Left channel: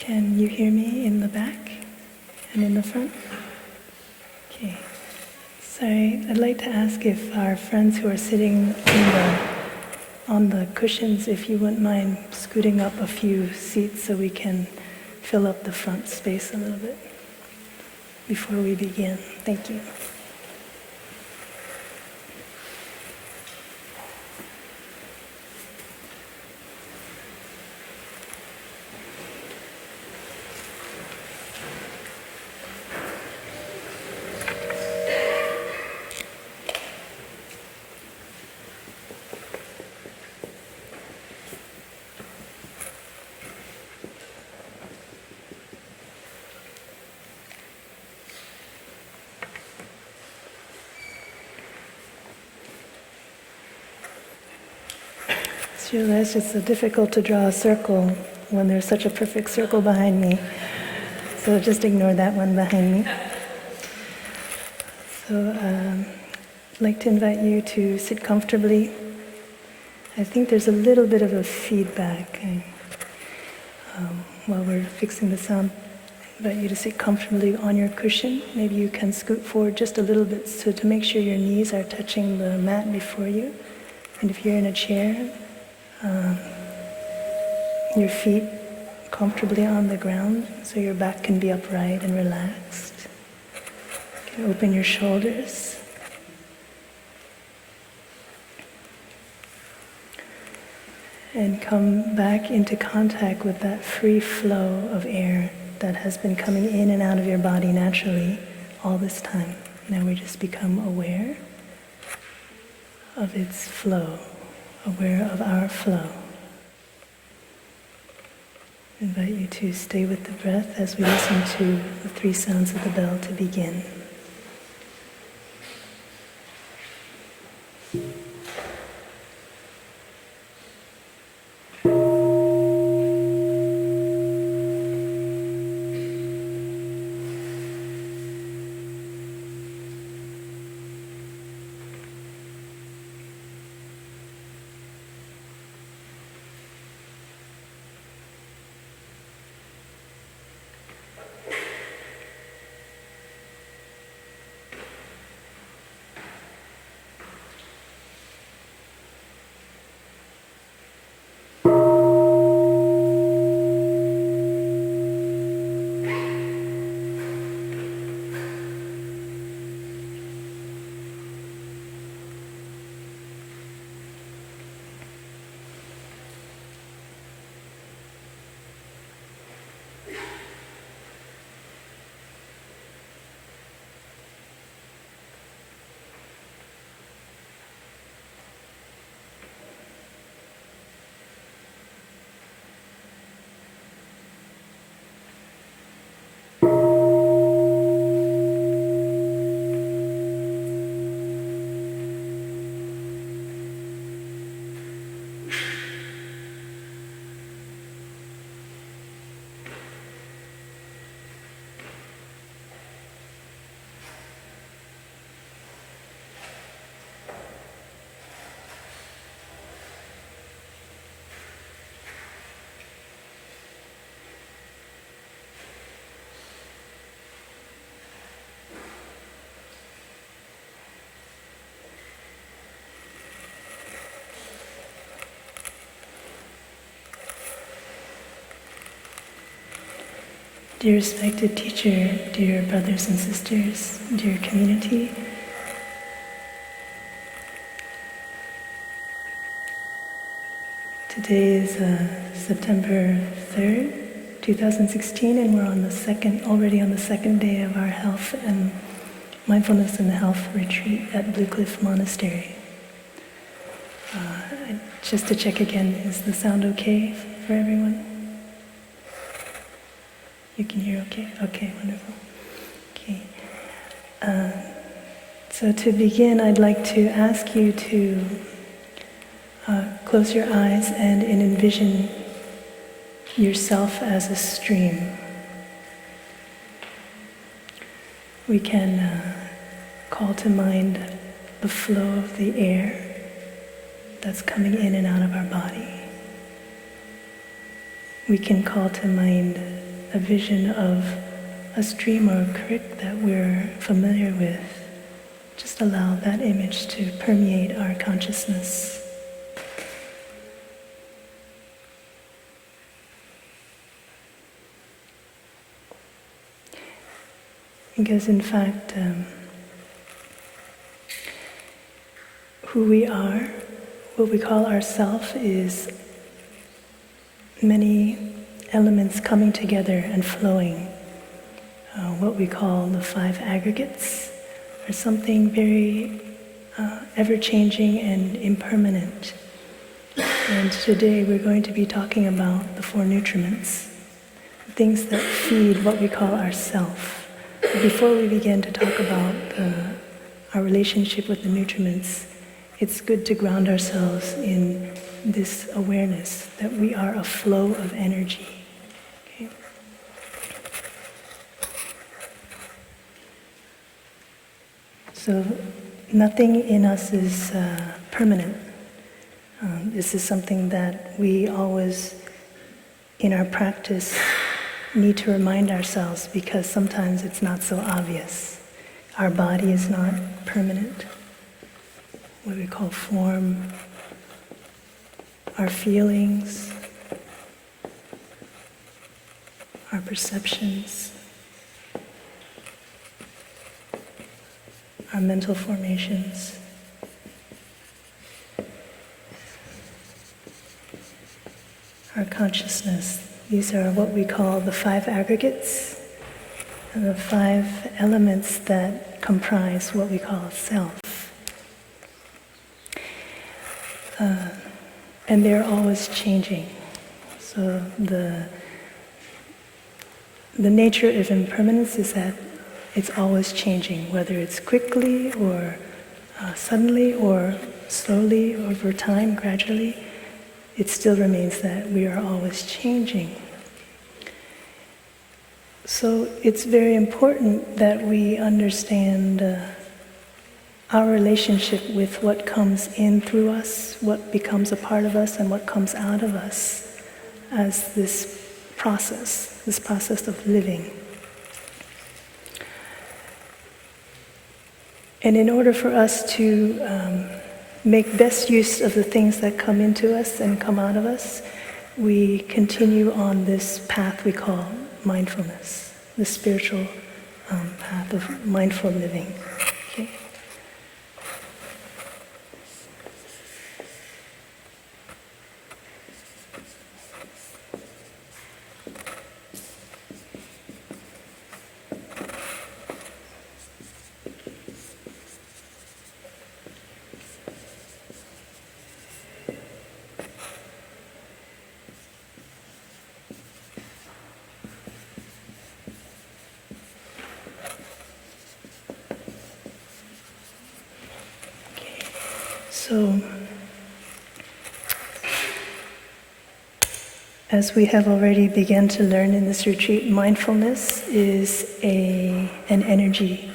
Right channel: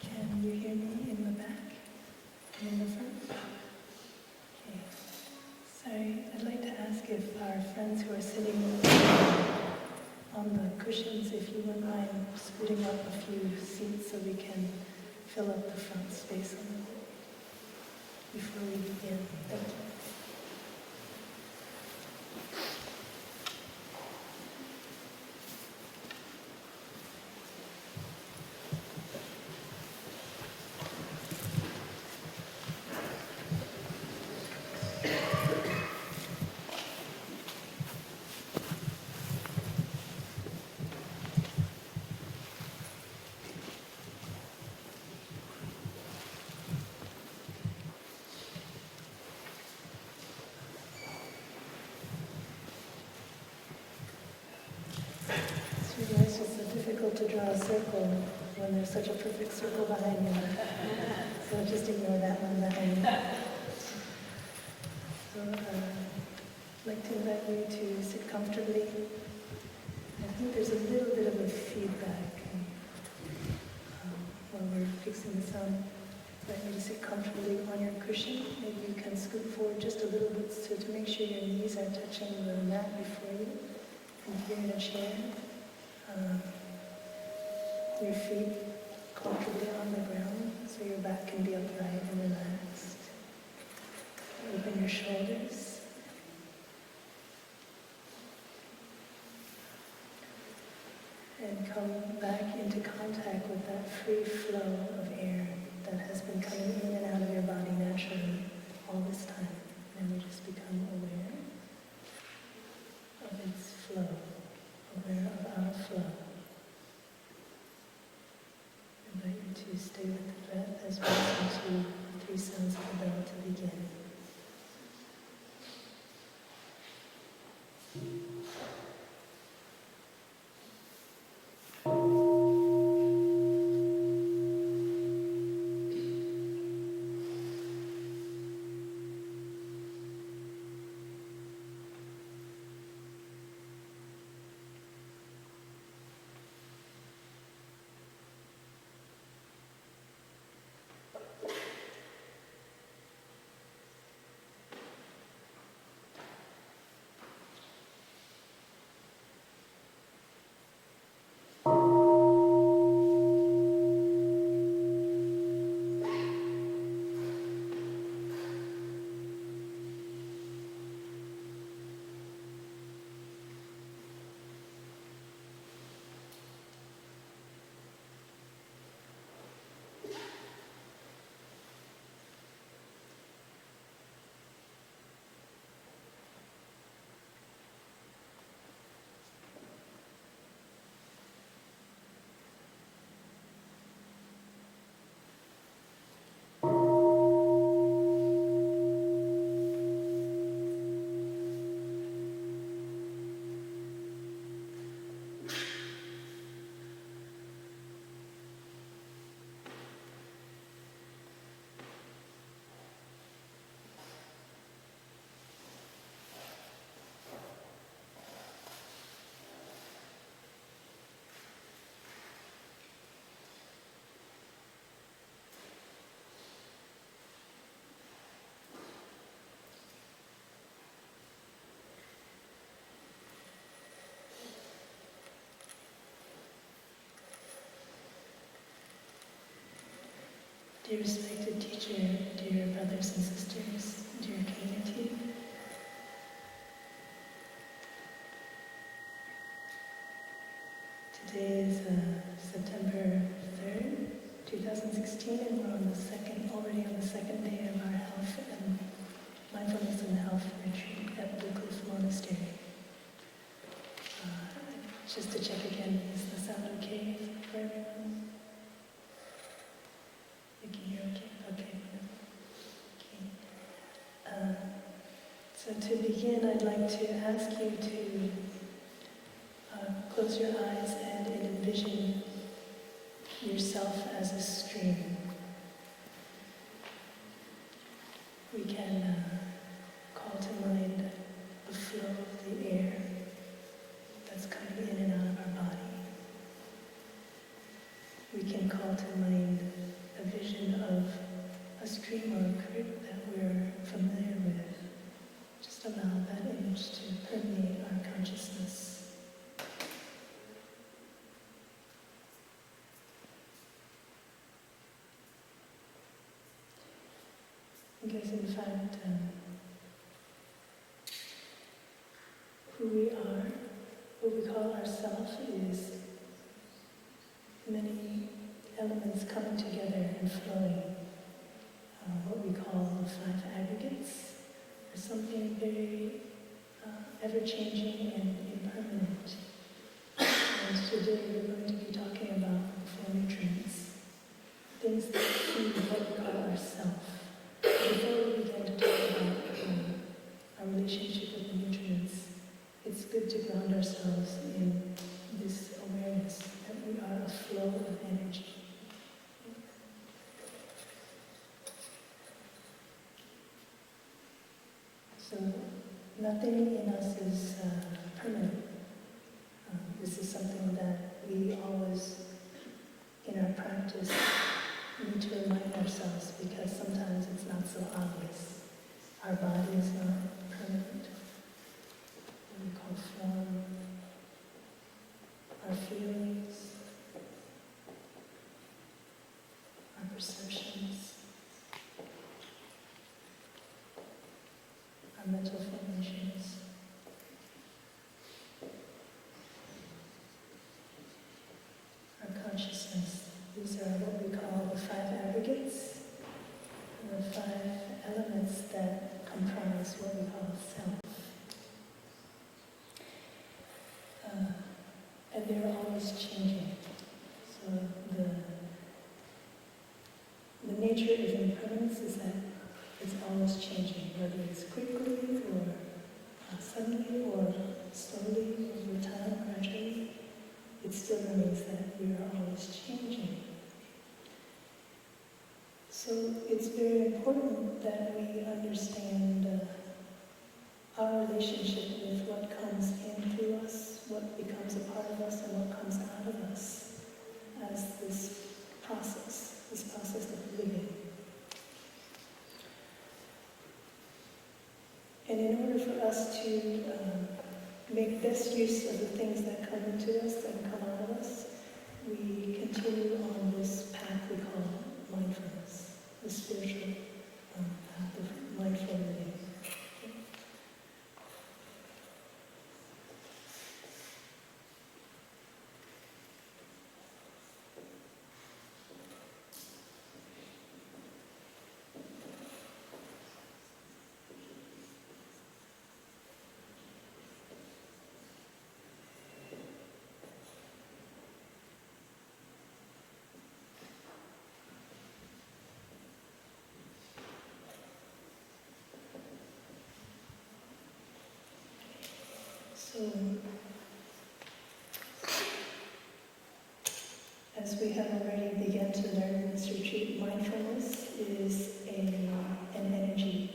Can you hear me in the back and in the front? Okay. Sorry, I'd like to ask if our friends who are sitting on the cushions, if you wouldn't mind scooting up a few seats so we can fill up the front space a little bit before we begin. Thank you. I realize it's so difficult to draw a circle when there's such a perfect circle behind me. So just ignore that one behind me. So I'd like to invite you to sit comfortably. I think there's a little bit of a feedback while we're fixing the sound. I invite you to sit comfortably on your cushion. Maybe you can scoot forward just a little bit so to make sure your knees are touching the mat before you. And if you're in a chair, your feet comfortably on the ground so your back can be upright and relaxed. You can open your shoulders. And come back into contact with that free flow of air that has been coming in and out of your body naturally all this time. Now we just become aware of its flow, aware of our flow. I invite you to stay with the breath as we listen to the 3 sounds of the bell to begin. Dear respected teacher, dear brothers and sisters, dear community, today is September 3rd, 2016, and we're already on the second day of our health and mindfulness and health retreat at Blue Cliff Monastery. Just to check again, is the sound okay for everyone? You can hear okay? Okay, wonderful. Okay. So to begin, I'd like to ask you to close your eyes and envision yourself as a stream. We can call to mind the flow of the air that's coming in and out of our body. We can call to mind a vision of a stream or a creek that we're familiar with, just allow that image to permeate our consciousness. Because in fact, who we are, what we call ourself, is many elements coming together and flowing. What we call the 5 aggregates are something very ever-changing and impermanent. And today we're going to be talking about the 4 nutriments, things that feed what we call ourself. Before we begin to talk about our relationship with the nutriments, it's good to ground ourselves in this awareness that we are a flow of energy. Okay? So nothing in us is permanent. This is something that we always, in our practice, need to remind ourselves, because sometimes it's not so obvious. Our body is not permanent. What we call form, our feelings, our perceptions, our mental formations. Our consciousness. These are what we call the 5 aggregates, and the 5 elements that comprise what we call self. And they're always changing. So the nature of impermanence is that it's always changing, whether it's quickly or suddenly or slowly over time, gradually. It still remains that we are always changing. So it's very important that we understand our relationship with what comes in through us, what becomes a part of us, and what comes out of us as this process of living. And in order for us to make best use of the things that come into us and come out of us, we continue on this path we call mindfulness, the spiritual path of mindful living. Okay. So, as we have already begun to learn in this retreat, mindfulness is an energy.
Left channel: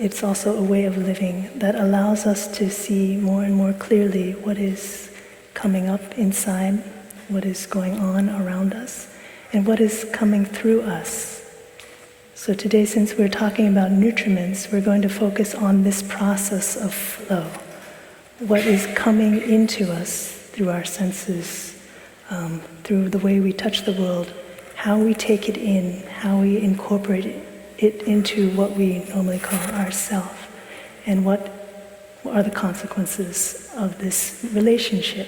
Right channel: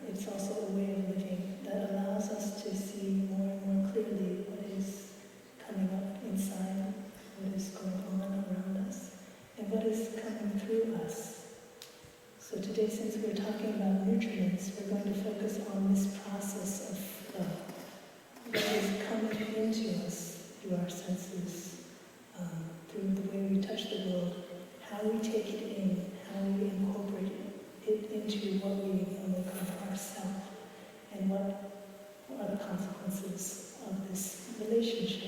It's also a way of living that allows us to see more and more clearly what is coming up inside, what is going on around us, and what is coming through us. So today, since we're talking about nutriments, we're going to focus on this process of flow. What is coming into us through our senses, through the way we touch the world, how we take it in, how we incorporate it into what we normally call ourself, and what are the consequences of this relationship.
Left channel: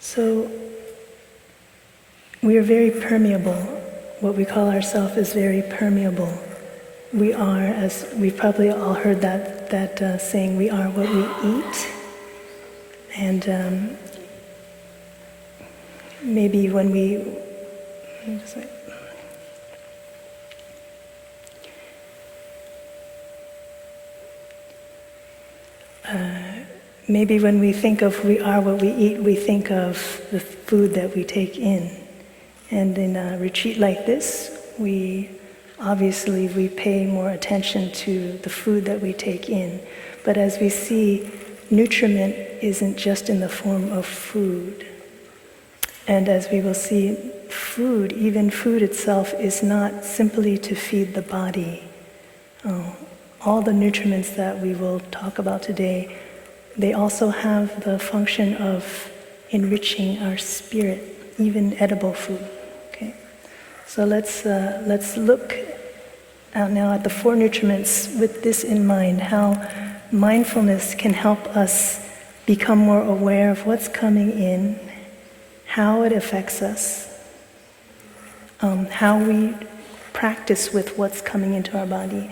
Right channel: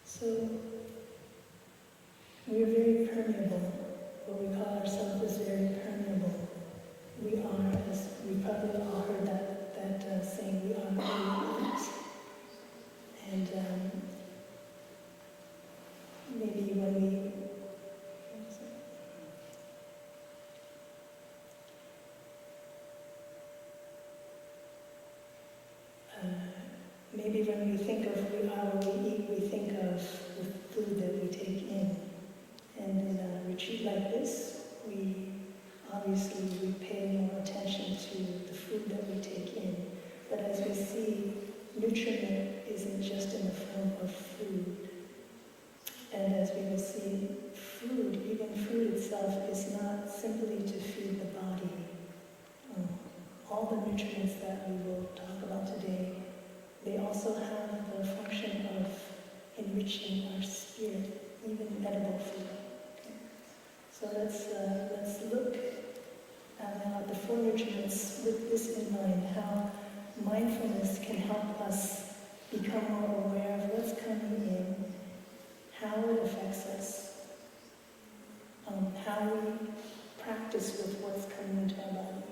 So we are very permeable. What we call ourselves is very permeable. We are, as we've probably all heard that saying, we are what we eat. And maybe when maybe when we think of we are what we eat, we think of the food that we take in. And in a retreat like this, we obviously we pay more attention to the food that we take in. But as we see, nutriment isn't just in the form of food. And as we will see, food, even food itself, is not simply to feed the body. All the nutriments that we will talk about today, they also have the function of enriching our spirit, even edible food. Okay, so let's look now at the 4 nutriments with this in mind: how mindfulness can help us become more aware of what's coming in, how it affects us, how we practice with what's coming into our body,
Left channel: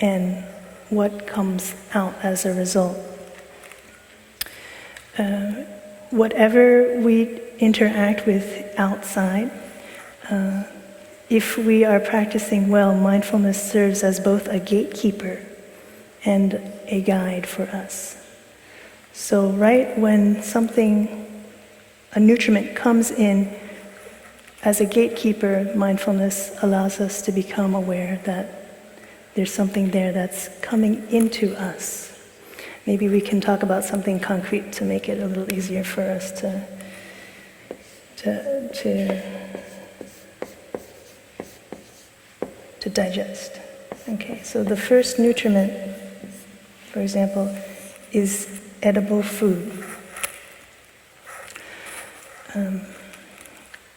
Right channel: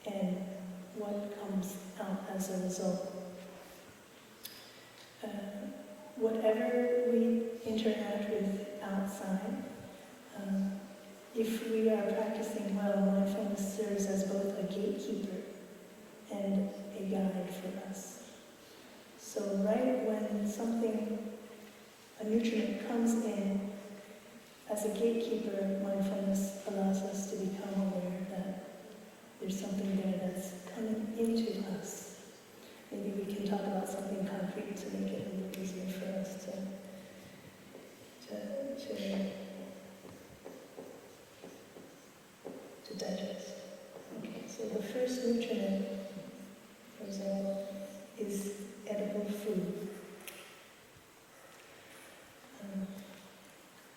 and what comes out as a result. Whatever we interact with outside, if we are practicing well, mindfulness serves as both a gatekeeper and a guide for us. So right when a nutriment comes in, as a gatekeeper, mindfulness allows us to become aware that there's something there that's coming into us. Maybe we can talk about something concrete to make it a little easier for us to digest. Okay, so the first nutriment, for example, is edible food.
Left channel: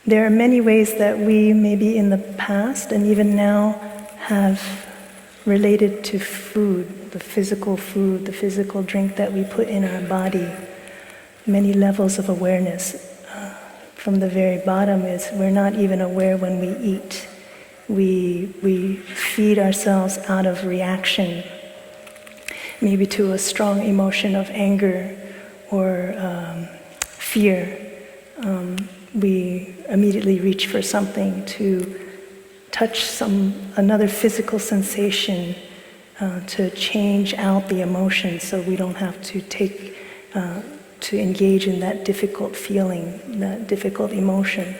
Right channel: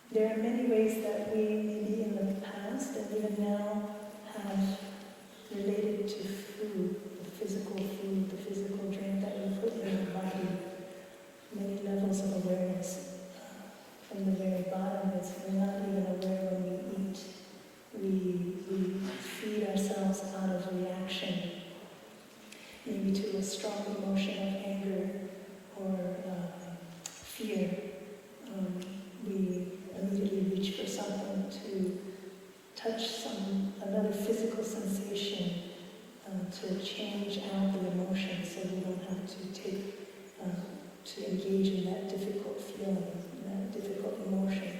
There are many ways that we, maybe in the past and even now, have related to food, the physical drink that we put in our body. Many levels of awareness. From the very bottom is we're not even aware when we eat. We feed ourselves out of reaction, maybe to a strong emotion of anger or fear. We immediately reach for something to touch another physical sensation to change out the emotion, so we don't have to engage in that difficult feeling, that difficult emotion.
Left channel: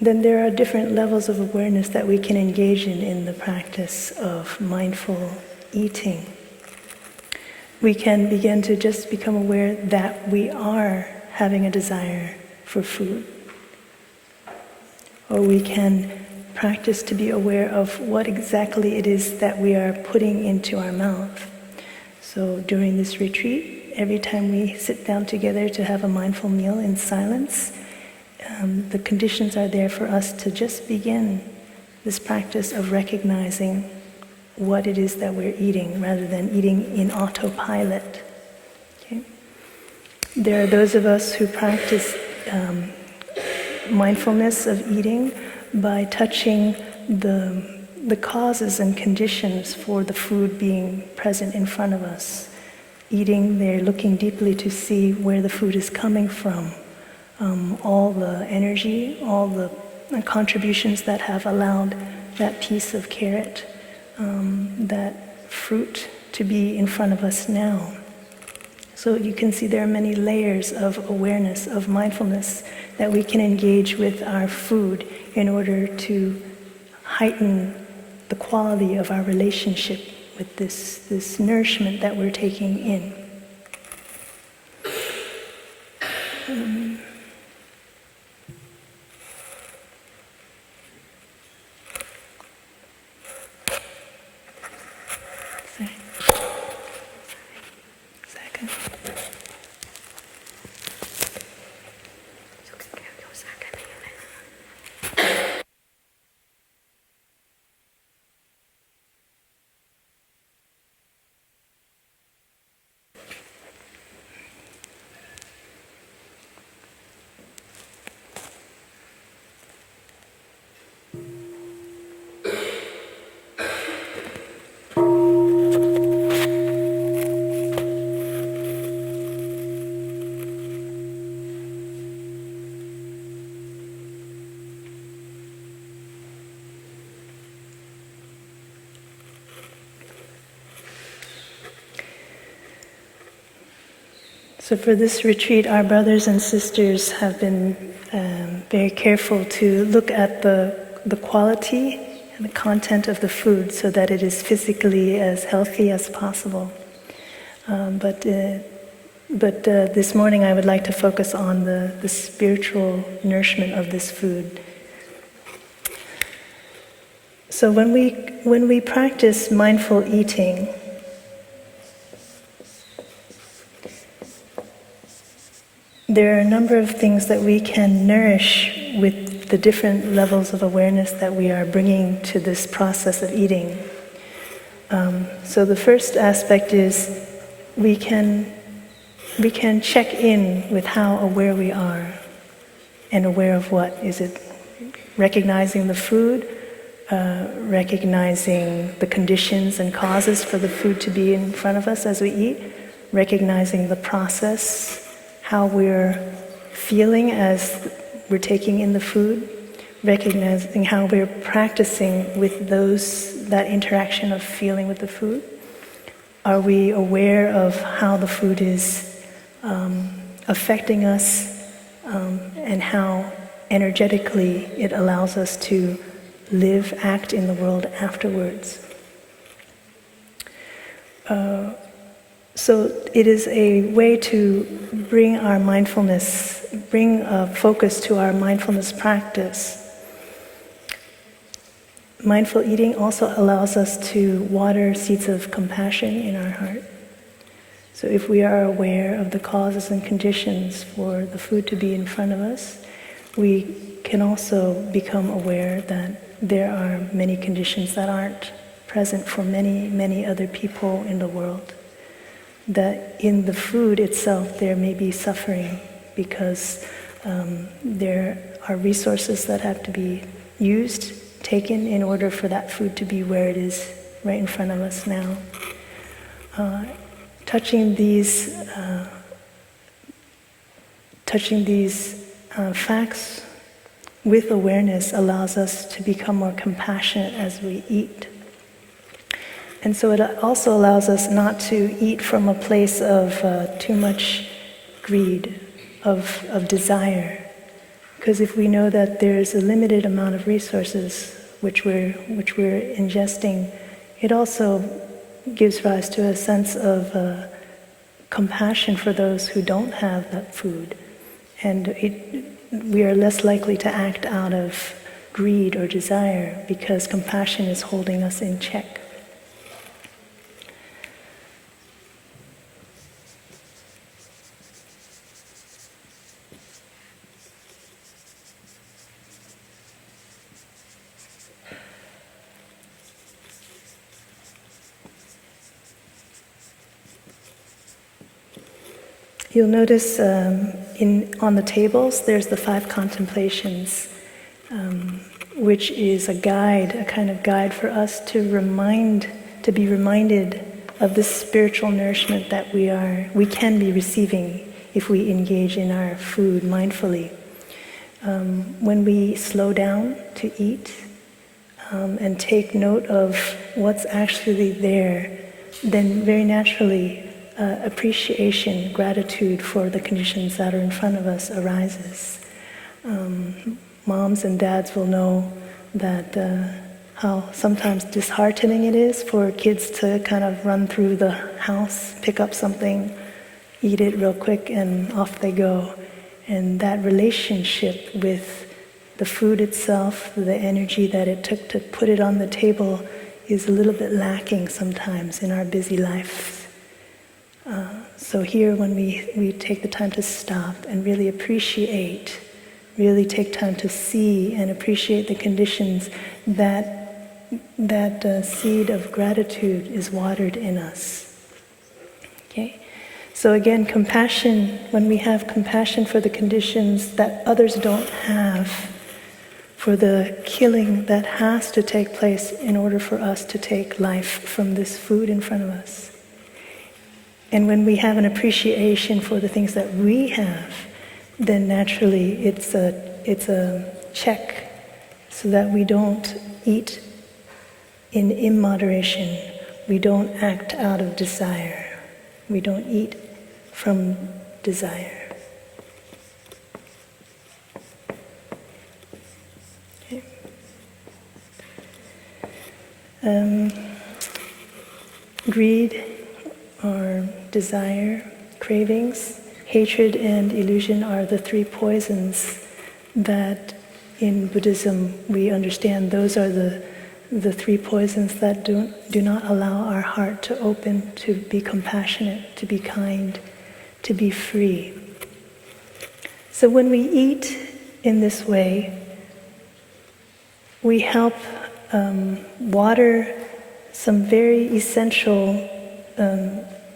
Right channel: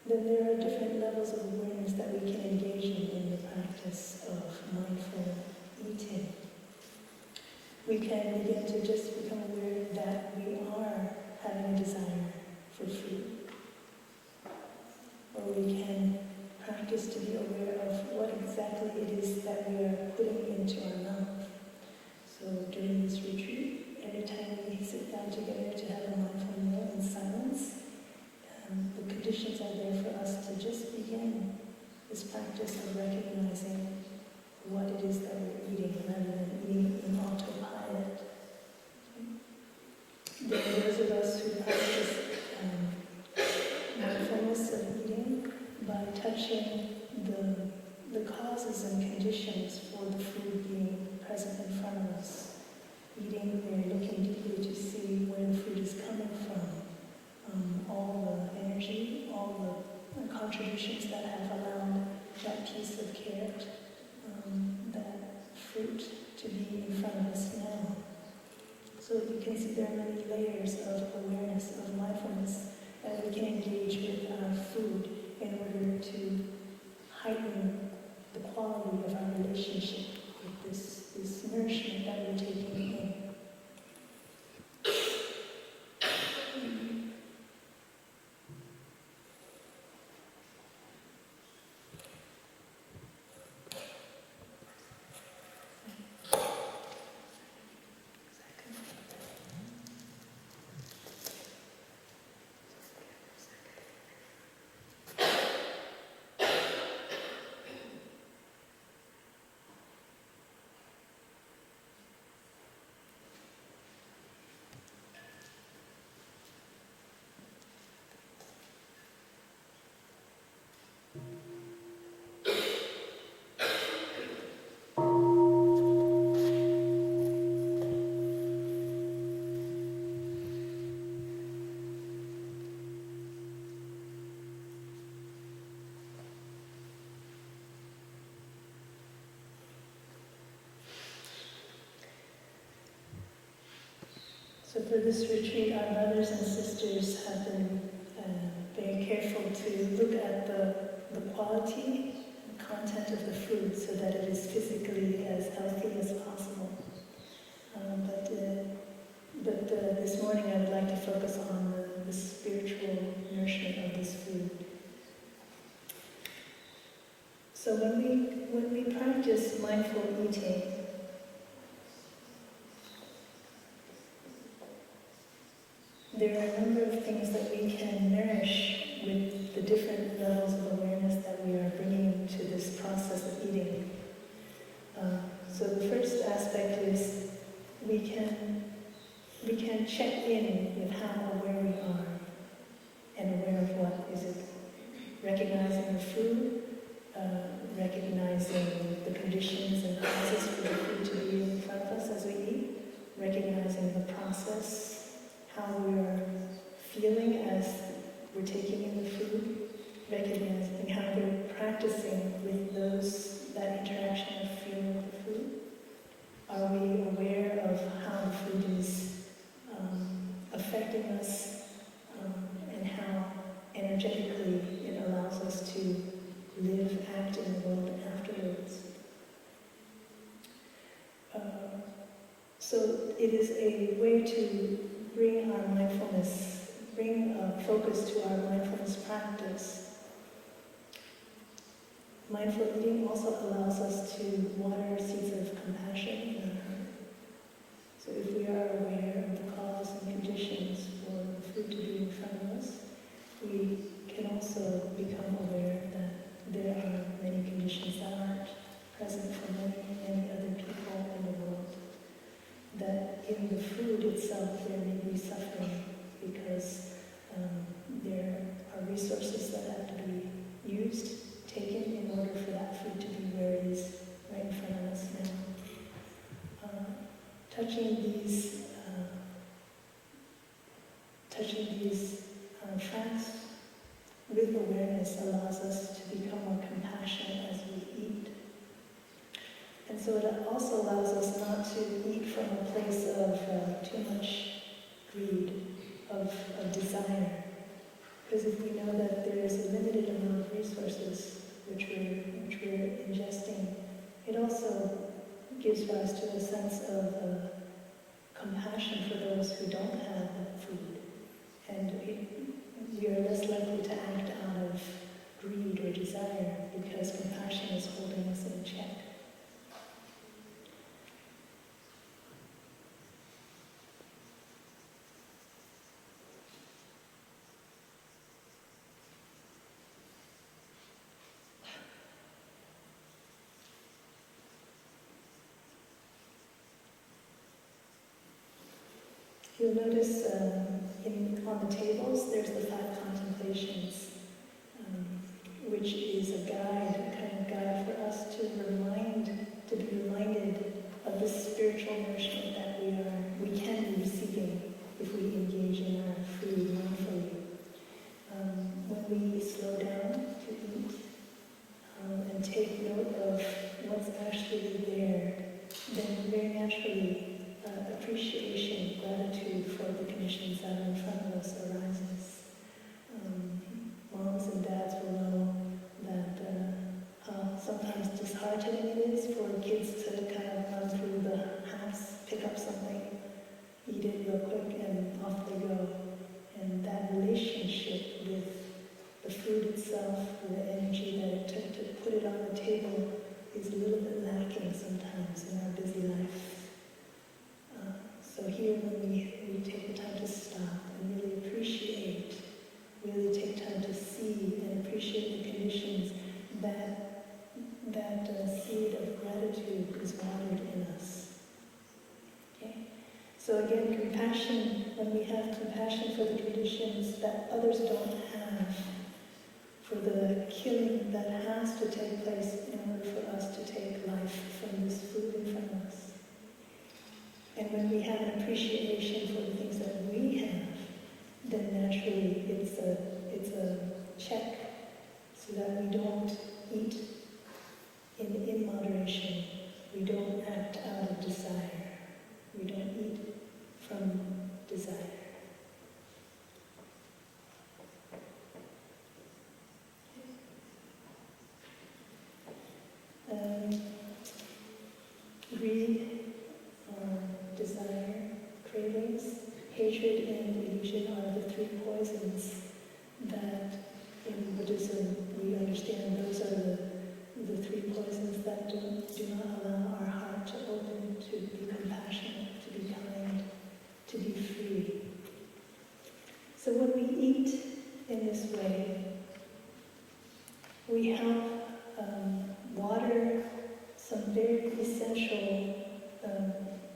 Then there are different levels of awareness that we can engage in the practice of mindful eating. We can begin to just become aware that we are having a desire for food. Or we can practice to be aware of what exactly it is that we are putting into our mouth. So during this retreat, every time we sit down together to have a mindful meal in silence, the conditions are there for us to just begin this practice of recognizing what it is that we're eating rather than eating in autopilot. Okay? There are those of us who practice mindfulness of eating by touching the causes and conditions for the food being present in front of us. Eating, they're looking deeply to see where the food is coming from. All the energy, all the contributions that have allowed that piece of carrot, that fruit to be in front of us now. So you can see there are many layers of awareness, of mindfulness that we can engage with our food in order to heighten the quality of our relationship with this nourishment that we're taking in. So for this retreat, our brothers and sisters have been very careful to look at the quality and the content of the food so that it is physically as healthy as possible. But this morning I would like to focus on the spiritual nourishment of this food. So when we practice mindful eating, there are a number of things that we can nourish with the different levels of awareness that we are bringing to this process of eating. So the first aspect is we can check in with how aware we are, and aware of what. Is it recognizing the food, recognizing the conditions and causes for the food to be in front of us as we eat, recognizing the process, how we're feeling as we're taking in the food, recognizing how we're practicing with that interaction of feeling with the food. Are we aware of how the food is affecting us and how energetically it allows us to live, act in the world afterwards? So it is a way to bring our mindfulness, bring a focus to our mindfulness practice. Mindful eating also allows us to water seeds of compassion in our heart. So if we are aware of the causes and conditions for the food to be in front of us, we can also become aware that there are many conditions that aren't present for many, many other people in the world. That in the food itself there may be suffering because there are resources that have to be used, taken in order for that food to be where it is right in front of us now. Touching these facts with awareness allows us to become more compassionate as we eat. And so it also allows us not to eat from a place of too much greed, of desire. Because if we know that there's a limited amount of resources which we're ingesting, it also gives rise to a sense of compassion for those who don't have that food. And we are less likely to act out of greed or desire because compassion is holding us in check. You'll notice on the tables there's the 5 contemplations, which is a guide, a kind of guide for us to be reminded of this spiritual nourishment that we can be receiving if we engage in our food mindfully. When we slow down to eat and take note of what's actually there, then very naturally appreciation, gratitude for the conditions that are in front of us arises. Moms and dads will know that how sometimes disheartening it is for kids to kind of run through the house, pick up something, eat it real quick, and off they go. And that relationship with the food itself, the energy that it took to put it on the table, is a little bit lacking sometimes in our busy lives. So here when we take the time to stop and really appreciate, really take time to see and appreciate the conditions, that seed of gratitude is watered in us. Okay? So again, compassion, when we have compassion for the conditions that others don't have, for the killing that has to take place in order for us to take life from this food in front of us. And when we have an appreciation for the things that we have, then naturally it's a check so that we don't eat in immoderation. We don't act out of desire. We don't eat from desire. Greed or desire, cravings, hatred, and illusion are the three poisons that in Buddhism we understand. Those are the three poisons that do not allow our heart to open, to be compassionate, to be kind, to be free. So when we eat in this way, we help water some very essential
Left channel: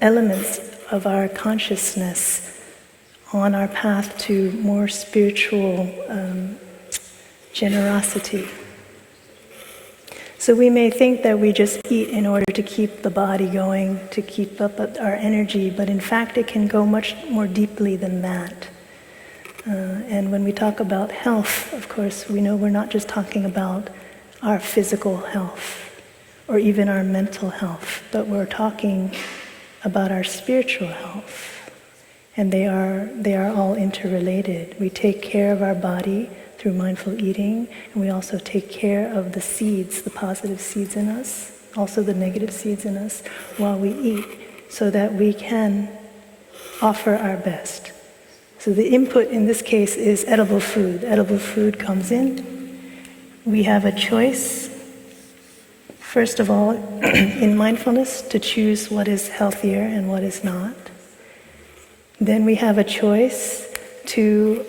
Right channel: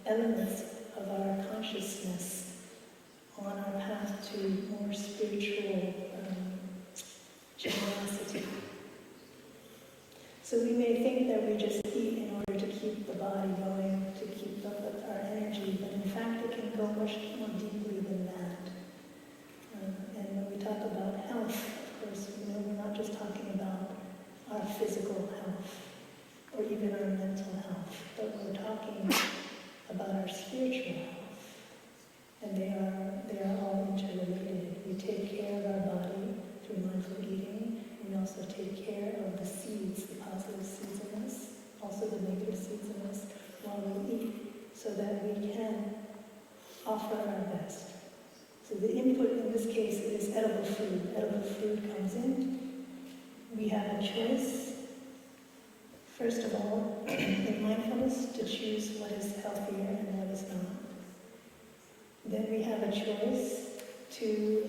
elements of our consciousness on our path to more spiritual generosity. So we may think that we just eat in order to keep the body going, to keep up our energy, but in fact it can go much more deeply than that. And when we talk about health, of course, we know we're not just talking about our physical health or even our mental health, but we're talking about our spiritual health. And they are all interrelated. We take care of our body through mindful eating, and we also take care of the seeds, the positive seeds in us, also the negative seeds in us, while we eat, so that we can offer our best. So the input in this case is edible food. Edible food comes in. We have a choice, first of all, in mindfulness, to choose what is healthier and what is not. Then we have a choice to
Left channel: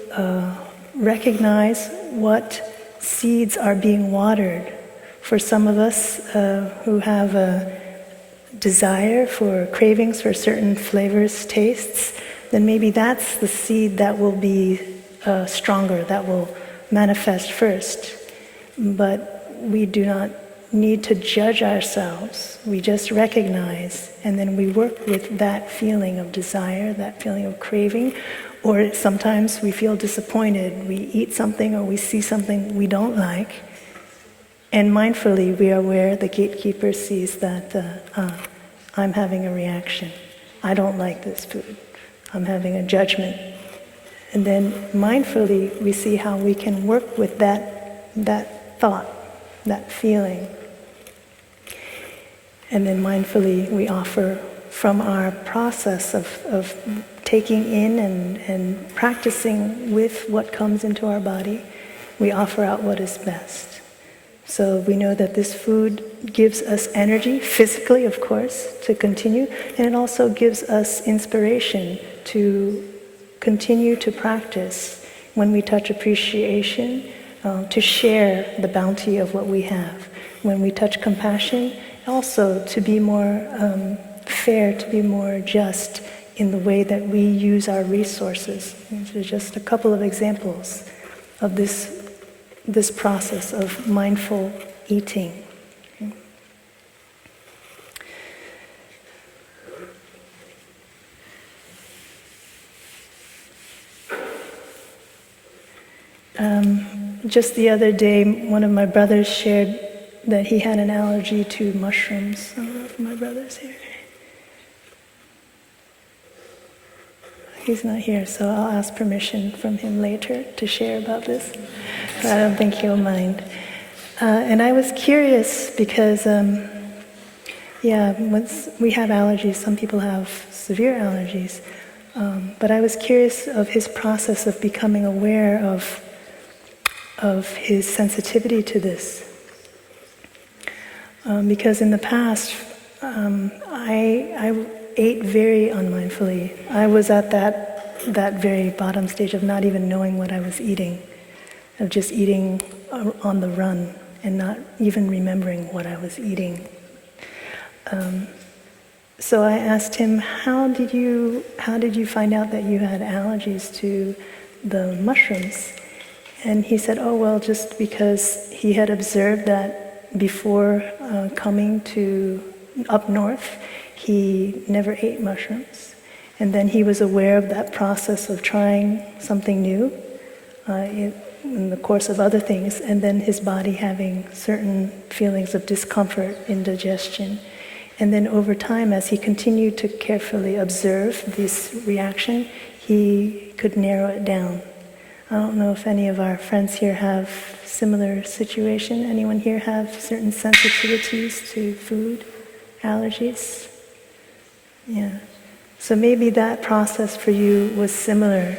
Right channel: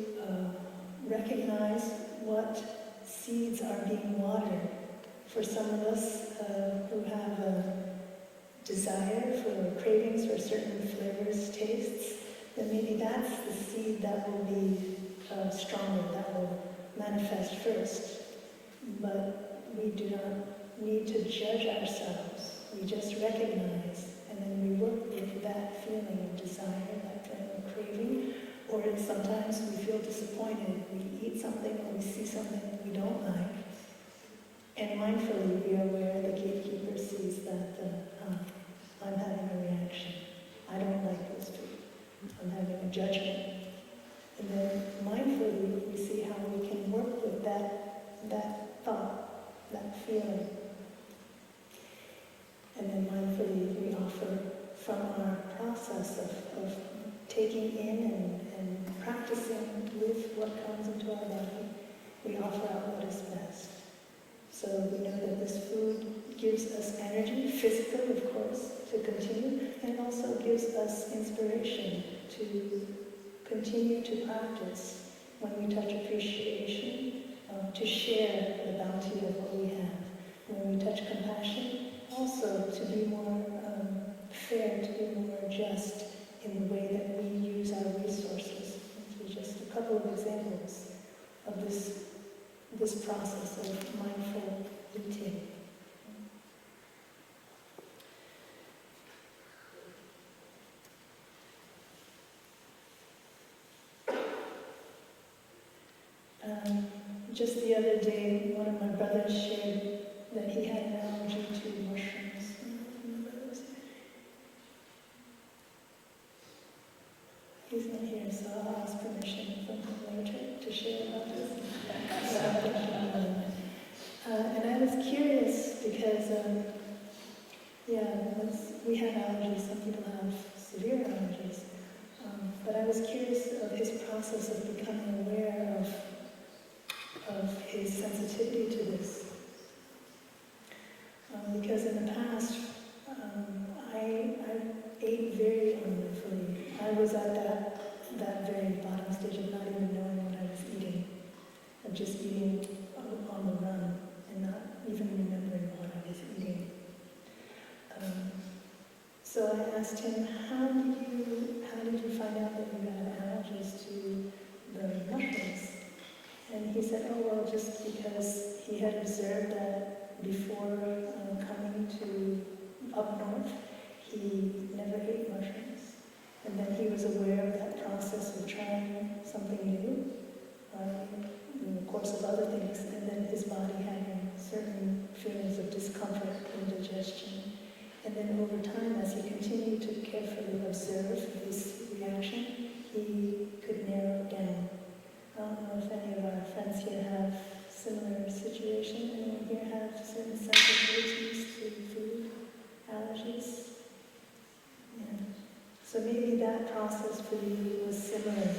recognize what seeds are being watered. For some of us who have a desire for cravings for certain flavors, tastes, then maybe that's the seed that will be stronger, that will manifest first. But we do not need to judge ourselves. We just recognize, and then we work with that feeling of desire, that feeling of craving, or sometimes we feel disappointed. We eat something or we see something we don't like, and mindfully we are aware, the gatekeeper sees that I'm having a reaction. I don't like this food. I'm having a judgment. And then mindfully we see how we can work with that thought, that feeling. And then mindfully we offer from our process of taking in and practicing with what comes into our body, we offer out what is best. So we know that this food gives us energy, physically of course, to continue, and it also gives us inspiration to continue to practice when we touch appreciation, to share the bounty of what we have. When we touch compassion, also to be more fair, to be more just in the way that we use our resources. These are just a couple of examples of this process of mindful eating. Just the other day, one of my brothers shared that he had an allergy to mushrooms. I don't know if my brother's here. He's not here, so I'll ask permission from him later to share about this. But I don't think he'll mind. And I was curious because, once we have allergies, some people have severe allergies. But I was curious of his process of becoming aware of his sensitivity to this. Because in the past, I ate very unmindfully. I was at that very bottom stage of not even knowing what I was eating, of just eating on the run and not even remembering what I was eating. So I asked him, how did you find out that you had allergies to the mushrooms? And he said, oh, well, just because he had observed that before coming to up north, he never ate mushrooms. And then he was aware of that process of trying something new in the course of other things, and then his body having certain feelings of discomfort, indigestion. And then over time, as he continued to carefully observe this reaction, he could narrow it down. I don't know if any of our friends here have similar situation. Anyone here have certain sensitivities to food, allergies? Yeah. So maybe that process for you was similar,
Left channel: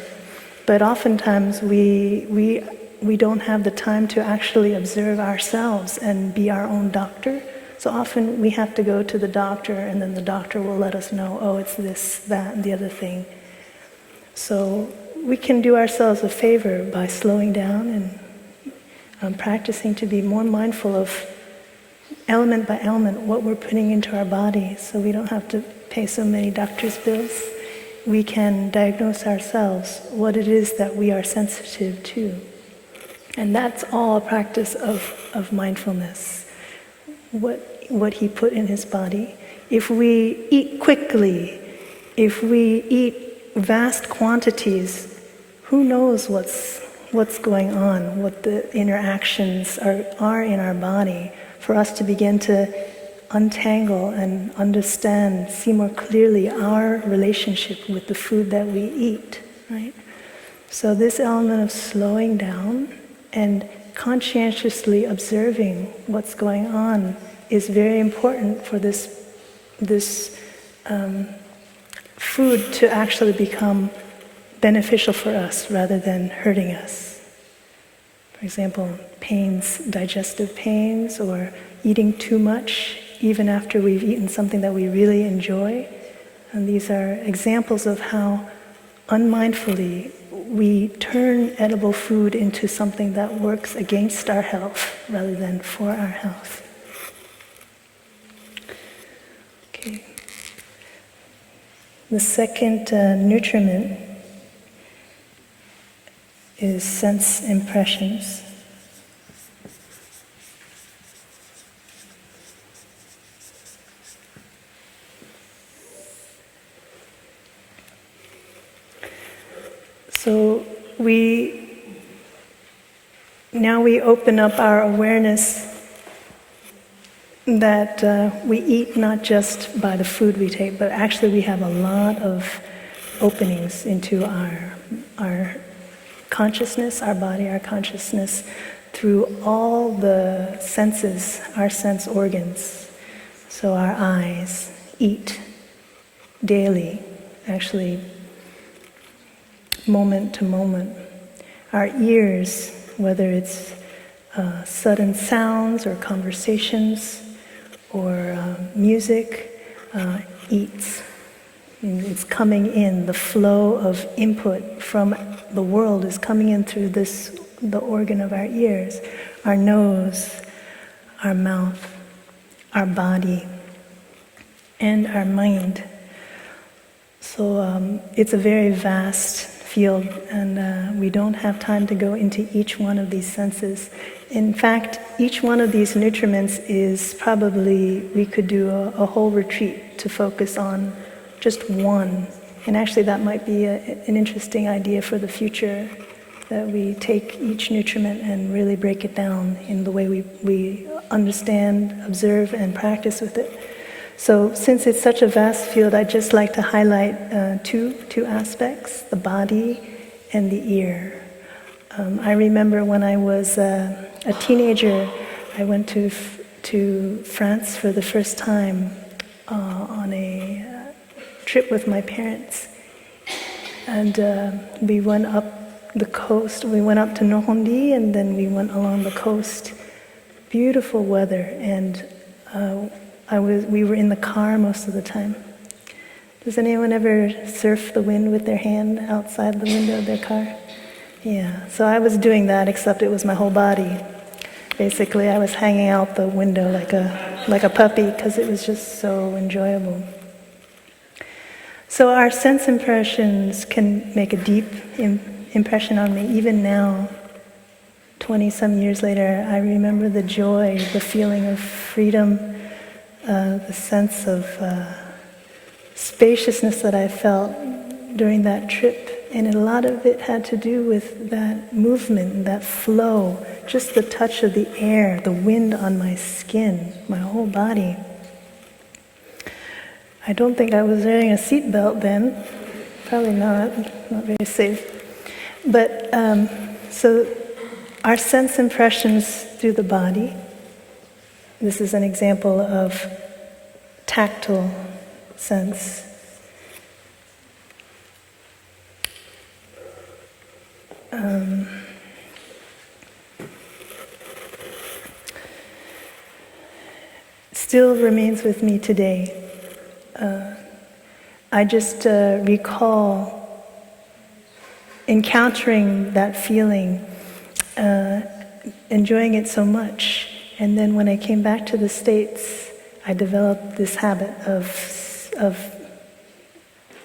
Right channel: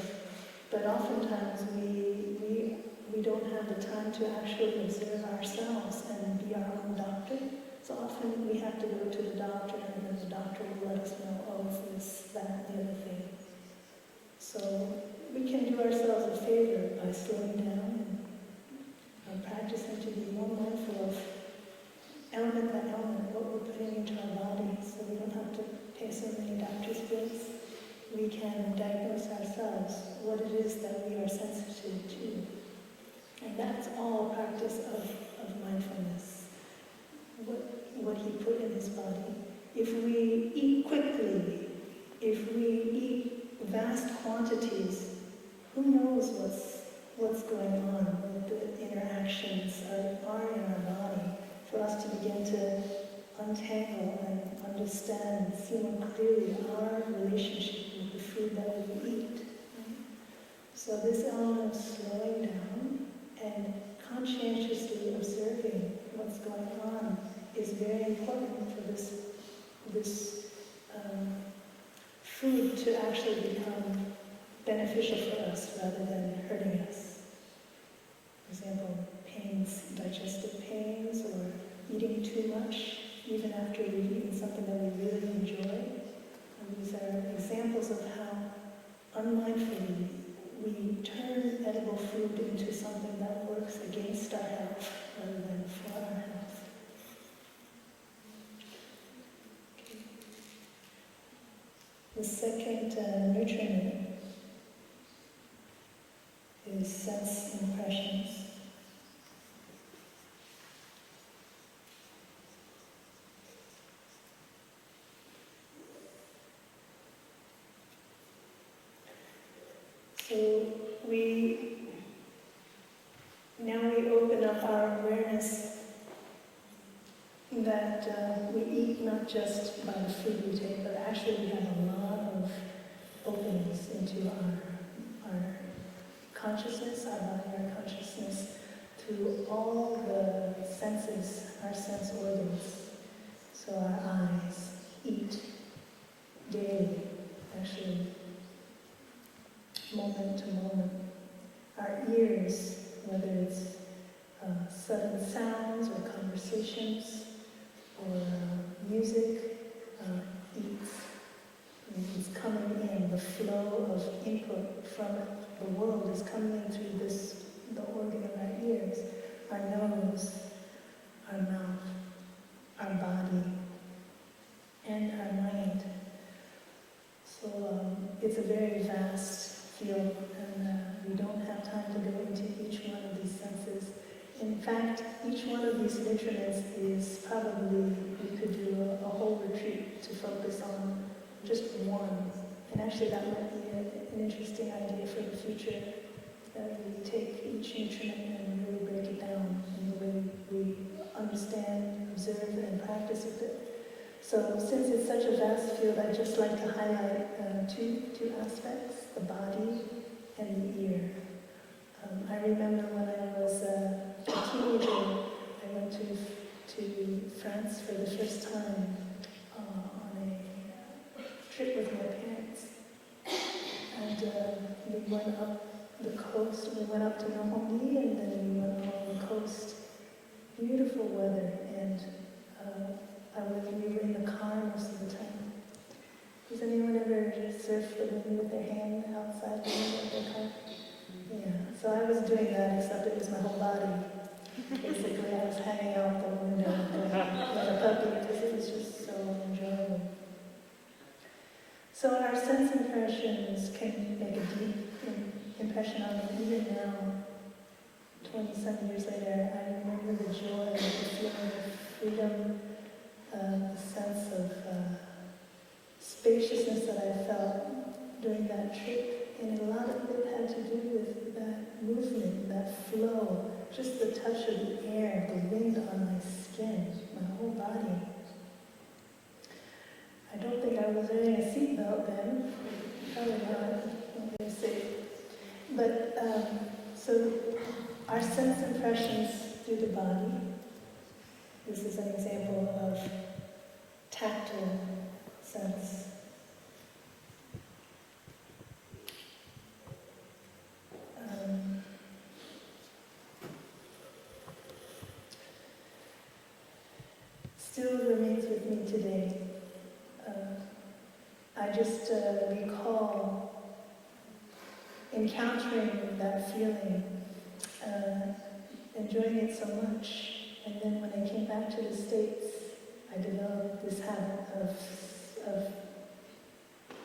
but oftentimes we don't have the time to actually observe ourselves and be our own doctor. So often we have to go to the doctor, and then the doctor will let us know, oh, it's this, that, and the other thing. So we can do ourselves a favor by slowing down and practicing to be more mindful of element by element what we're putting into our body, so we don't have to pay so many doctor's bills. We can diagnose ourselves what it is that we are sensitive to. And that's all a practice of mindfulness. What he put in his body. If we eat quickly, if we eat vast quantities, who knows what's going on, what the interactions are in our body, for us to begin to untangle and understand, see more clearly our relationship with the food that we eat, right? So this element of slowing down and conscientiously observing what's going on is very important for this food to actually become beneficial for us rather than hurting us. For example, pains, digestive pains, or eating too much even after we've eaten something that we really enjoy. And these are examples of how unmindfully we turn edible food into something that works against our health rather than for our health. Okay. The second nutriment is sense impressions. So now we open up our awareness that we eat not just by the food we take, but actually we have a lot of openings into our consciousness, our body, our consciousness, through all the senses, our sense organs. So our eyes eat daily, actually moment to moment. Our ears, whether it's sudden sounds or conversations or music, eats. And it's coming in, the flow of input from the world is coming in through the organ of our ears, our nose, our mouth, our body, and our mind. So it's a very vast field, and we don't have time to go into each one of these senses. In fact, each one of these nutriments is probably, we could do a whole retreat to focus on just one. And actually that might be an interesting idea for the future, that we take each nutriment and really break it down in the way we understand, observe, and practice with it. So since it's such a vast field, I'd just like to highlight two aspects, the body and the ear. I remember when I was a teenager, I went to France for the first time on a trip with my parents. And we went up the coast, we went up to Nohondi, and then we went along the coast. Beautiful weather, and we were in the car most of the time. Does anyone ever surf the wind with their hand outside the window of their car? Yeah, so I was doing that, except it was my whole body. Basically, I was hanging out the window like a puppy, because it was just so enjoyable. So our sense impressions can make a deep impression on me. Even now, 20-some years later, I remember the joy, the feeling of freedom, the sense of spaciousness that I felt during that trip. And a lot of it had to do with that movement, that flow, just the touch of the air, the wind on my skin, my whole body. I don't think I was wearing a seatbelt then. Probably not very safe. But so our sense impressions through the body. This is an example of tactile sense. Still remains with me today. I just recall encountering that feeling, enjoying it so much. And then when I came back to the States, I developed this habit of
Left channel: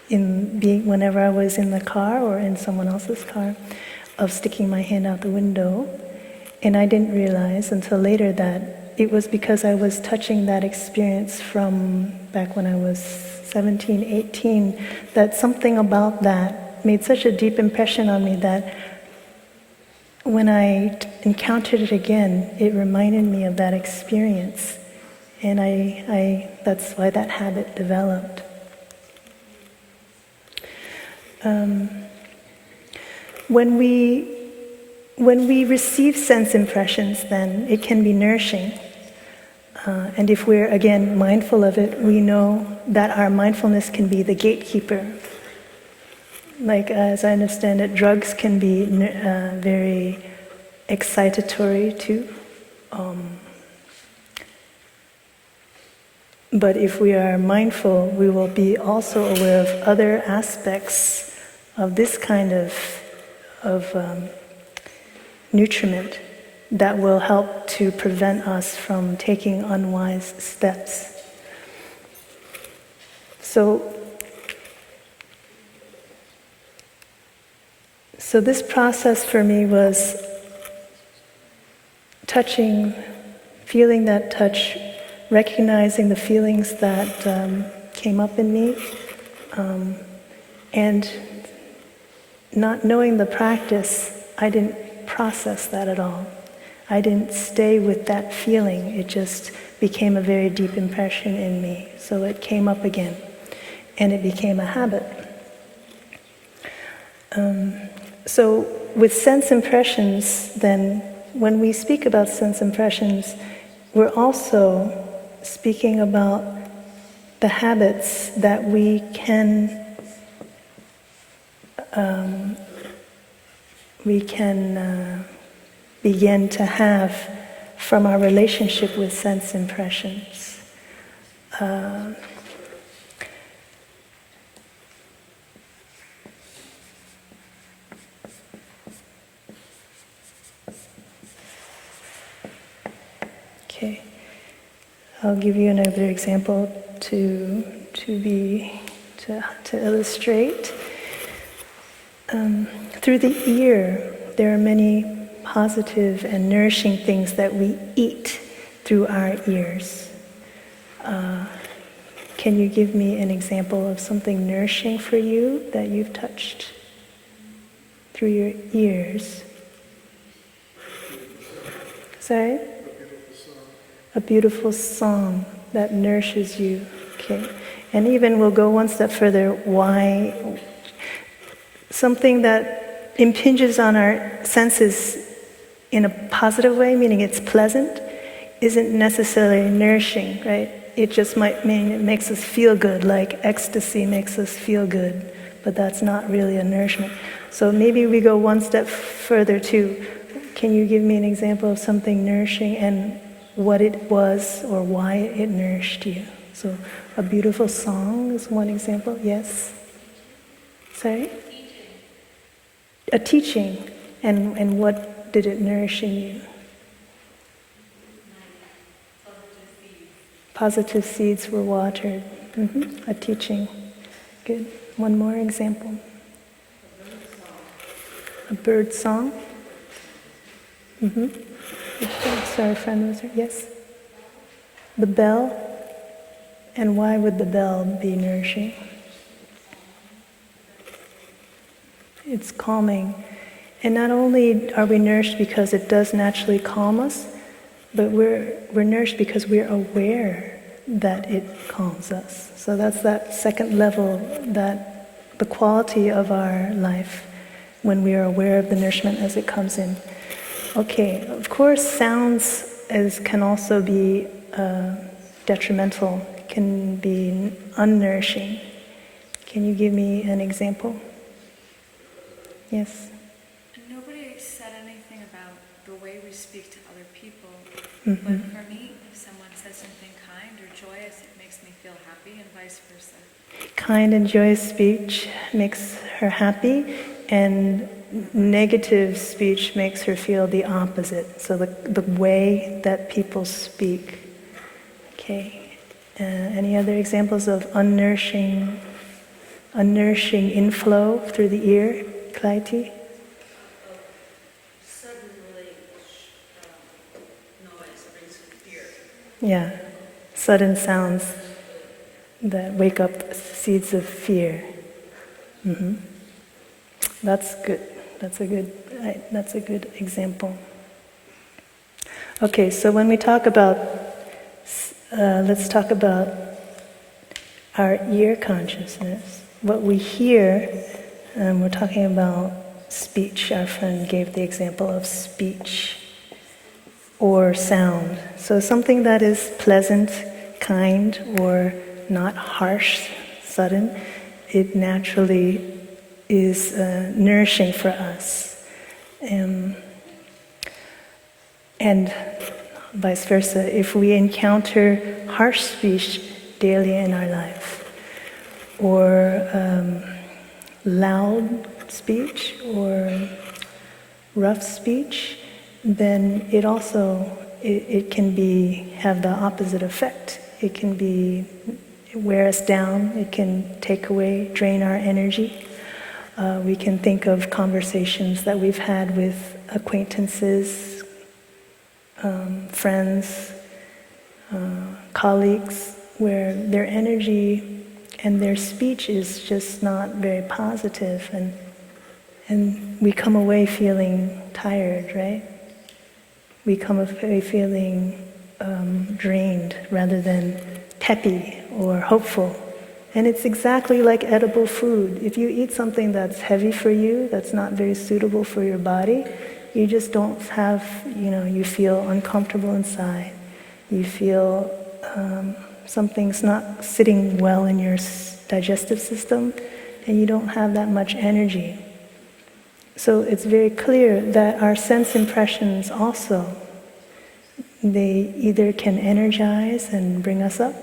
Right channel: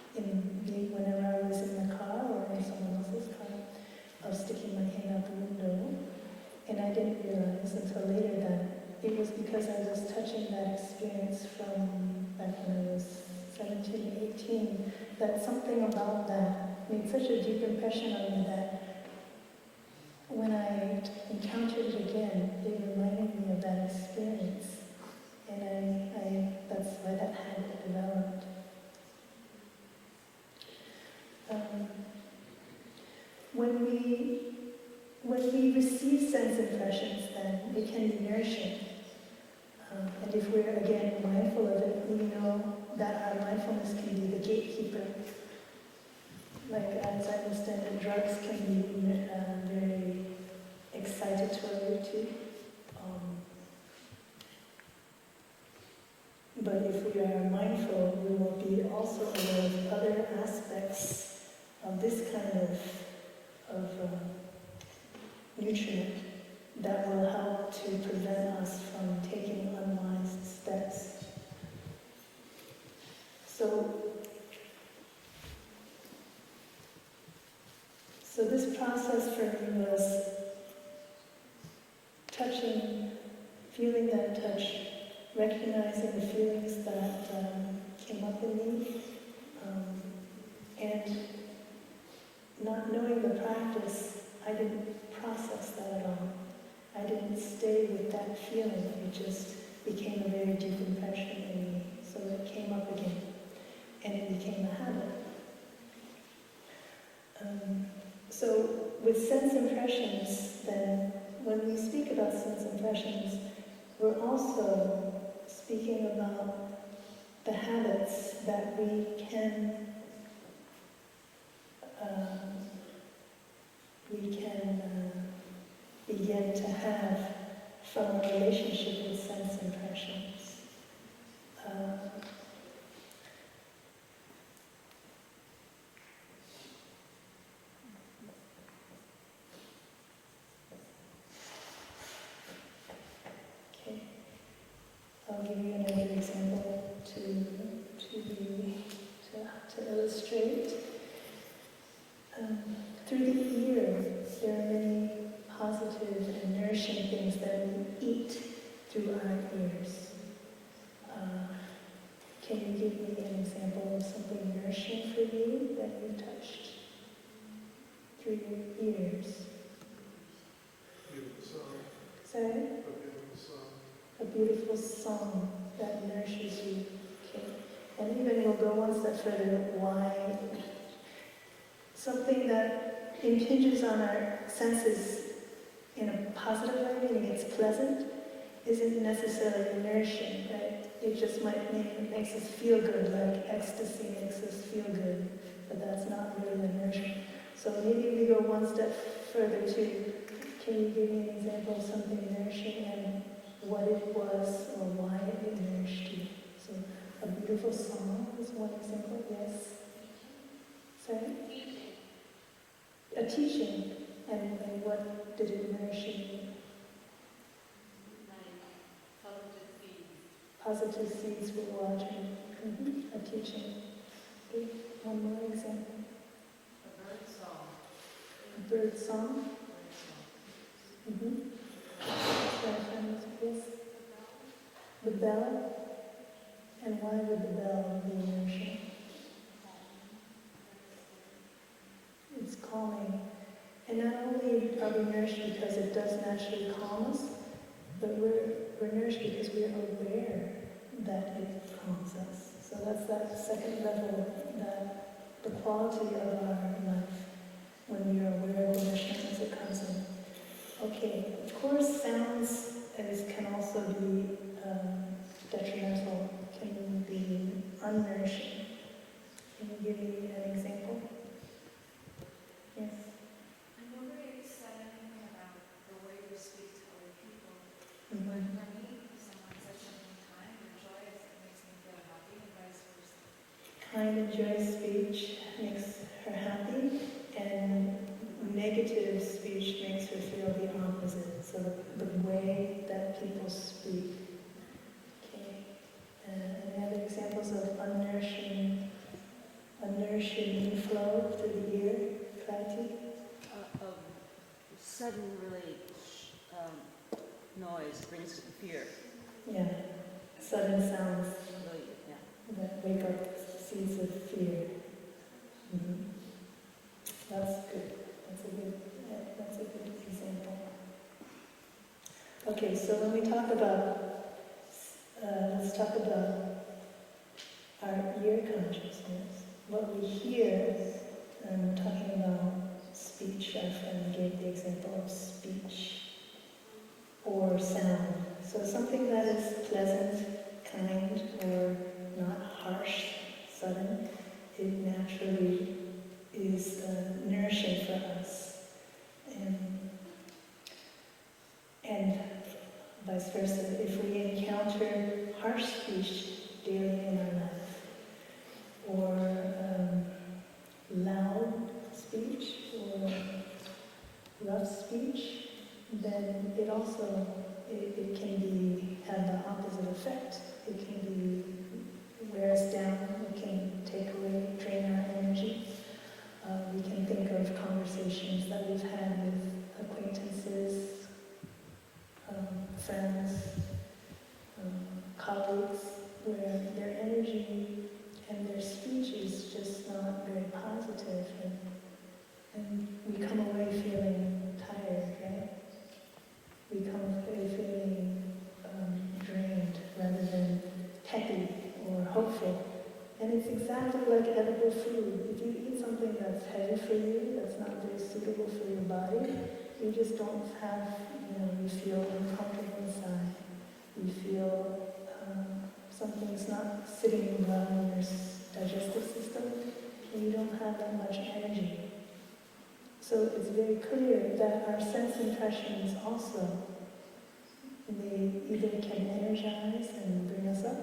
whenever I was in the car or in someone else's car, of sticking my hand out the window. And I didn't realize until later that it was because I was touching that experience from back when I was 17, 18, that something about that made such a deep impression on me that when I encountered it again, it reminded me of that experience. And that's why that habit developed. When we receive sense impressions, then it can be nourishing. And if we're, again, mindful of it, we know that our mindfulness can be the gatekeeper. Like, as I understand it, drugs can be very excitatory too. But if we are mindful, we will be also aware of other aspects of this kind of nutriment that will help to prevent us from taking unwise steps. So this process for me was touching, feeling that touch, recognizing the feelings that came up in me, and not knowing the practice, I didn't process that at all. I didn't stay with that feeling. It just became a very deep impression in me. So it came up again, and it became a habit. So with sense impressions, then, when we speak about sense impressions, we're also speaking about the habits that we can begin to have from our relationship with sense impressions. Okay, I'll give you another example to illustrate. Through the ear, there are many positive and nourishing things that we eat through our ears. Can you give me an example of something nourishing for you that you've touched through your ears? Sorry? A beautiful song that nourishes you. Okay. And even we'll go one step further, why something that impinges on our senses in a positive way, meaning it's pleasant, isn't necessarily nourishing, right? It just might mean it makes us feel good, like ecstasy makes us feel good, but that's not really a nourishment. So maybe we go one step further too. Can you give me an example of something nourishing and what it was or why it nourished you? So a beautiful song is one example, yes? Sorry? A teaching, and what did it nourish in you? Positive seeds were watered. A teaching. Good. One more example. A bird song. Sorry, friend was there. Yes? The bell. And why would the bell be nourishing? It's calming. And not only are we nourished because it does naturally calm us, but we're nourished because we're aware that it calms us. So that's that second level, that the quality of our life when we are aware of the nourishment as it comes in. Okay, of course, sounds can also be detrimental, can be unnourishing. Can you give me an example? Yes? Nobody said anything about the way we speak to other people, Mm-hmm. but for me, if someone says something kind or joyous, it makes me feel happy, and vice versa. Kind and joyous speech makes her happy, and negative speech makes her feel the opposite. So the way that people speak. Okay. Any other examples of unnourishing inflow through the ear, Clytie? Suddenly noise brings fear. Yeah, sudden sounds that wake up seeds of fear. Mm-hmm. That's good. That's a good example. Okay, so when we talk about, let's talk about our ear consciousness. What we hear, we're talking about speech. Our friend gave the example of speech or sound. So something that is pleasant, kind, or not harsh, sudden, it naturally is nourishing for us. And vice versa, if we encounter harsh speech daily in our life, or loud speech, or rough speech, then it also, it can have the opposite effect. It can wear us down, it can take away, drain our energy. We can think of conversations that we've had with acquaintances, friends, colleagues, where their energy and their speech is just not very positive, and we come away feeling tired, right? We come away feeling drained rather than peppy or hopeful. And it's exactly like edible food. If you eat something that's heavy for you, that's not very suitable for your body, you just don't have, you feel uncomfortable inside. You feel something's not sitting well in your digestive system, and you don't have that much energy. So it's very clear that our sense impressions also, they either can energize and bring us up,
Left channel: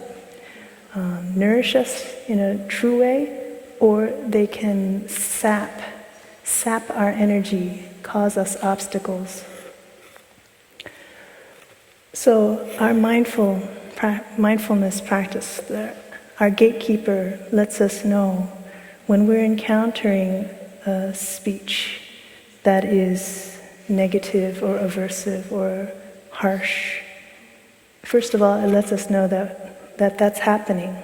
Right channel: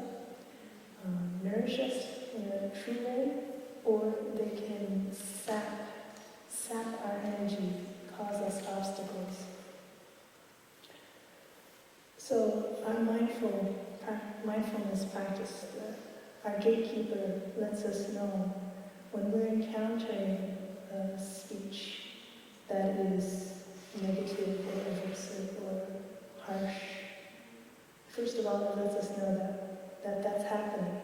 nourish us in a true way, or they can sap our energy, cause us obstacles. So our mindfulness practice, our gatekeeper lets us know when we're encountering a speech that is negative or aversive or harsh. First of all, it lets us know that that's happening,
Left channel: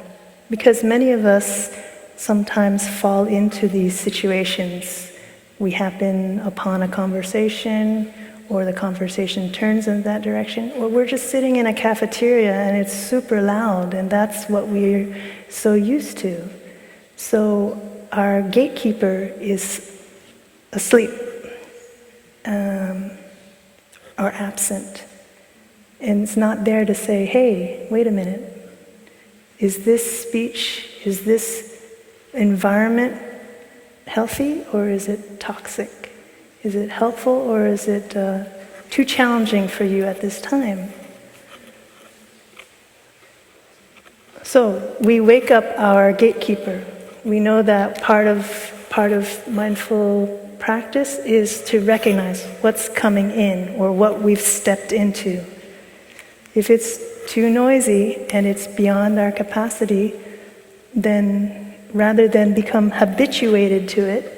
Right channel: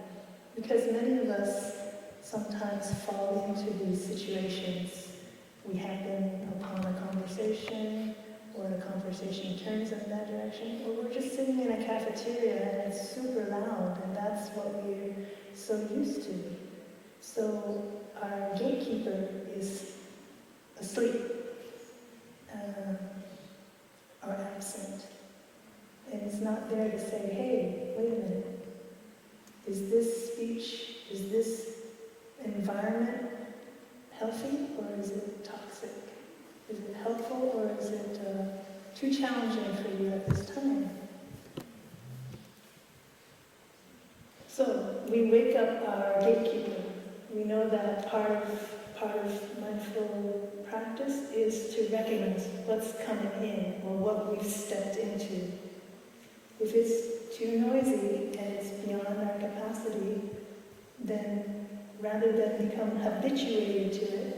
because many of us sometimes fall into these situations. We happen upon a conversation, or the conversation turns in that direction, or we're just sitting in a cafeteria and it's super loud, and that's what we're so used to. So our gatekeeper is asleep or absent, and it's not there to say, hey, wait a minute, is this speech, is this environment healthy, or is it toxic? Is it helpful, or is it too challenging for you at this time? So we wake up our gatekeeper. We know that part of mindful practice is to recognize what's coming in or what we've stepped into. If it's too noisy and it's beyond our capacity, then rather than become habituated to it,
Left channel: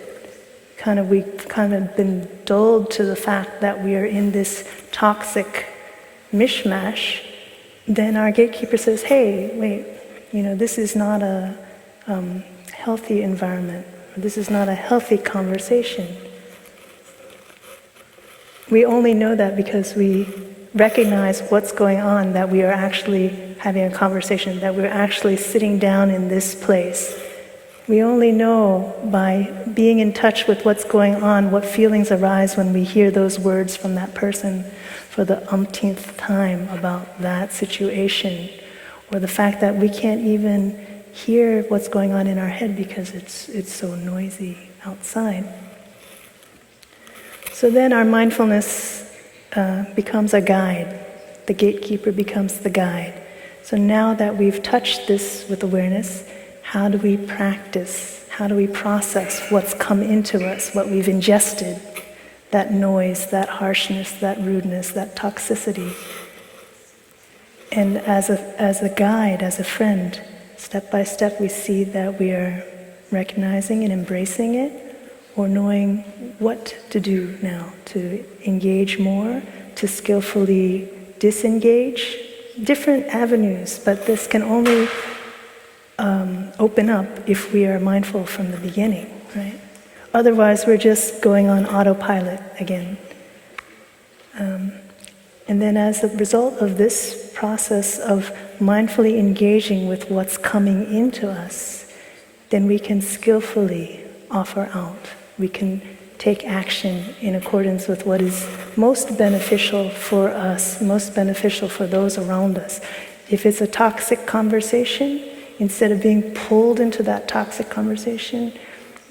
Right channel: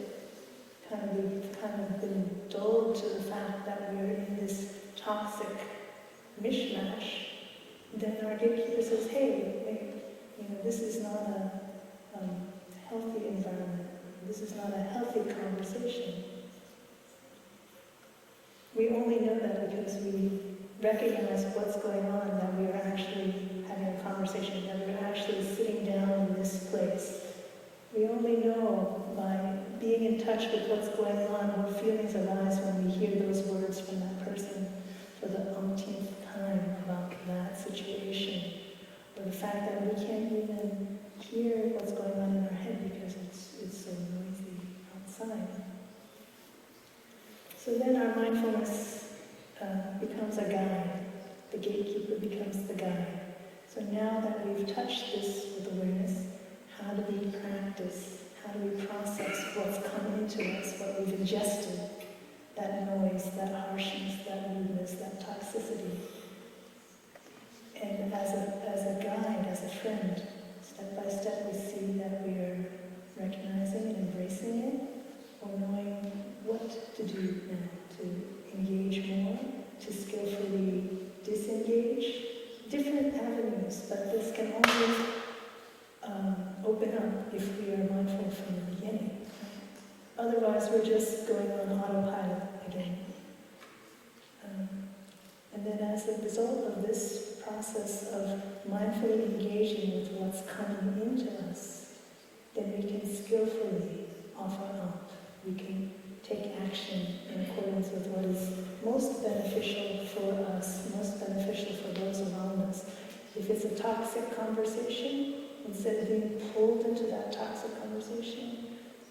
we've kind of been dulled to the fact that we are in this toxic mishmash, then our gatekeeper says, hey, wait, this is not a healthy environment, or this is not a healthy conversation. We only know that because we recognize what's going on, that we are actually having a conversation, that we're actually sitting down in this place. We only know by being in touch with what's going on, what feelings arise when we hear those words from that person for the umpteenth time about that situation, or the fact that we can't even hear what's going on in our head because it's so noisy outside. So then our mindfulness becomes a guide. The gatekeeper becomes the guide. So now that we've touched this with awareness, how do we practice? How do we process what's come into us, what we've ingested? That noise, that harshness, that rudeness, that toxicity. And as a guide, as a friend, step by step we see that we are recognizing and embracing it, or knowing what to do now, to engage more, to skillfully disengage. Different avenues, but this can only open up if we are mindful from the beginning, right? Otherwise, we're just going on autopilot again. And then as a result of this process of mindfully engaging with what's coming into us, then we can skillfully offer out. We can take action in accordance with what is most beneficial for us, most beneficial for those around us. If it's a toxic conversation, instead of being pulled into that toxic conversation,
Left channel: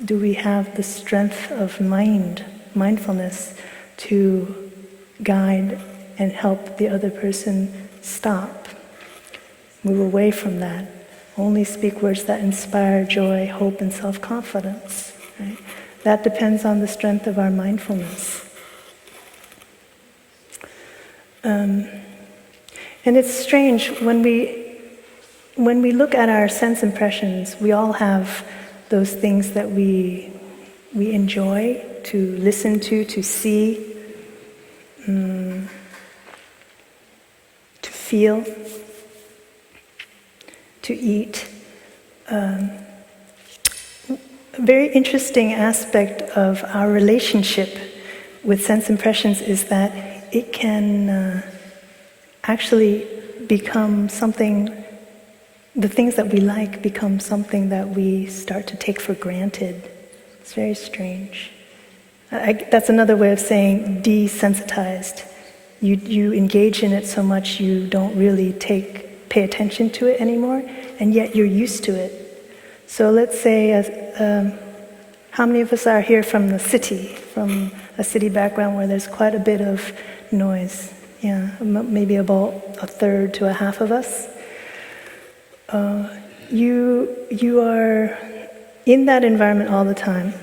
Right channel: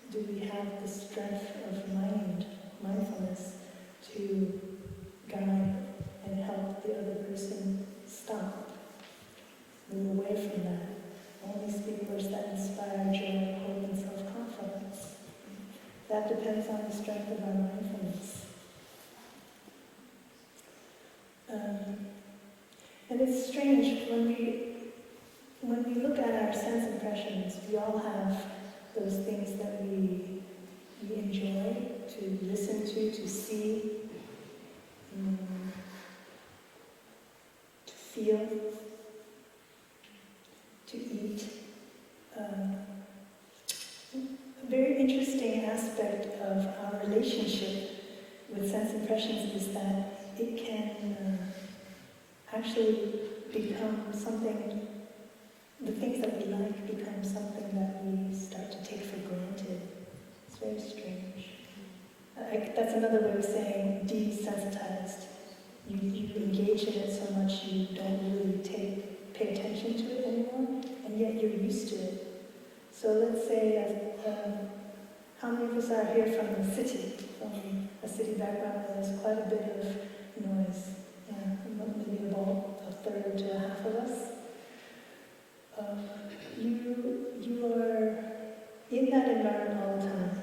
do we have the strength of mindfulness to guide and help the other person stop, move away from that, only speak words that inspire joy, hope, and self-confidence, right? That depends on the strength of our mindfulness. And it's strange, when we look at our sense impressions, we all have those things that we enjoy to listen to see, to feel, to eat. A very interesting aspect of our relationship with sense impressions is that it can actually become something, the things that we like become something that we start to take for granted. It's very strange. That's another way of saying desensitized. You engage in it so much you don't really pay attention to it anymore, and yet you're used to it. So let's say, how many of us are here from the city, from a city background where there's quite a bit of noise? Yeah, maybe about a third to a half of us. You are in that environment all the time.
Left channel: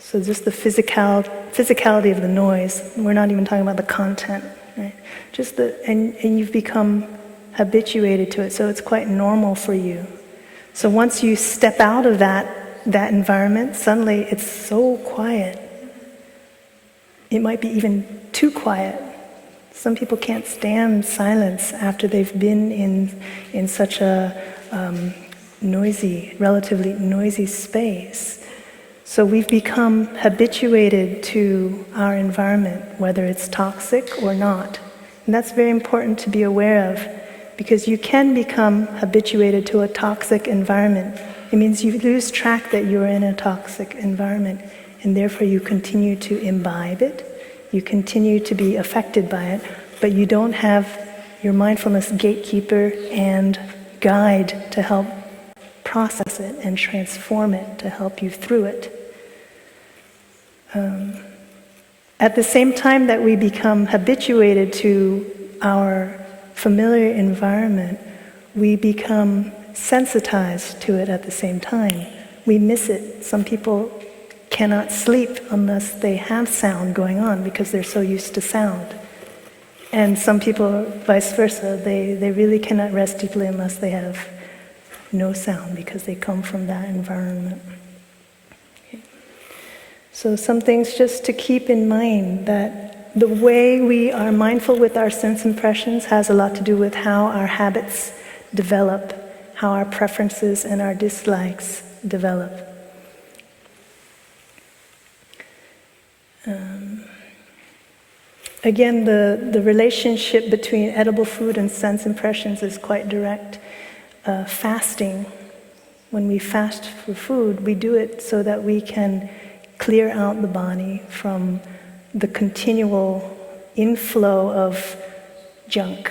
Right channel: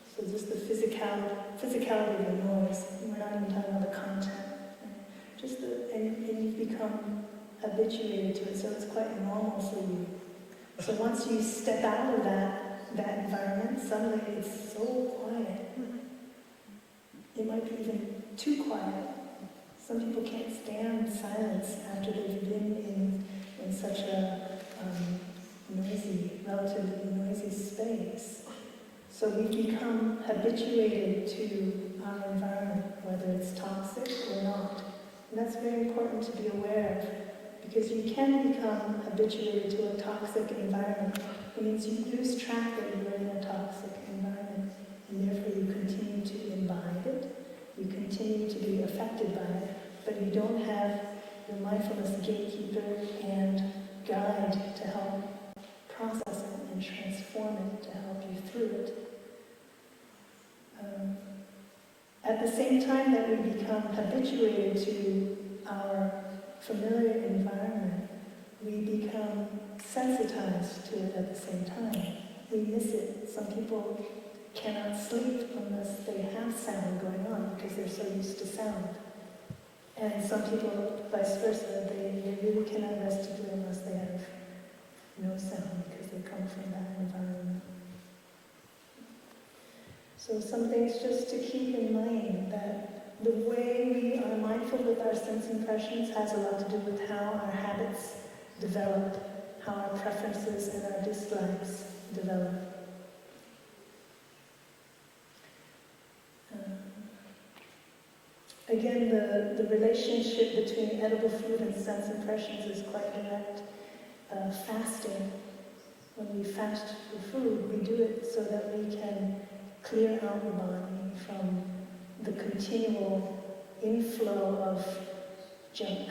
So just the physicality of the noise. We're not even talking about the content, right? Just and you've become habituated to it, so it's quite normal for you. So once you step out of that environment, suddenly it's so quiet. It might be even too quiet. Some people can't stand silence after they've been in such a relatively noisy space. So we've become habituated to our environment, whether it's toxic or not. And that's very important to be aware of, because you can become habituated to a toxic environment. It means you lose track that you're in a toxic environment, and therefore you continue to imbibe it, you continue to be affected by it, but you don't have your mindfulness gatekeeper and guide to help process it and transform it, to help you through it. At the same time that we become habituated to our familiar environment, we become sensitized to it at the same time. We miss it. Some people cannot sleep unless they have sound going on because they're so used to sound. And some people, vice versa, they really cannot rest deeply unless they have no sound because they come from that environment. Okay. So some things just to keep in mind, that the way we are mindful with our sense impressions has a lot to do with how our habits develop, how our preferences and our dislikes develop. Again, the relationship between edible food and sense impressions is quite direct. Fasting When we fast for food, we do it so that we can clear out the body from the continual inflow of junk.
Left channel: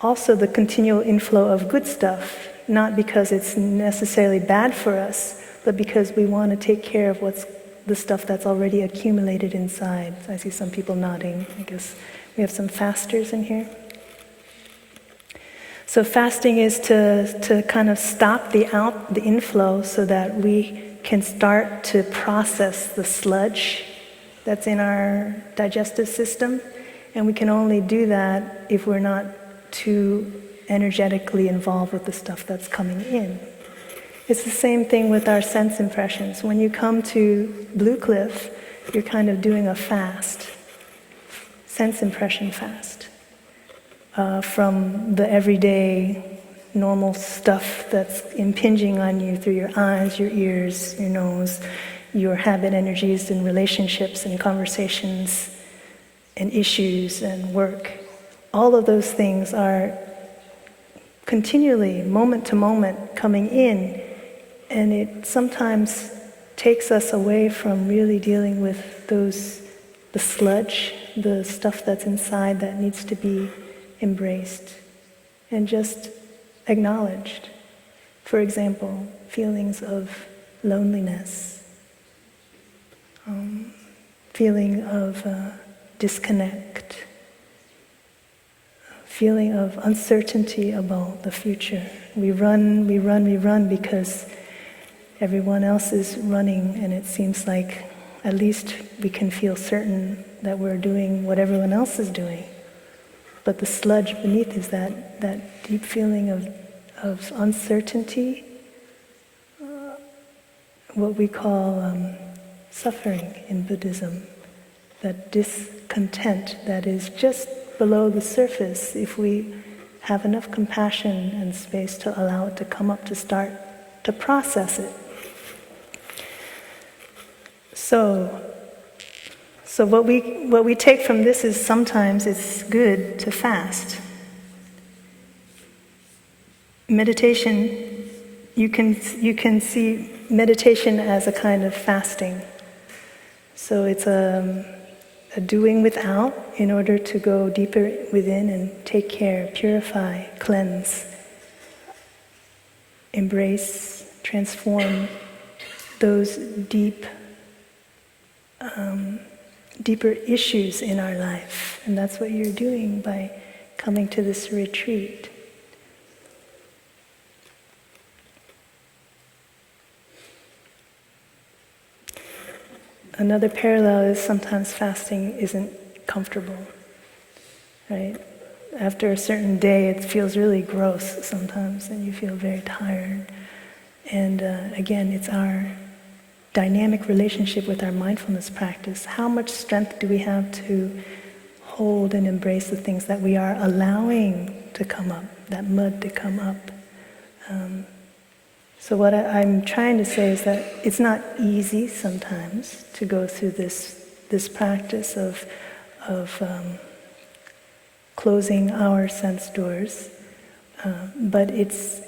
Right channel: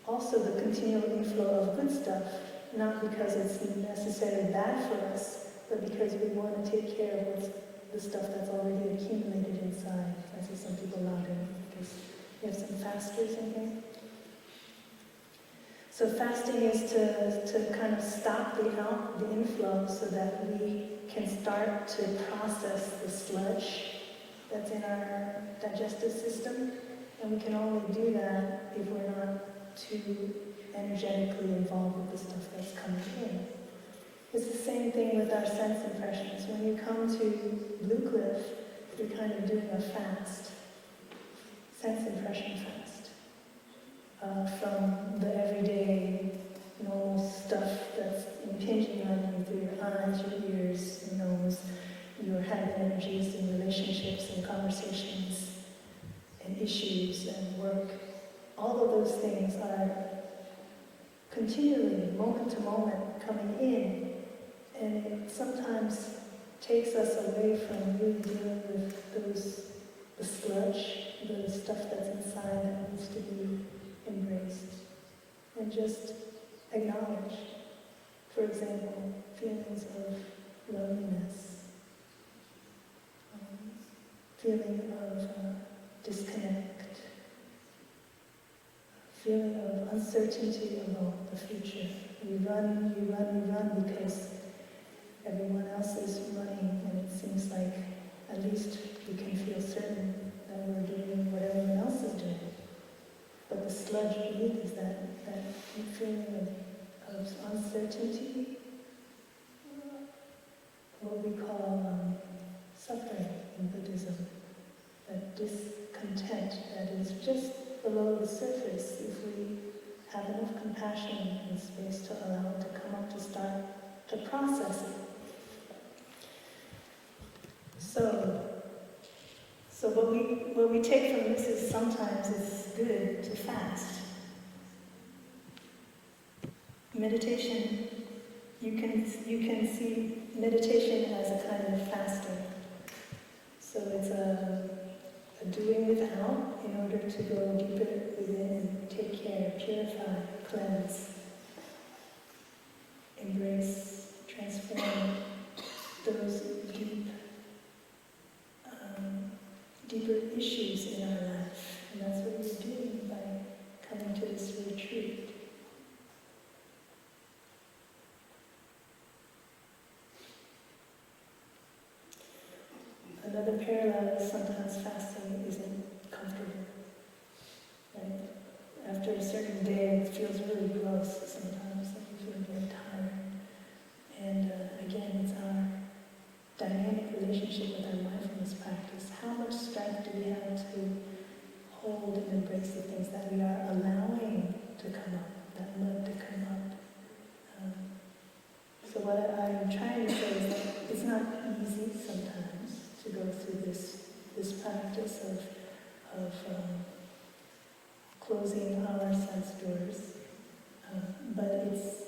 Also the continual inflow of good stuff, not because it's necessarily bad for us, but because we want to take care of what's the stuff that's already accumulated inside. I see some people nodding. I guess we have some fasters in here. So fasting is to kind of stop the inflow so that we can start to process the sludge that's in our digestive system. And we can only do that if we're not too energetically involved with the stuff that's coming in. It's the same thing with our sense impressions. When you come to Blue Cliff, you're kind of doing a fast, sense impression fast, from the everyday normal stuff that's impinging on you through your eyes, your ears, your nose, your habit energies and relationships and conversations and issues and work. All of those things are continually, moment to moment, coming in, and it sometimes takes us away from really dealing with the sludge, the stuff that's inside that needs to be embraced and just acknowledged. For example, feelings of loneliness, feeling of disconnect, feeling of uncertainty about the future. We run because everyone else is running, and it seems like at least we can feel certain that we're doing what everyone else is doing. But the sludge beneath is that deep feeling of uncertainty, what we call suffering in Buddhism, that discontent that is just below the surface if we have enough compassion and space to allow it to come up, to start to process it. So what we take from this is sometimes it's good to fast. Meditation, you can see meditation as a kind of fasting. So it's a doing without in order to go deeper within and take care, purify, cleanse, embrace, transform those deeper issues in our life. And that's what you're doing by coming to this retreat. Another parallel is sometimes fasting isn't comfortable, right? After a certain day, it feels really gross sometimes, and you feel very tired. And again, it's our dynamic relationship with our mindfulness practice. How much strength do we have to hold and embrace the things that we are allowing to come up, that mud to come up? So what I'm trying to say is that it's not easy sometimes to go through this practice of closing our sense doors, but it's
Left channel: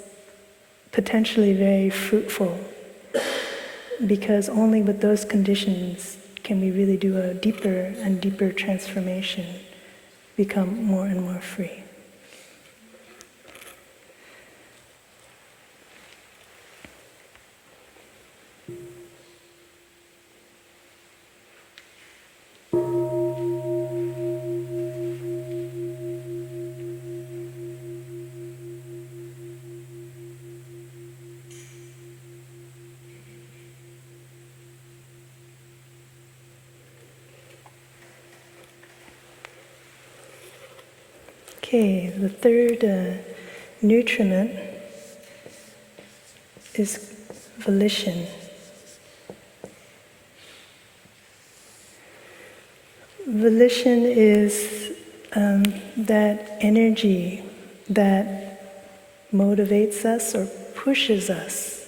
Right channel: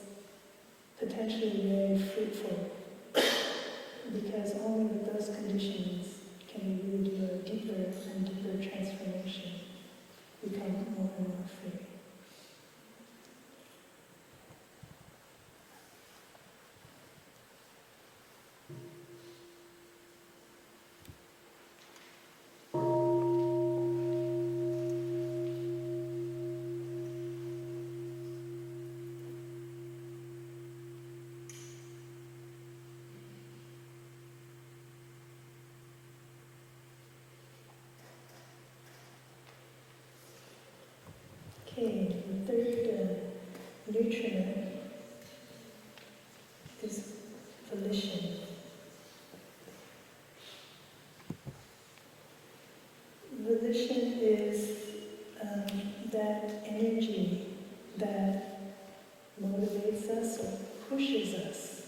potentially very fruitful, because only with those conditions can we really do a deeper and deeper transformation, become more and more free. Okay, the third nutriment is volition. Volition is that energy that motivates us or pushes us.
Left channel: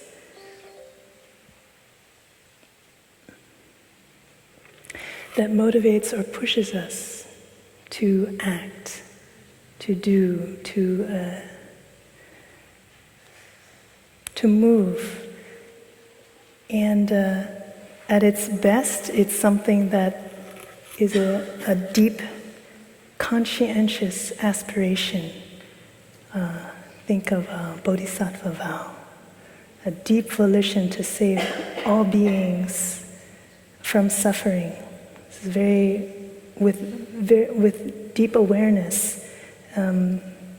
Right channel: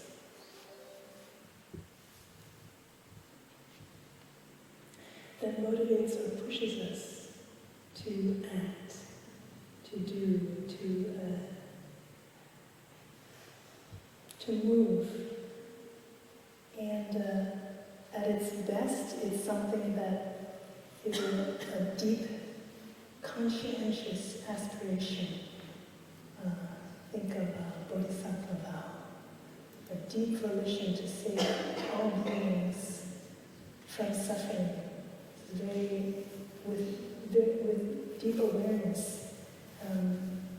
That motivates or pushes us to act, to do, to move. And at its best, it's something that is a deep, conscientious aspiration. Think of bodhisattva vow, a deep volition to save all beings from suffering. This is with deep awareness.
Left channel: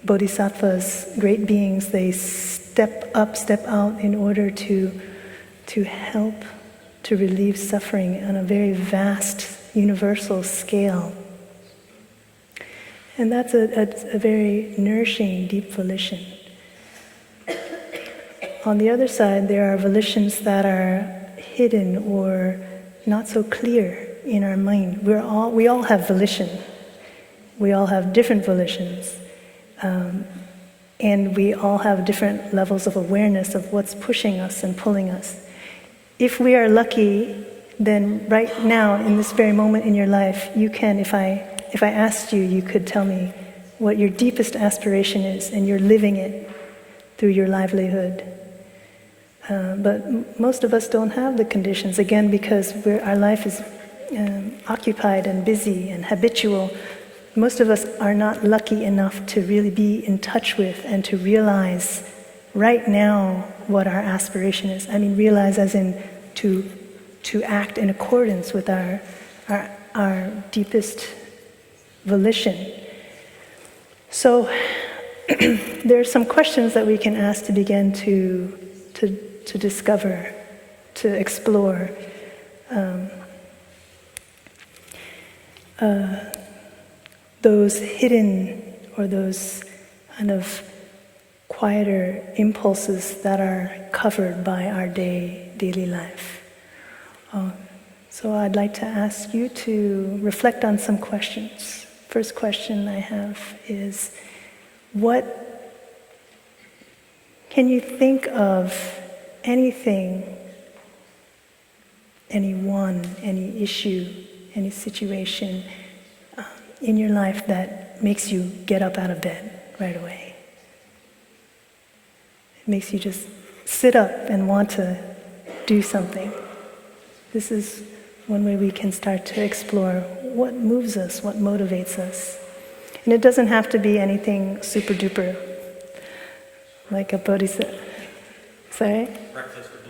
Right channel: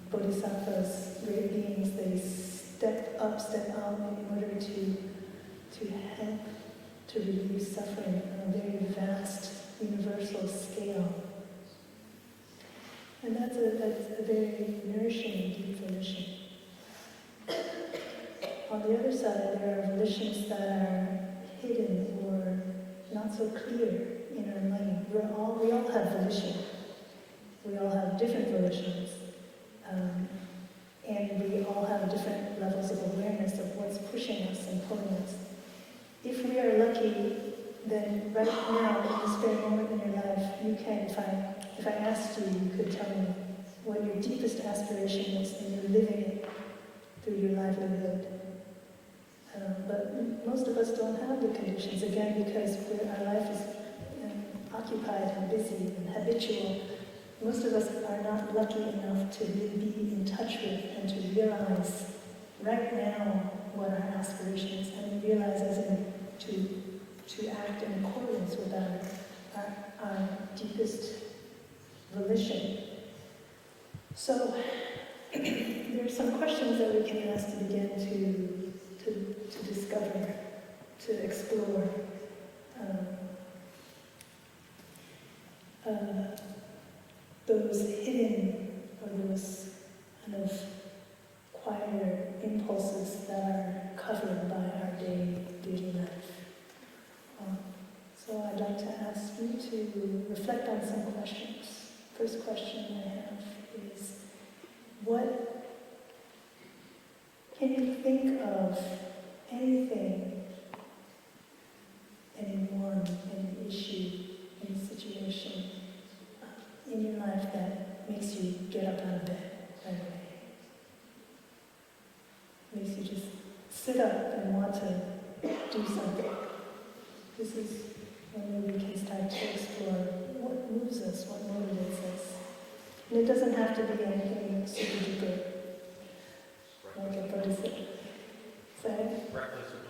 Bodhisattvas, great beings, they step up, step out in order to help to relieve suffering on a very vast, universal scale. And that's a very nourishing, deep volition. On the other side, there are volitions that are hidden or not so clear in our mind. We all have volition. We all have different volitions. And we all have different levels of awareness of what's pushing us and pulling us. If we are lucky, then right now, in this very moment in your life, you can, if I asked you, you could tell me what your deepest aspiration is, and you're living it through your livelihood. But most of us don't have the conditions, again, because our life is occupied and busy and habitual. Most of us are not lucky enough to really be in touch with and to realize right now what our aspiration is. I mean, realize as in to act in accordance with our deepest volition. So there are some questions that we can ask to begin to discover, to explore. Those hidden or those kind of quieter impulses that are covered by our daily life. So I'd like to ask you to reflect on some questions. First question I have is, what can you think of anything, anyone, any issue, any situation in your life that makes you get up out of bed right away? It makes you just sit up and want to do something. This is one way we can start to explore what moves us, what motivates us. And it doesn't have to be anything super duper, like a bodhisattva. Sorry? Breakfast at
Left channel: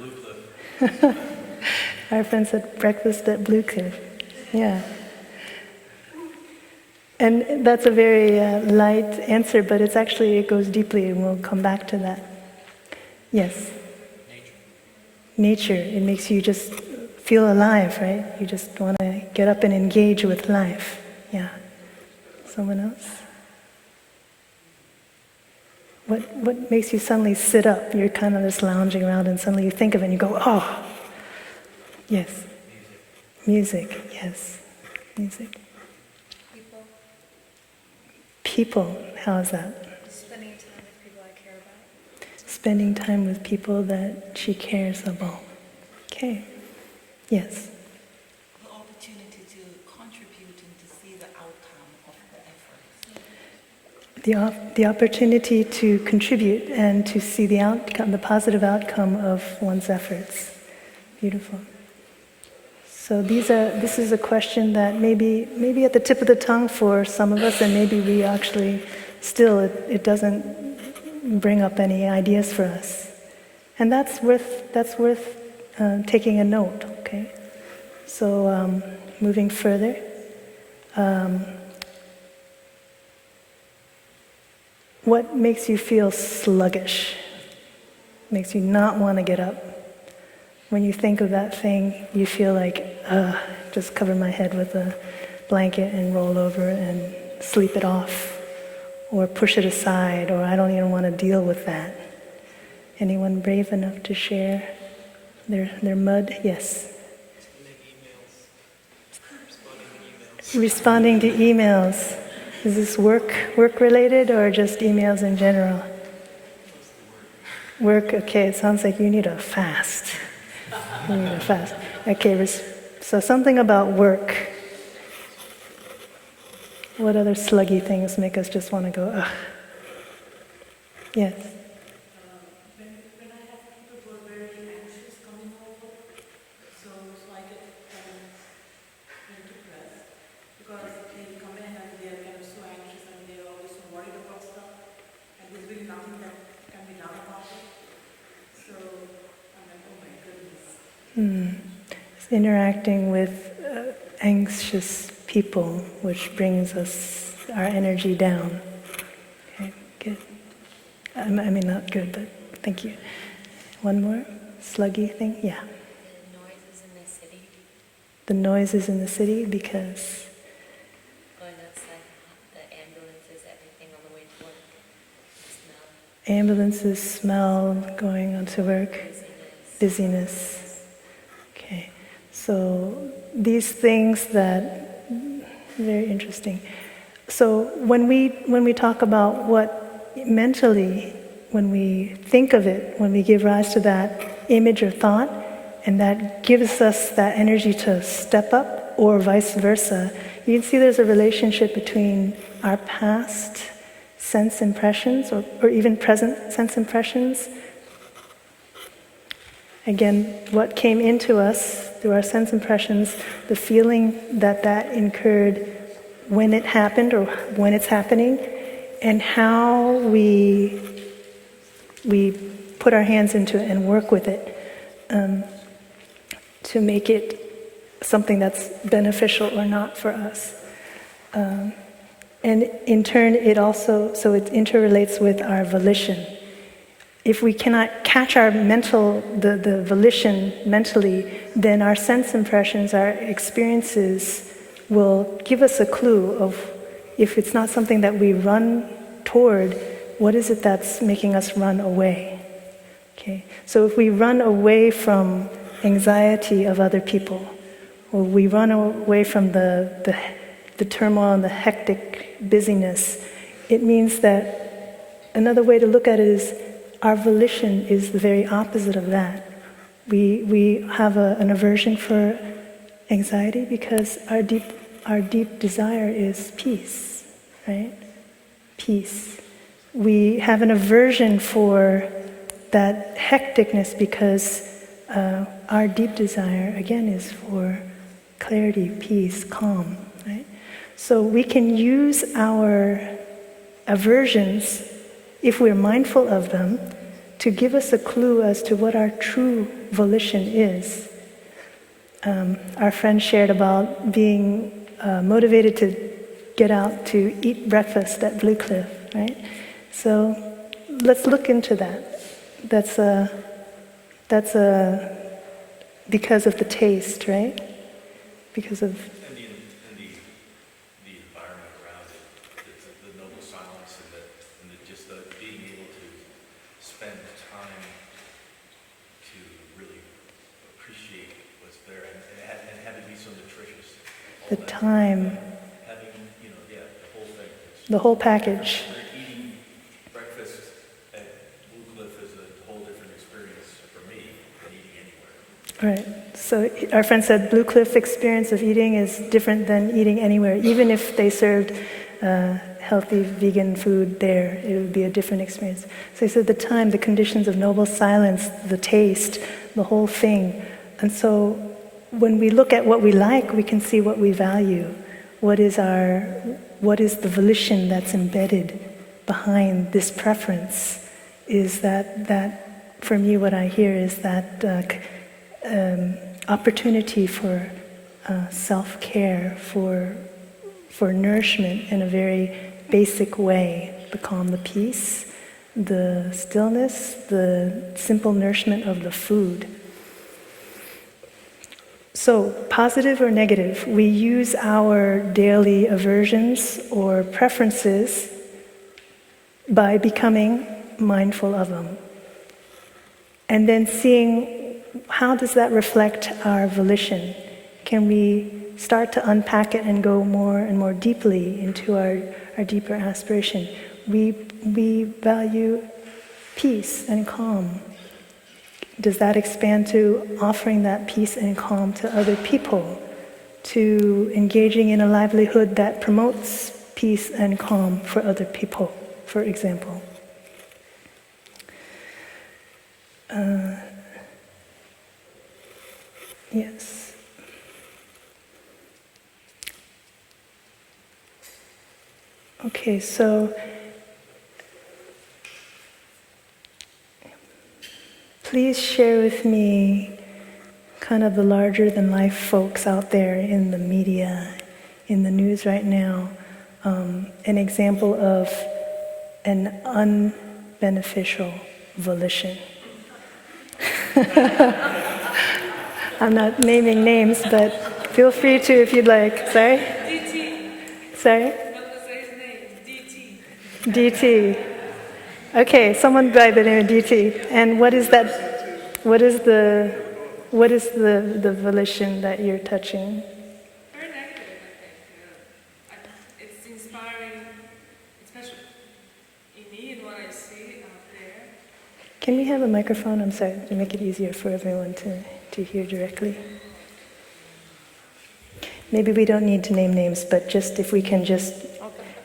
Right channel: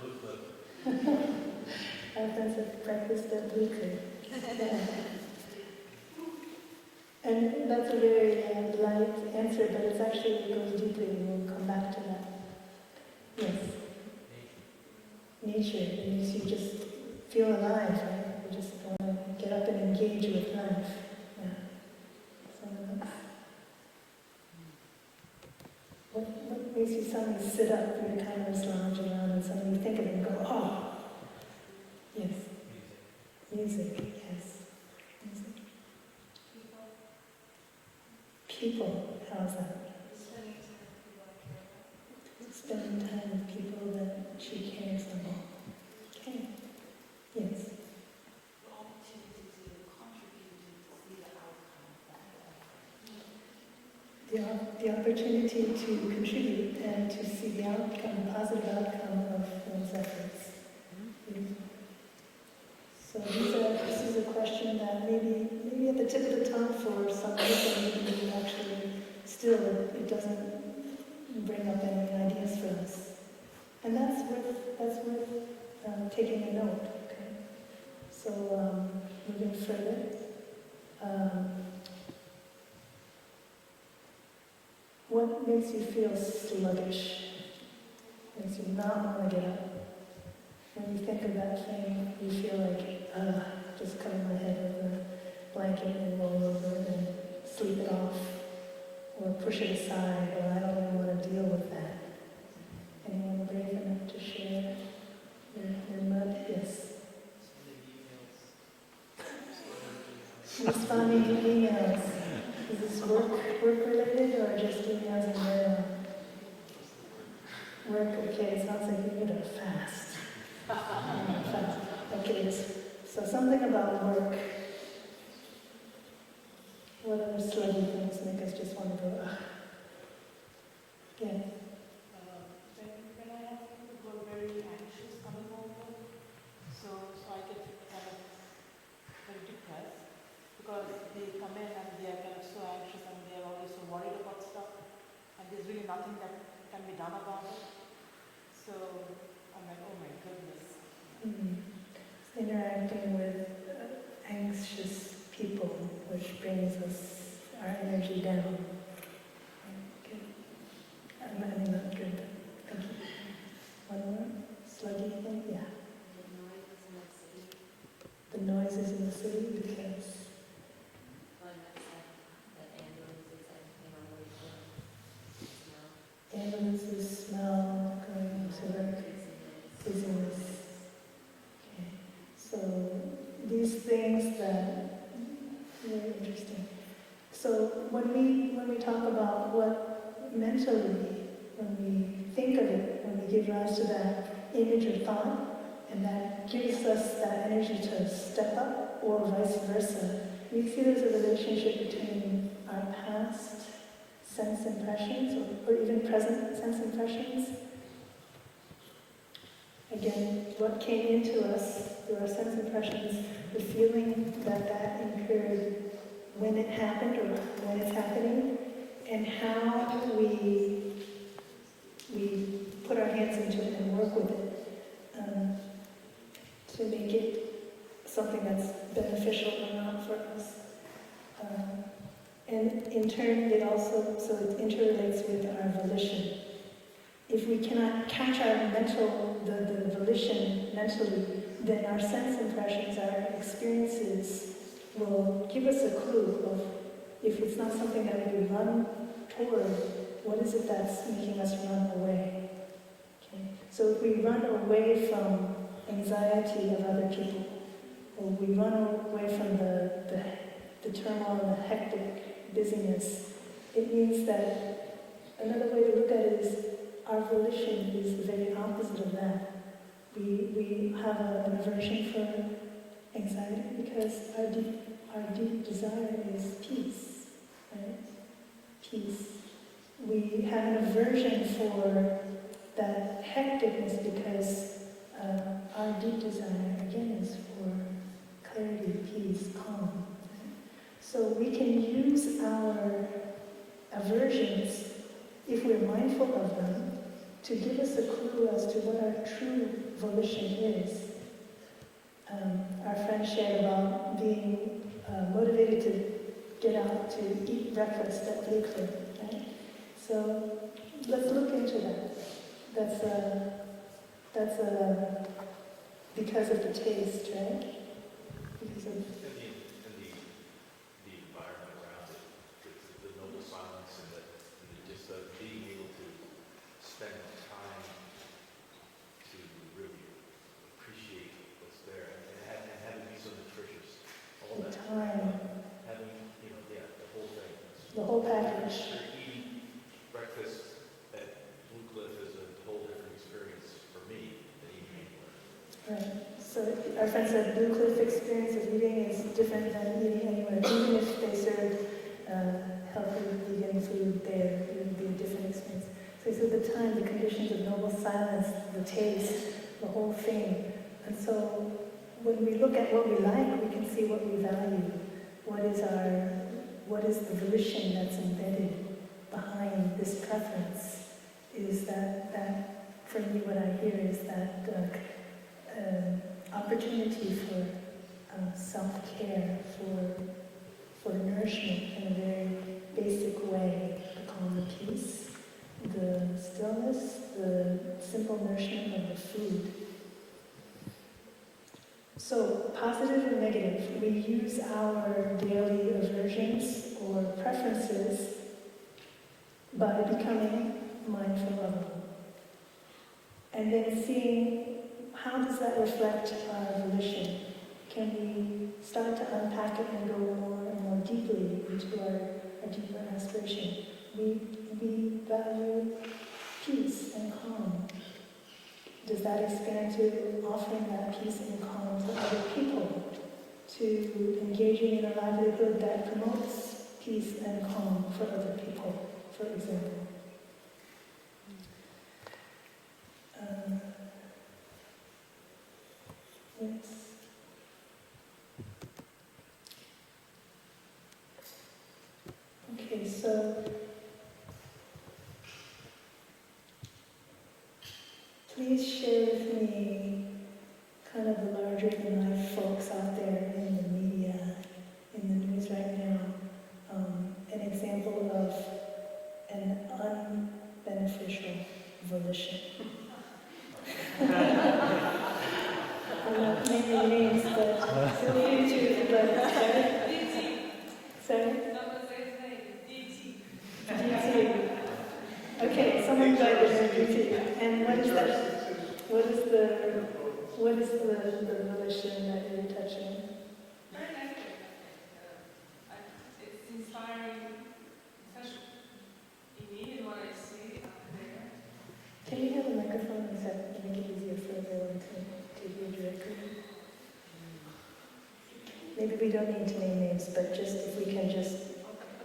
Blue Cliff. Our friends at breakfast at Blue Cliff. Yeah. And that's a very light answer, but it goes deeply, and we'll come back to that. Yes? Nature. It makes you just feel alive, right? You just want to get up and engage with life. Yeah. Someone else? What makes you suddenly sit up? You're kind of just lounging around and suddenly you think of it and you go, oh. Yes. Music, yes. Music. People, how is that? Spending time with people I care about. Spending time with people that she cares about. Okay. Yes. The opportunity to contribute and to see the outcome of the efforts. The opportunity to contribute and to see the outcome, the positive outcome of one's efforts. Beautiful. So this is a question that maybe at the tip of the tongue for some of us, and maybe we actually still, it doesn't bring up any ideas for us. And that's worth taking a note, okay? So moving further, what makes you feel sluggish? Makes you not want to get up? When you think of that thing, you feel like, just cover my head with a blanket and roll over and sleep it off, or push it aside, or I don't even want to deal with that. Anyone brave enough to share their mud? Yes. Responding to emails. Is this work related or just emails in general? Work, okay, it sounds like you need a fast. Okay, so something about work. What other sluggy things make us just want to go, ugh? Yes. When I have interacting with anxious people, which brings our energy down. Okay, good. I mean, not good, but thank you. One more? Sluggy thing? Yeah. Noises in the city. The noises in the city because... Going outside, the ambulances, everything on the way to work. Smell. Ambulances, smell, going onto work, busyness. Okay, so these things that, very interesting. So when we talk about what mentally, when we think of it, when we give rise to that image or thought, and that gives us that energy to step up, or vice versa, you can see there's a relationship between our past sense impressions, or even present sense impressions. Again, what came into us through our sense impressions, the feeling that incurred when it happened or when it's happening, and how we put our hands into it and work with it to make it something that's beneficial or not for us. And in turn, it interrelates with our volition. If we cannot catch the volition mentally, then our sense impressions, our experiences will give us a clue of, if it's not something that we run toward, what is it that's making us run away? Okay. So if we run away from anxiety of other people, or we run away from the turmoil and the hectic busyness, it means that another way to look at it is our volition is the very opposite of that. We have an aversion for anxiety because our deep desire is peace, right? Peace. We have an aversion for that hecticness because our deep desire, again, is for clarity, peace, calm, right? So we can use our aversions, if we're mindful of them, to give us a clue as to what our true volition is. Our friend shared about being motivated to get out to eat breakfast at Blue Cliff, right? So let's look into that. That's because of the taste, right? Because of... And the environment around it, the noble silence, and just being able to spend time to really appreciate what's there, and have it be so nutritious. The time. Having, the whole thing. The whole package. Eating breakfast at Blue Cliff is a whole different experience for me than eating anywhere. Right. So our friend said Blue Cliff experience of eating is different than eating anywhere. Even if they served healthy vegan food there, it would be a different experience. So he said the time, the conditions of noble silence, the taste, the whole thing. And so when we look at what we like, we can see what we value. What is the volition that's embedded behind this preference? Is that for me, what I hear is that opportunity for self-care, for nourishment in a very basic way, the calm, the peace, the stillness, the simple nourishment of the food. So, positive or negative, we use our daily aversions or preferences by becoming mindful of them. And then seeing how does that reflect our volition? Can we start to unpack it and go more and more deeply into our deeper aspiration? We value peace and calm. Does that expand to offering that peace and calm to other people? To engaging in a livelihood that promotes peace and calm for other people, for example? Yes. Okay, so please share with me kind of the larger than life folks out there in the media, in the news right now, an example of an unbeneficial volition. I'm not naming names, but feel free to if you'd like. Sorry? DT. Sorry? Not to say his name. DT. DT. Okay, someone by the name of DT. And what is that? What is the volition that you're touching? Very negative, I think. It's inspiring, especially in me and what I see out there. Can we have a microphone? I'm sorry, to make it easier for everyone to hear directly. Maybe we don't need to name names, but just if we can just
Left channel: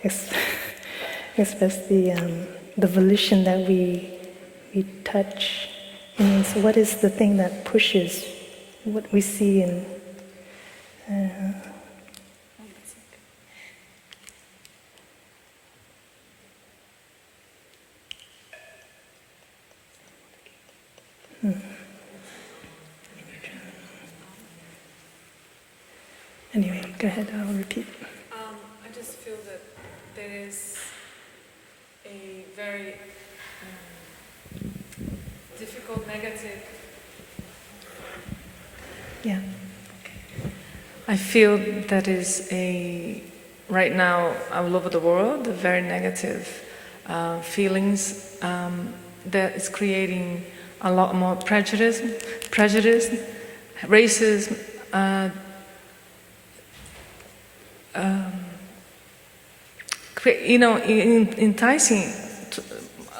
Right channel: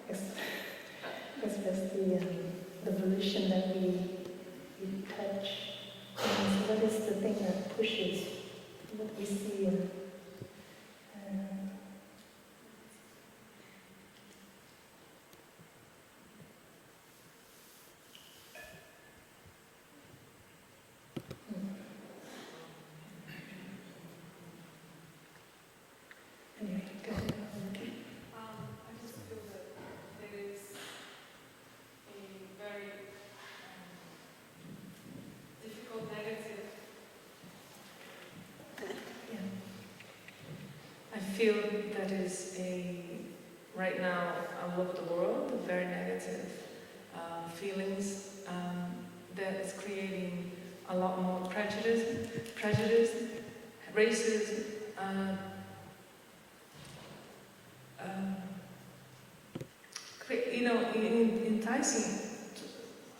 express the volition that we touch. And so what is the thing that pushes what we see in Anyway, go ahead, I'll repeat. I just feel that there is a very difficult negative. Yeah. I feel that is right now all over the world, a very negative feelings that is creating a lot more prejudice, racism, enticing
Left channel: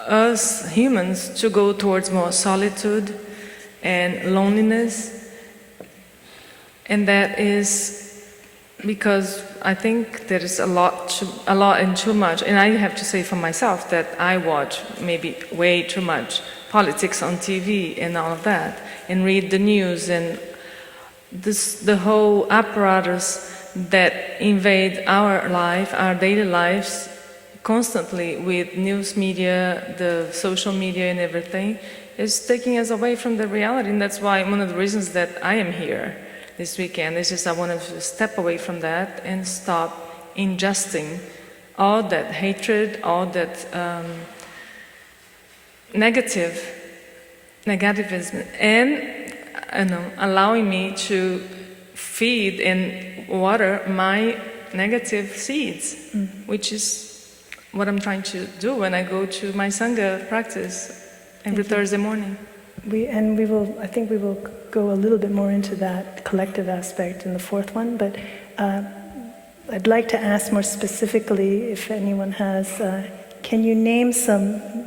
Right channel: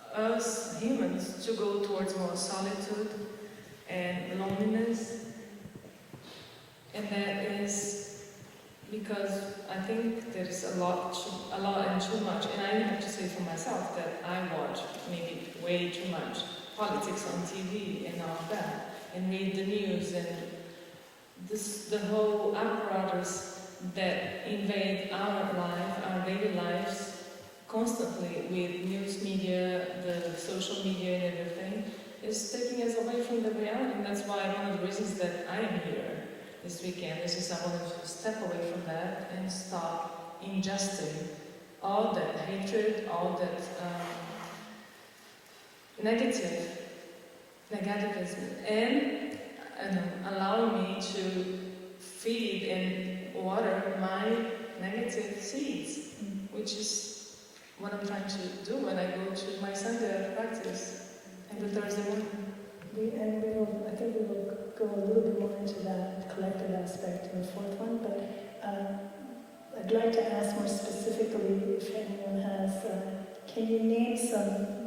us humans to go towards more solitude and loneliness. And that is because I think there is a lot and too much. And I have to say for myself that I watch maybe way too much politics on TV and all of that, and read the news and the whole apparatus that invade our life, our daily lives, constantly with news media, the social media and everything, is taking us away from the reality. And that's why one of the reasons that I am here this weekend is just I wanted to step away from that and stop ingesting all that hatred, all that negativism, and allowing me to feed and water my negative seeds, which is what I'm trying to do when I go to my Sangha practice every Thursday morning. I think we will go a little bit more into that collective aspect in the fourth one, but I'd like to ask more specifically if anyone has, can you name some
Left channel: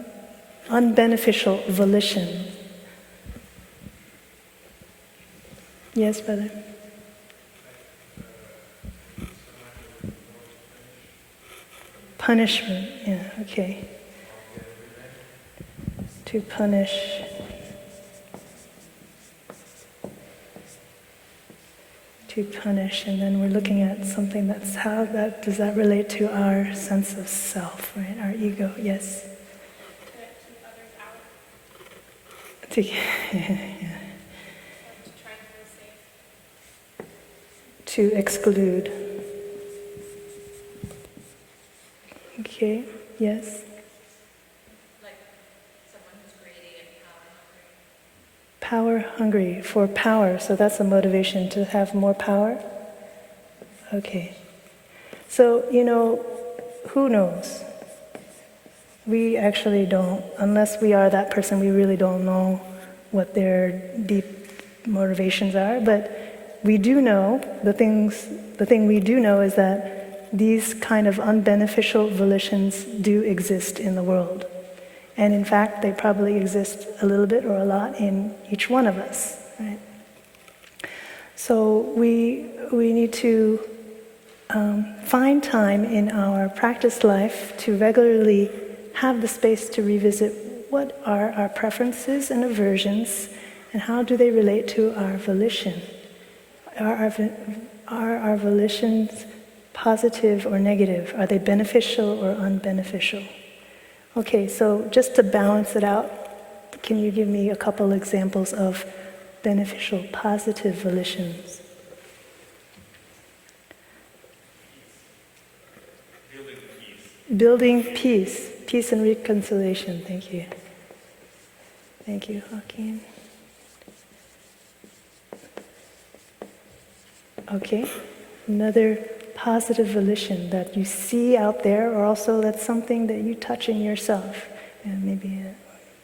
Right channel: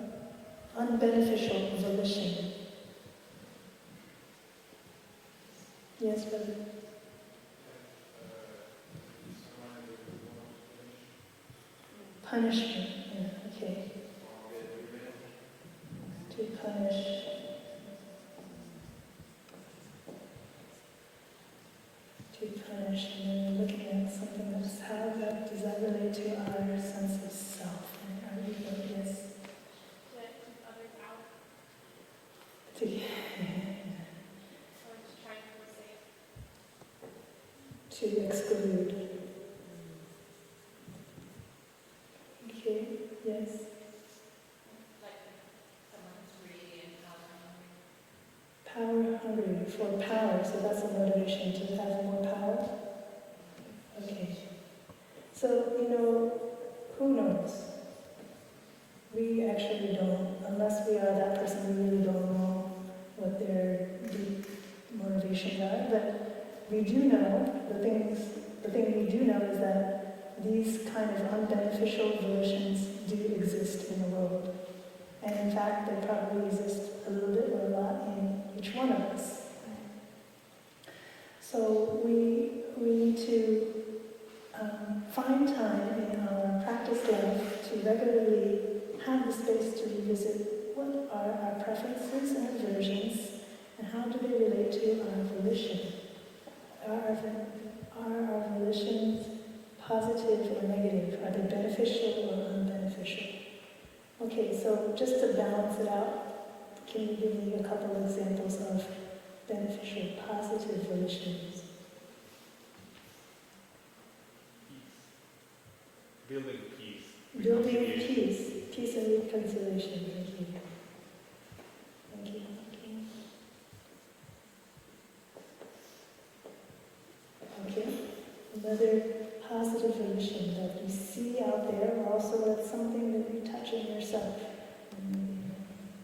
unbeneficial volition? Yes, brother? Punishment, yeah, okay. To punish. And then we're looking at something that's does that relate to our sense of self, right? Our ego, yes? To keep others out. Yeah. To exclude. Okay, yes? Like someone who's greedy and power hungry. Power hungry, for power, so that's a motivation to have more power? Okay. So, who knows? We actually don't, unless we are that person, we really don't know what their deep motivations are, but we do know, the thing we do know is that these kind of unbeneficial volitions do exist in the world. And in fact, they probably exist a little bit or a lot in each one of us, right? So we need to find time in our practice life to regularly have the space to revisit what are our preferences and aversions and how do they relate to our volition. Are our volitions positive or negative? Are they beneficial or unbeneficial? Okay, so just to balance it out, can you give me a couple examples of beneficial, positive volitions? Building peace. Building peace, peace and reconciliation. Thank you. Thank you, Joaquin. Okay, another positive volition that you see out there, or also that's something that you touch in yourself. And maybe,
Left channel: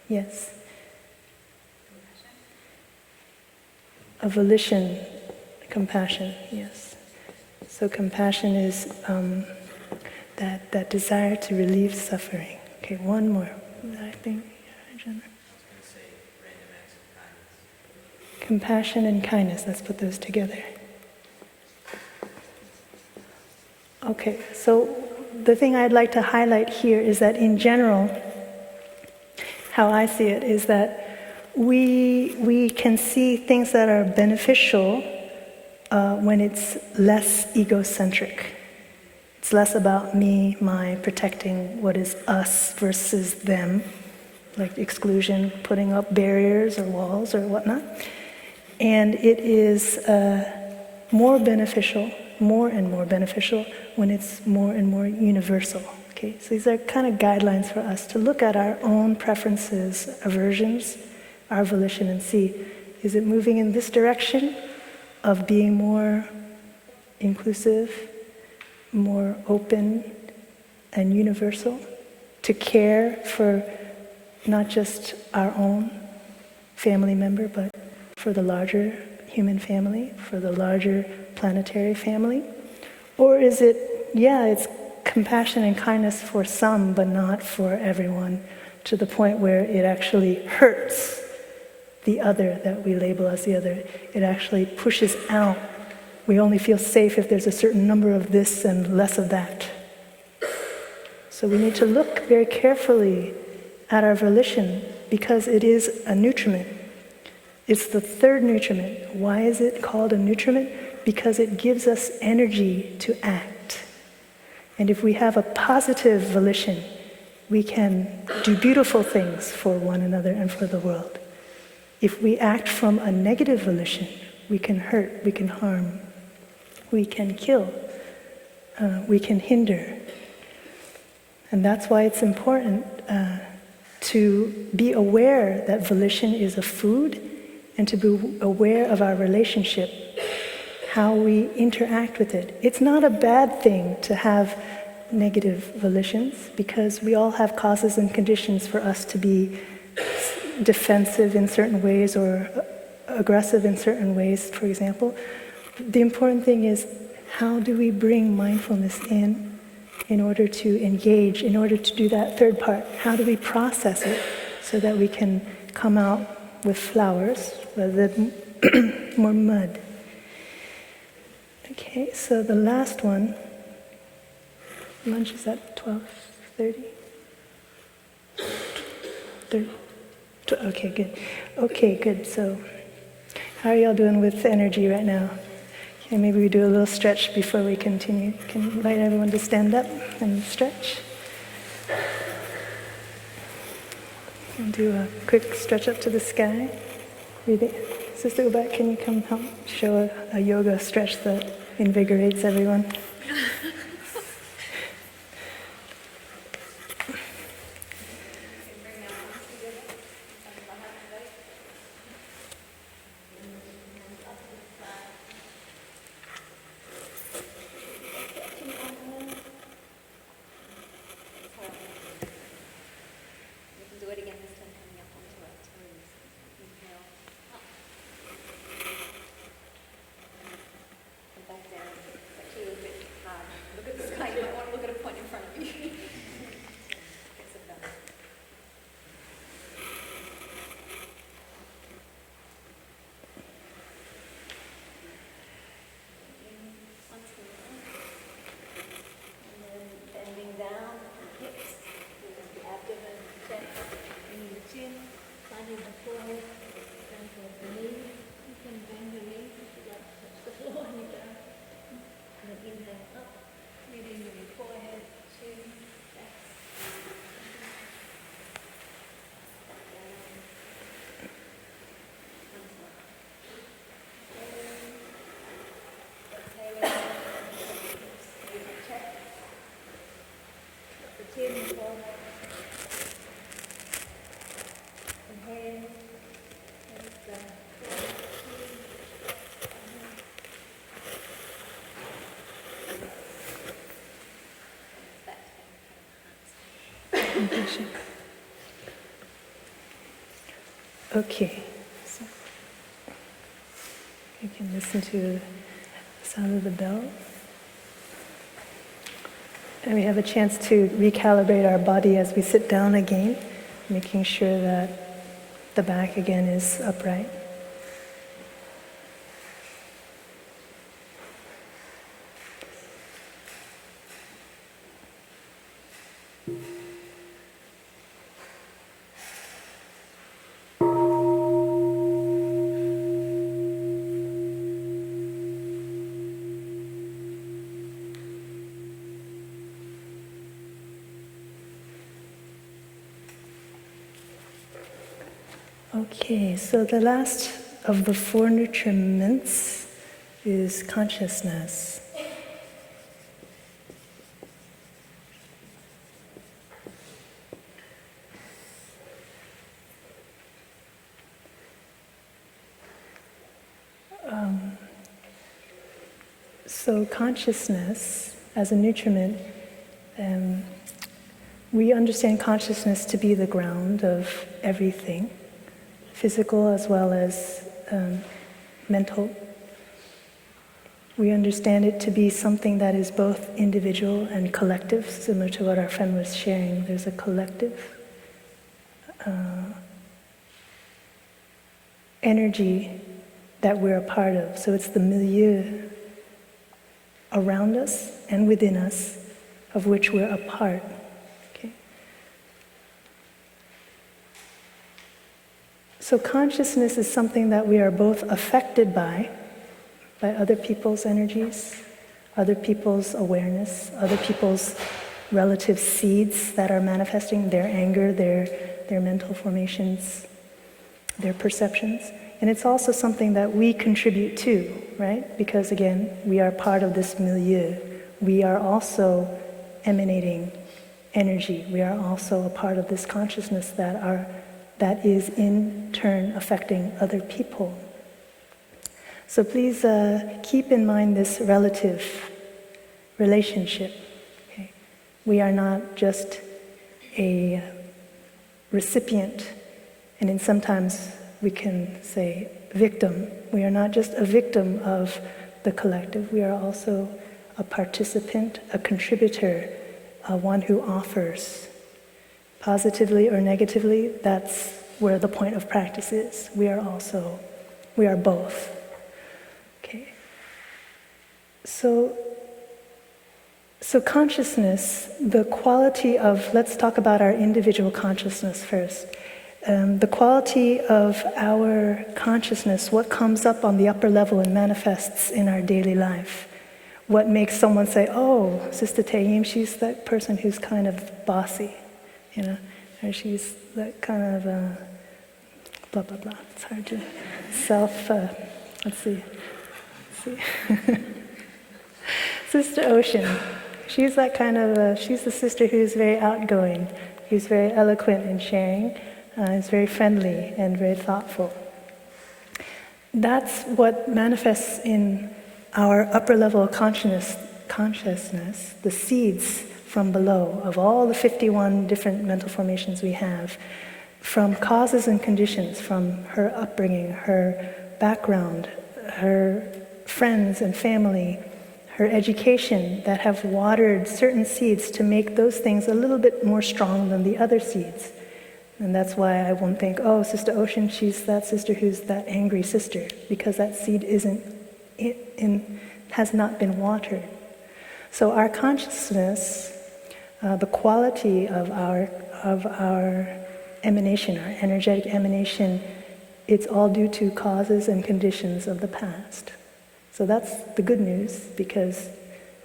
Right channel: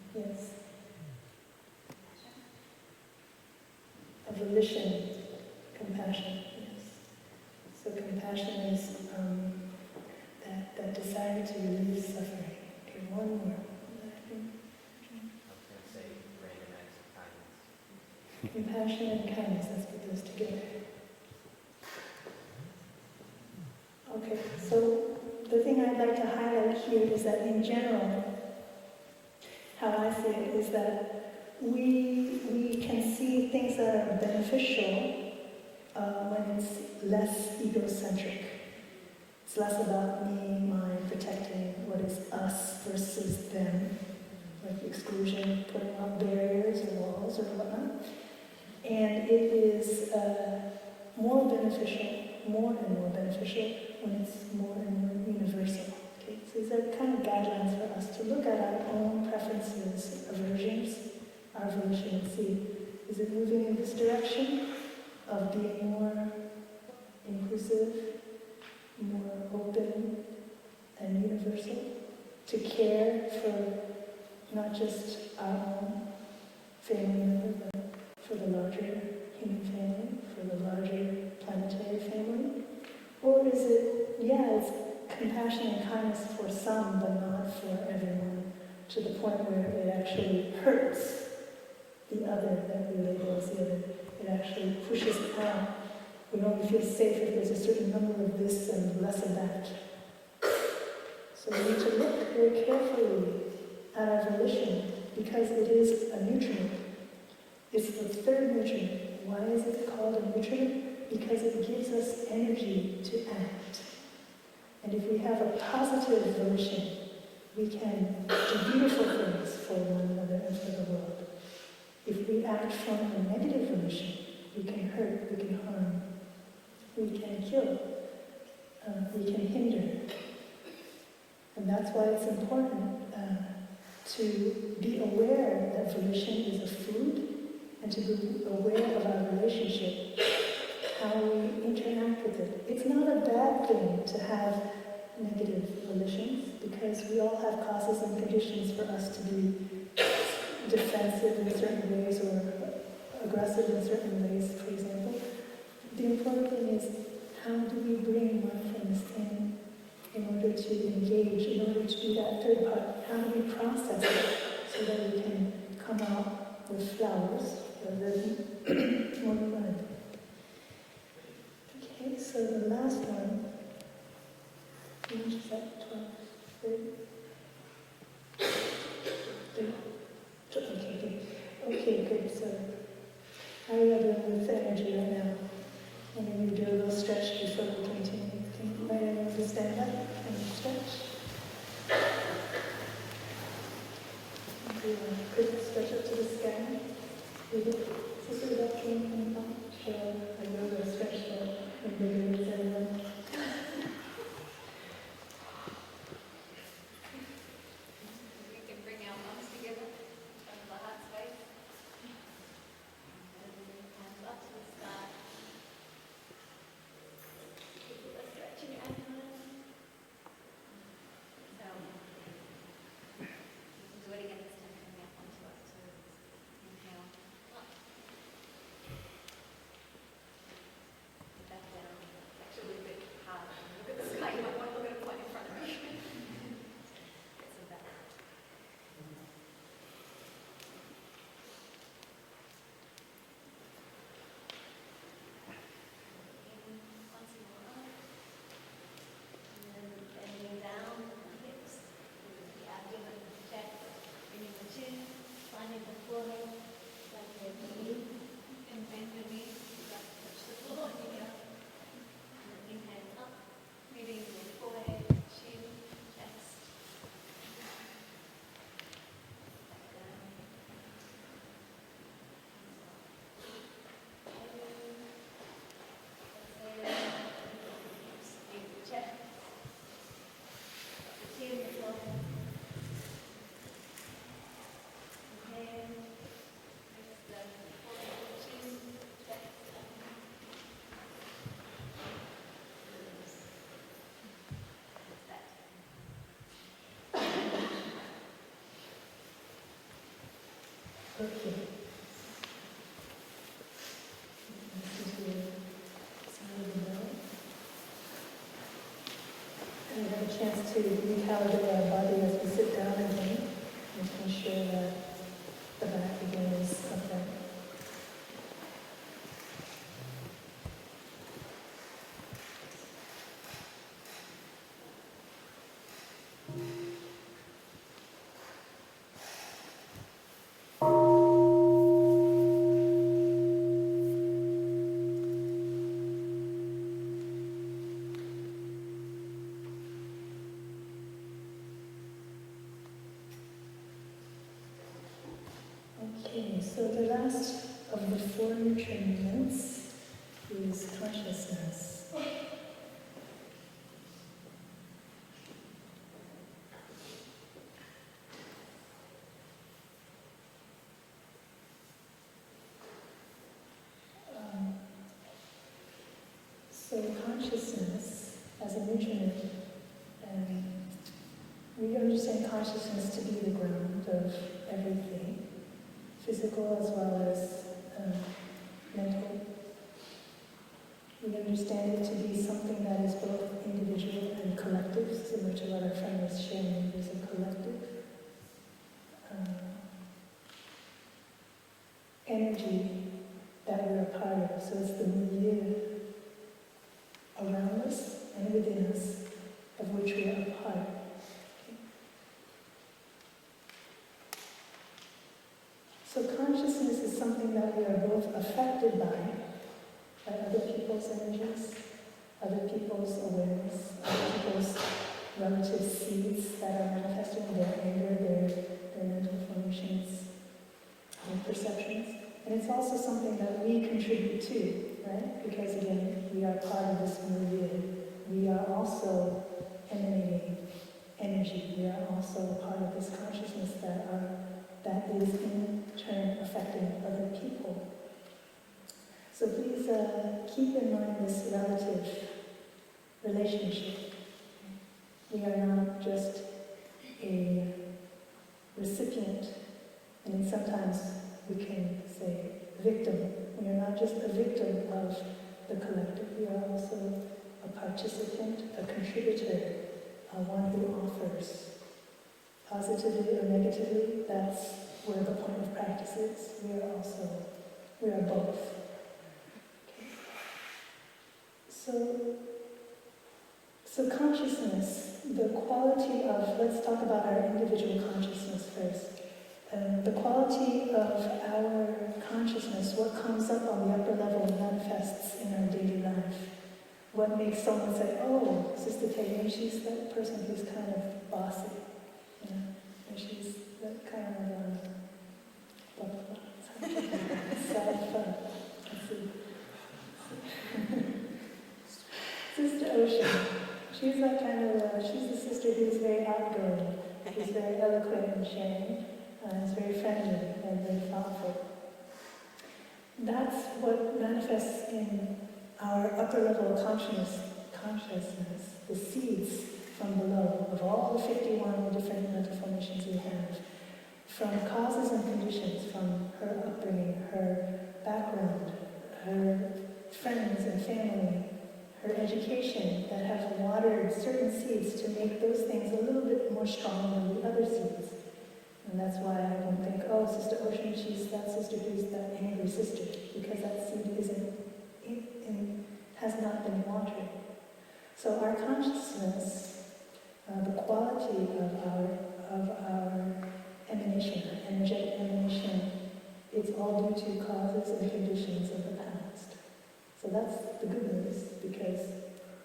yes. A volition, compassion, yes. So compassion is that desire to relieve suffering. Okay, one more. I think. Compassion and kindness, let's put those together. Okay, so the thing I'd like to highlight here is that in general, how I see it is that we can see things that are beneficial when it's less egocentric. It's less about me, my, protecting what is us versus them, like exclusion, putting up barriers or walls or whatnot. And it is more beneficial, more and more beneficial when it's more and more universal. Okay, so these are kind of guidelines for us to look at our own preferences, aversions, our volition, and see, is it moving in this direction of being more inclusive, more open and universal, to care for not just our own family member, but for the larger human family, for the larger planetary family? Or is it, it's compassion and kindness for some, but not for everyone, to the point where it actually hurts the other that we label as the other. It actually pushes out. We only feel safe if there's a certain number of this and less of that. So we need to look very carefully at our volition, because it is a nutriment. It's the third nutriment. Why is it called a nutriment? Because it gives us energy to act. And if we have a positive volition, we can do beautiful things for one another and for the world. If we act from a negative volition, we can hurt, we can harm, we can kill, we can hinder. And that's why it's important to be aware that volition is a food, and to be aware of our relationship, how we interact with it. It's not a bad thing to have negative volitions, because we all have causes and conditions for us to be defensive in certain ways or aggressive in certain ways, for example. The important thing is, how do we bring mindfulness in order to engage, in order to do that third part? How do we process it so that we can come out with flowers rather than more mud? Okay, so the last one, lunch is at 12:30? 30? Okay, good. Okay, good. So, how are y'all doing with energy right now? Okay, maybe we do a little stretch before we continue. Can you invite everyone to stand up and stretch? And do a quick stretch up to the sky. Sister Uba, can you come help show a yoga stretch that invigorates everyone? Beautiful. Inhale. Okay. So you can listen to the sound of the bell. And we have a chance to recalibrate our body as we sit down again, making sure that the back again is upright. Okay, so the last of the 4 nutriments is consciousness. So consciousness as a nutriment, we understand consciousness to be the ground of everything, physical as well as mental. We understand it to be something that is both individual and collective, similar to what our friend was sharing. There's a collective energy that we're a part of. So it's the milieu around us and within us of which we're a part. Okay? So consciousness is something that we are both affected by other people's energies, other people's awareness, other people's relative seeds that are manifesting their anger, their mental formations, their perceptions. And it's also something that we contribute to, right? Because again, we are part of this milieu. We are also emanating energy. We are also a part of this consciousness that is in turn affecting other people. So please keep in mind this relative relationship. Okay? We are not just a recipient, and then sometimes we can say victim. We are not just a victim of the collective. We are also a participant, a contributor, one who offers. Positively or negatively, that's where the point of practice is. We are both. Okay. So consciousness, the quality of, let's talk about our individual consciousness first. The quality of our consciousness, what comes up on the upper level and manifests in our daily life. What makes someone say, oh, Sister Nghiem, she's that person who's kind of bossy, you know, or she's that kind of blah, blah, blah. It's hard to let's see. Sister Ocean, she's that kind of, she's the sister who's very outgoing, who's very eloquent in sharing. Is very friendly and very thoughtful. That's what manifests in our upper level consciousness, the seeds from below of all the 51 different mental formations we have, from causes and conditions, from her upbringing, her background, her friends and family, her education, that have watered certain seeds to make those things a little bit more strong than the other seeds. And that's why I won't think, oh, Sister Ocean, she's that sister who's that angry sister, because that seed has not been watered. So our consciousness, the quality of our emanation, our energetic emanation, it's all due to causes and conditions of the past. So that's the good news, because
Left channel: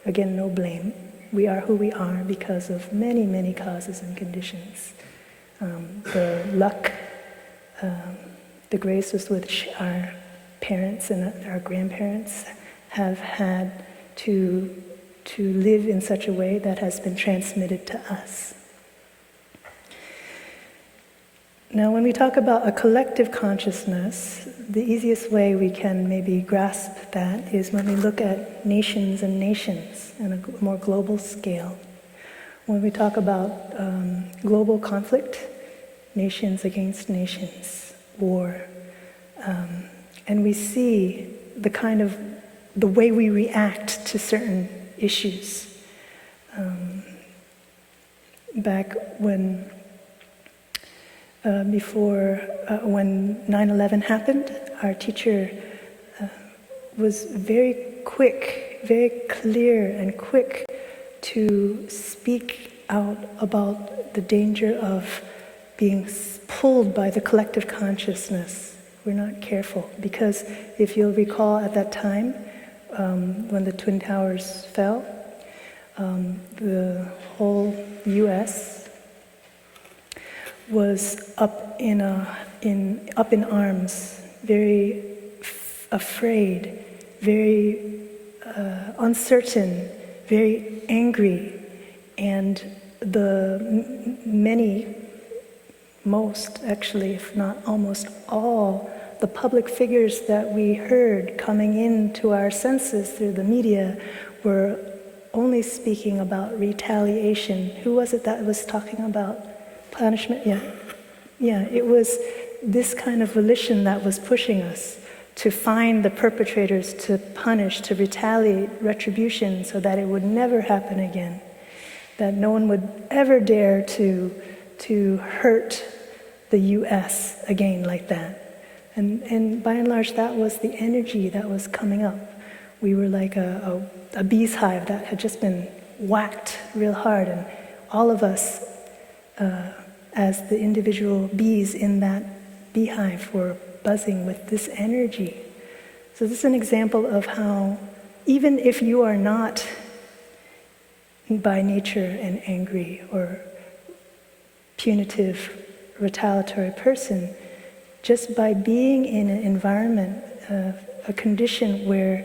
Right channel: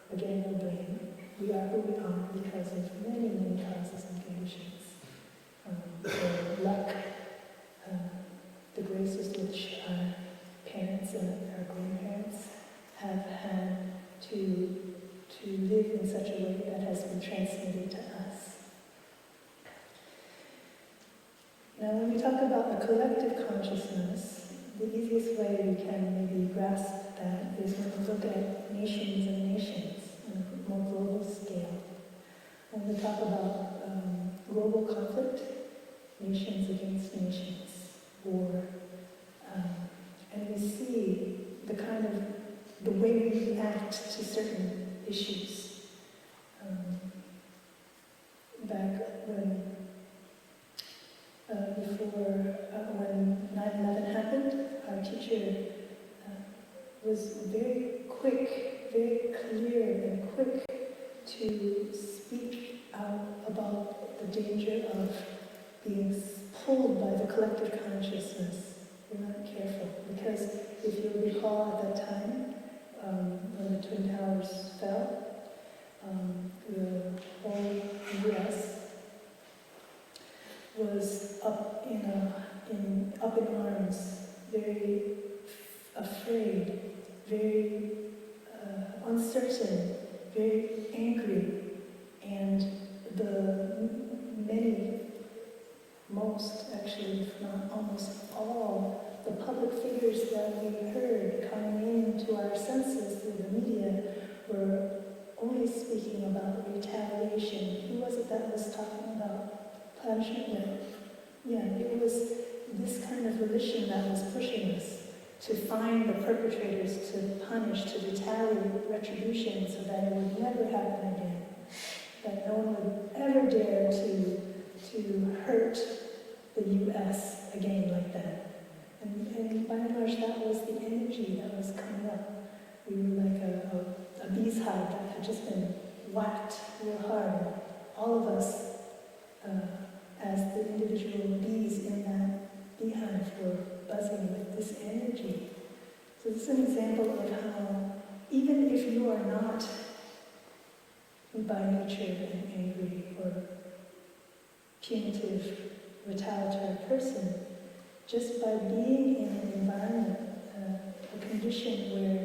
again, no blame. We are who we are because of many, many causes and conditions. The luck, the grace with which our parents and our grandparents have had to live in such a way that has been transmitted to us. Now, when we talk about a collective consciousness, the easiest way we can maybe grasp that is when we look at nations and nations on a more global scale. When we talk about global conflict, nations against nations, war, and we see the way we react to certain issues. Back when when 9/11 happened, our teacher was very quick, very clear and quick to speak out about the danger of being pulled by the collective consciousness. We're not careful, because if you'll recall at that time, when the Twin Towers fell, the whole U.S. was up in arms, very afraid, very uncertain, very angry, and most actually, if not almost all, the public figures that we heard coming into our senses through the media were only speaking about retaliation. Who was it that was talking about punishment? Yeah, it was this kind of volition that was pushing us to find the perpetrators, to punish, to retaliate, retribution, so that it would never happen again, that no one would ever dare to hurt the U.S. again like that. And by and large, that was the energy that was coming up. We were like a bee's hive that had just been whacked real hard, and all of us, as the individual bees in that beehive, were buzzing with this energy. So this is an example of how, even if you are not by nature an angry or punitive, retaliatory person, just by being in an environment, a condition where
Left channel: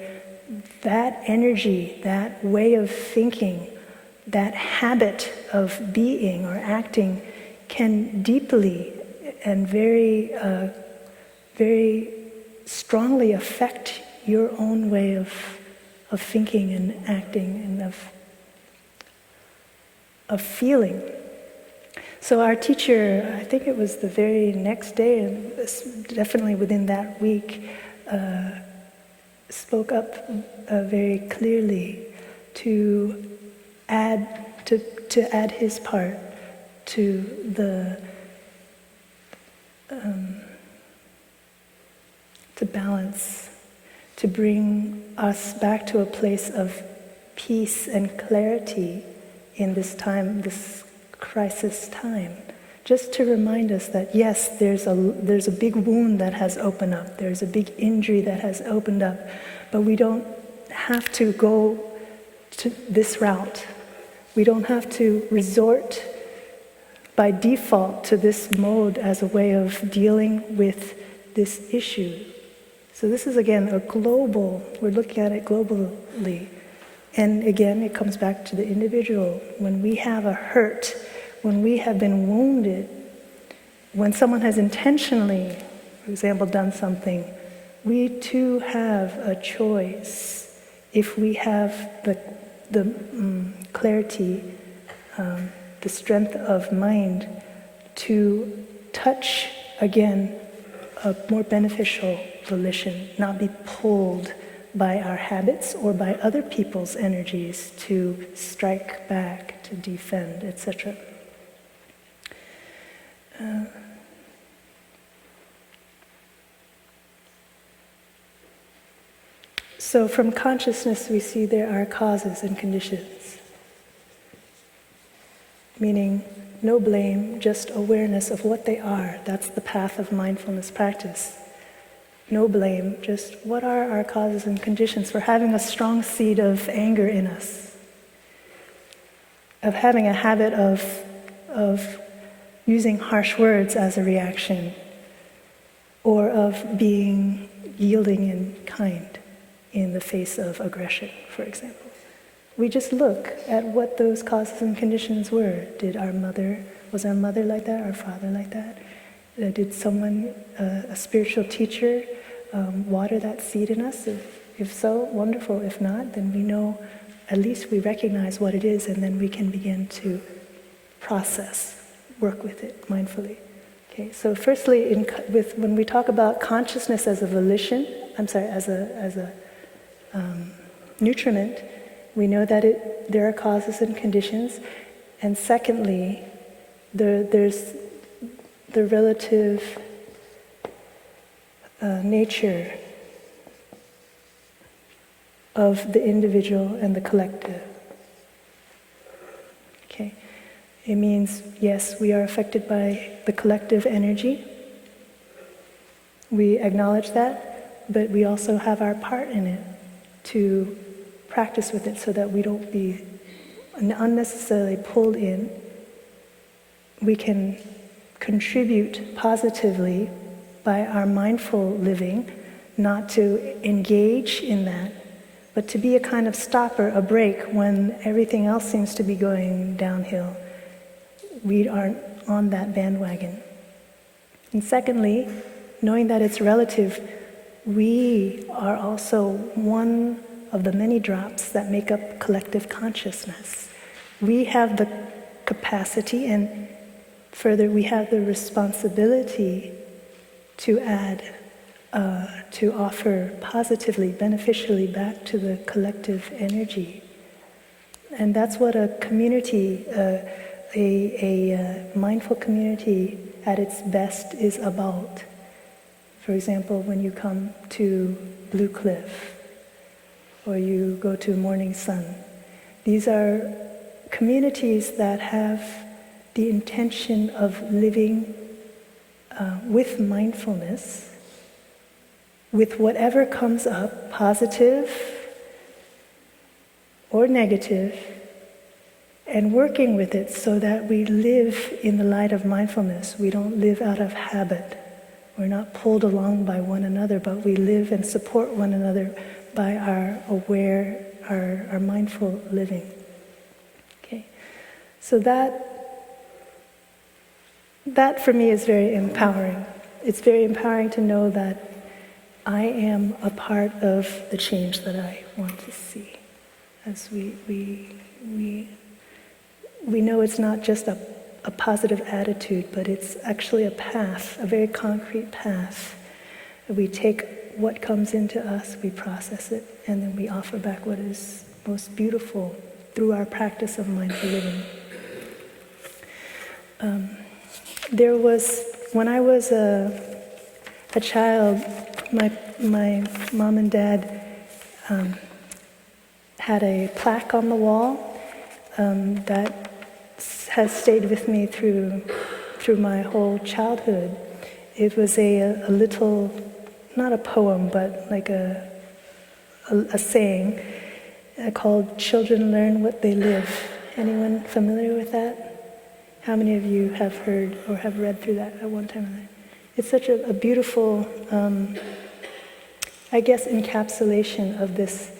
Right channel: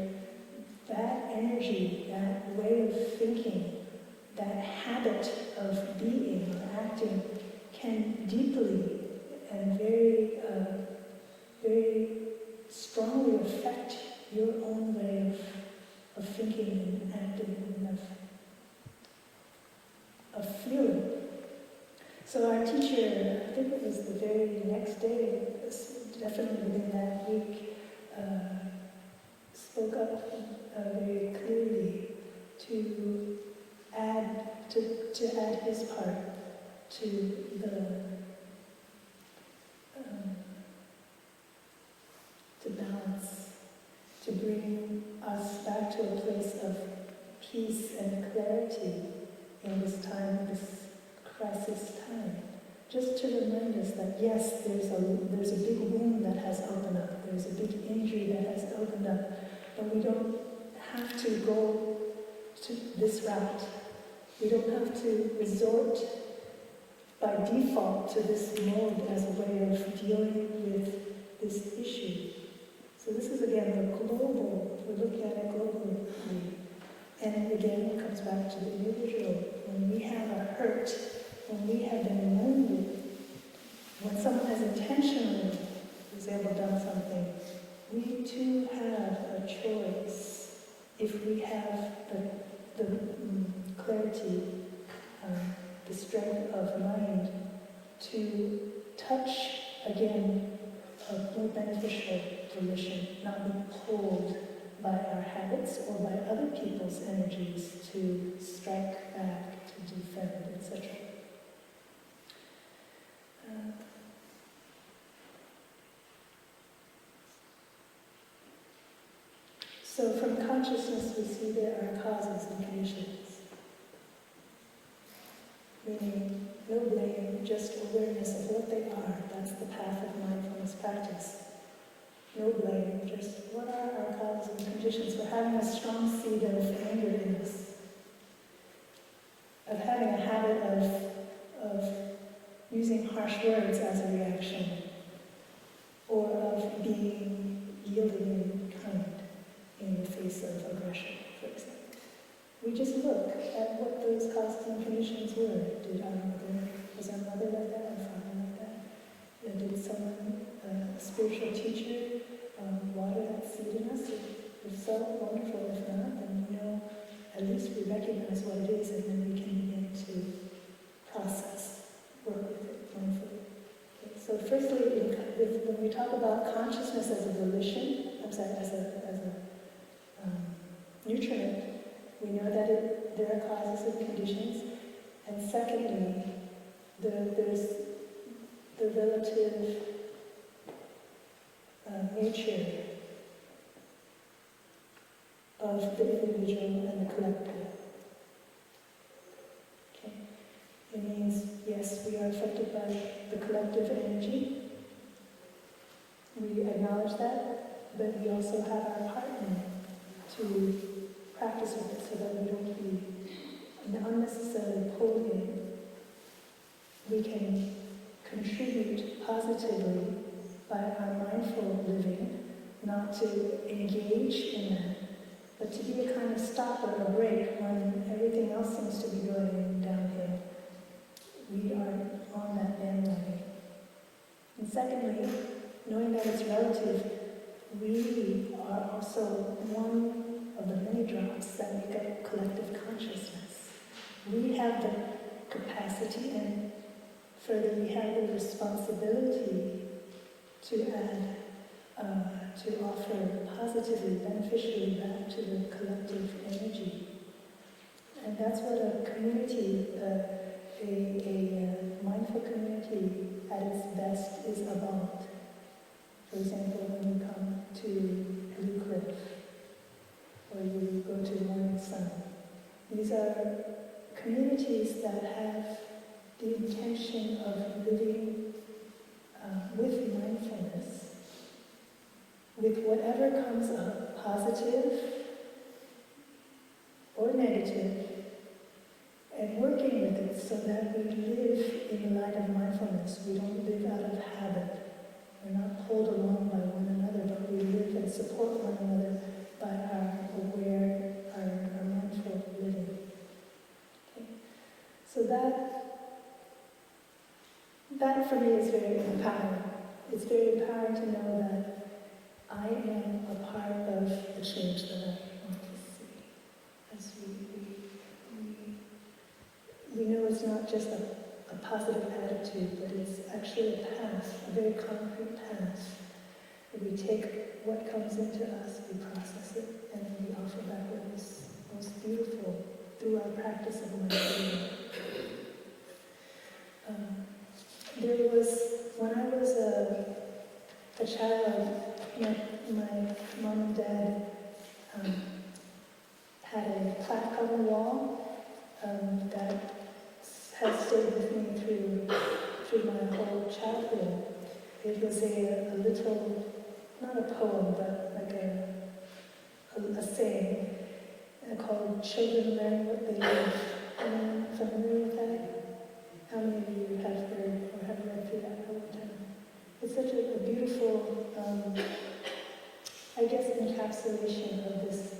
that energy, that way of thinking, that habit of being or acting can deeply and very, very strongly affect your own way of thinking and acting and of feeling. So our teacher, I think it was the very next day, and definitely within that week, spoke up very clearly to add his part to to balance, to bring us back to a place of peace and clarity in this time, this crisis time. Just to remind us that yes, there's a big wound that has opened up, there's a big injury that has opened up, but we don't have to go to this route. We don't have to resort by default to this mode as a way of dealing with this issue. So this is again we're looking at it globally. And again, it comes back to the individual. When we have a hurt, when we have been wounded, when someone has intentionally, for example, done something, we too have a choice. If we have the clarity, the strength of mind to touch again a more beneficial volition, not be pulled by our habits or by other people's energies to strike back, to defend, etc. So from consciousness we see there are causes and conditions, meaning no blame, just awareness of what they are. That's the path of mindfulness practice. No blame, just what are our causes and conditions for having a strong seed of anger in us, of having a habit of using harsh words as a reaction, or of being yielding and kind in the face of aggression, for example. We just look at what those causes and conditions were. Was our mother like that, our father like that? Did someone, a spiritual teacher, water that seed in us? If so, wonderful. If not, then we know, at least we recognize what it is, and then we can begin to process, work with it mindfully. Okay, so firstly, when we talk about consciousness as a volition, as a nutriment, we know that there are causes and conditions, and secondly, there's the relative nature of the individual and the collective. Okay, it means, yes, we are affected by the collective energy. We acknowledge that, but we also have our part in it to practice with it so that we don't be unnecessarily pulled in. We can contribute positively by our mindful living, not to engage in that, but to be a kind of stopper, a brake when everything else seems to be going downhill. We aren't on that bandwagon. And secondly, knowing that it's relative, we are also one of the many drops that make up collective consciousness. We have the capacity, and further, we have the responsibility to add, to offer positively, beneficially back to the collective energy. And that's what a community, a mindful community at its best is about. For example, when you come to Blue Cliff, or you go to Morning Sun, these are communities that have the intention of living with mindfulness, with whatever comes up, positive or negative, and working with it so that we live in the light of mindfulness. We don't live out of habit. We're not pulled along by one another, but we live and support one another by our aware, our mindful living. Okay, so that for me is very empowering. It's very empowering to know that I am a part of the change that I want to see. As we know it's not just a positive attitude, but it's actually a path, a very concrete path. We take what comes into us, we process it, and then we offer back what is most beautiful through our practice of mindful living. There was, when I was a child, my mom and dad had a plaque on the wall that has stayed with me through my whole childhood. It was a little, not a poem, but like a saying called "Children learn what they live." Anyone familiar with that? How many of you have heard or have read through that at one time or another? It's such a beautiful, I guess, encapsulation of this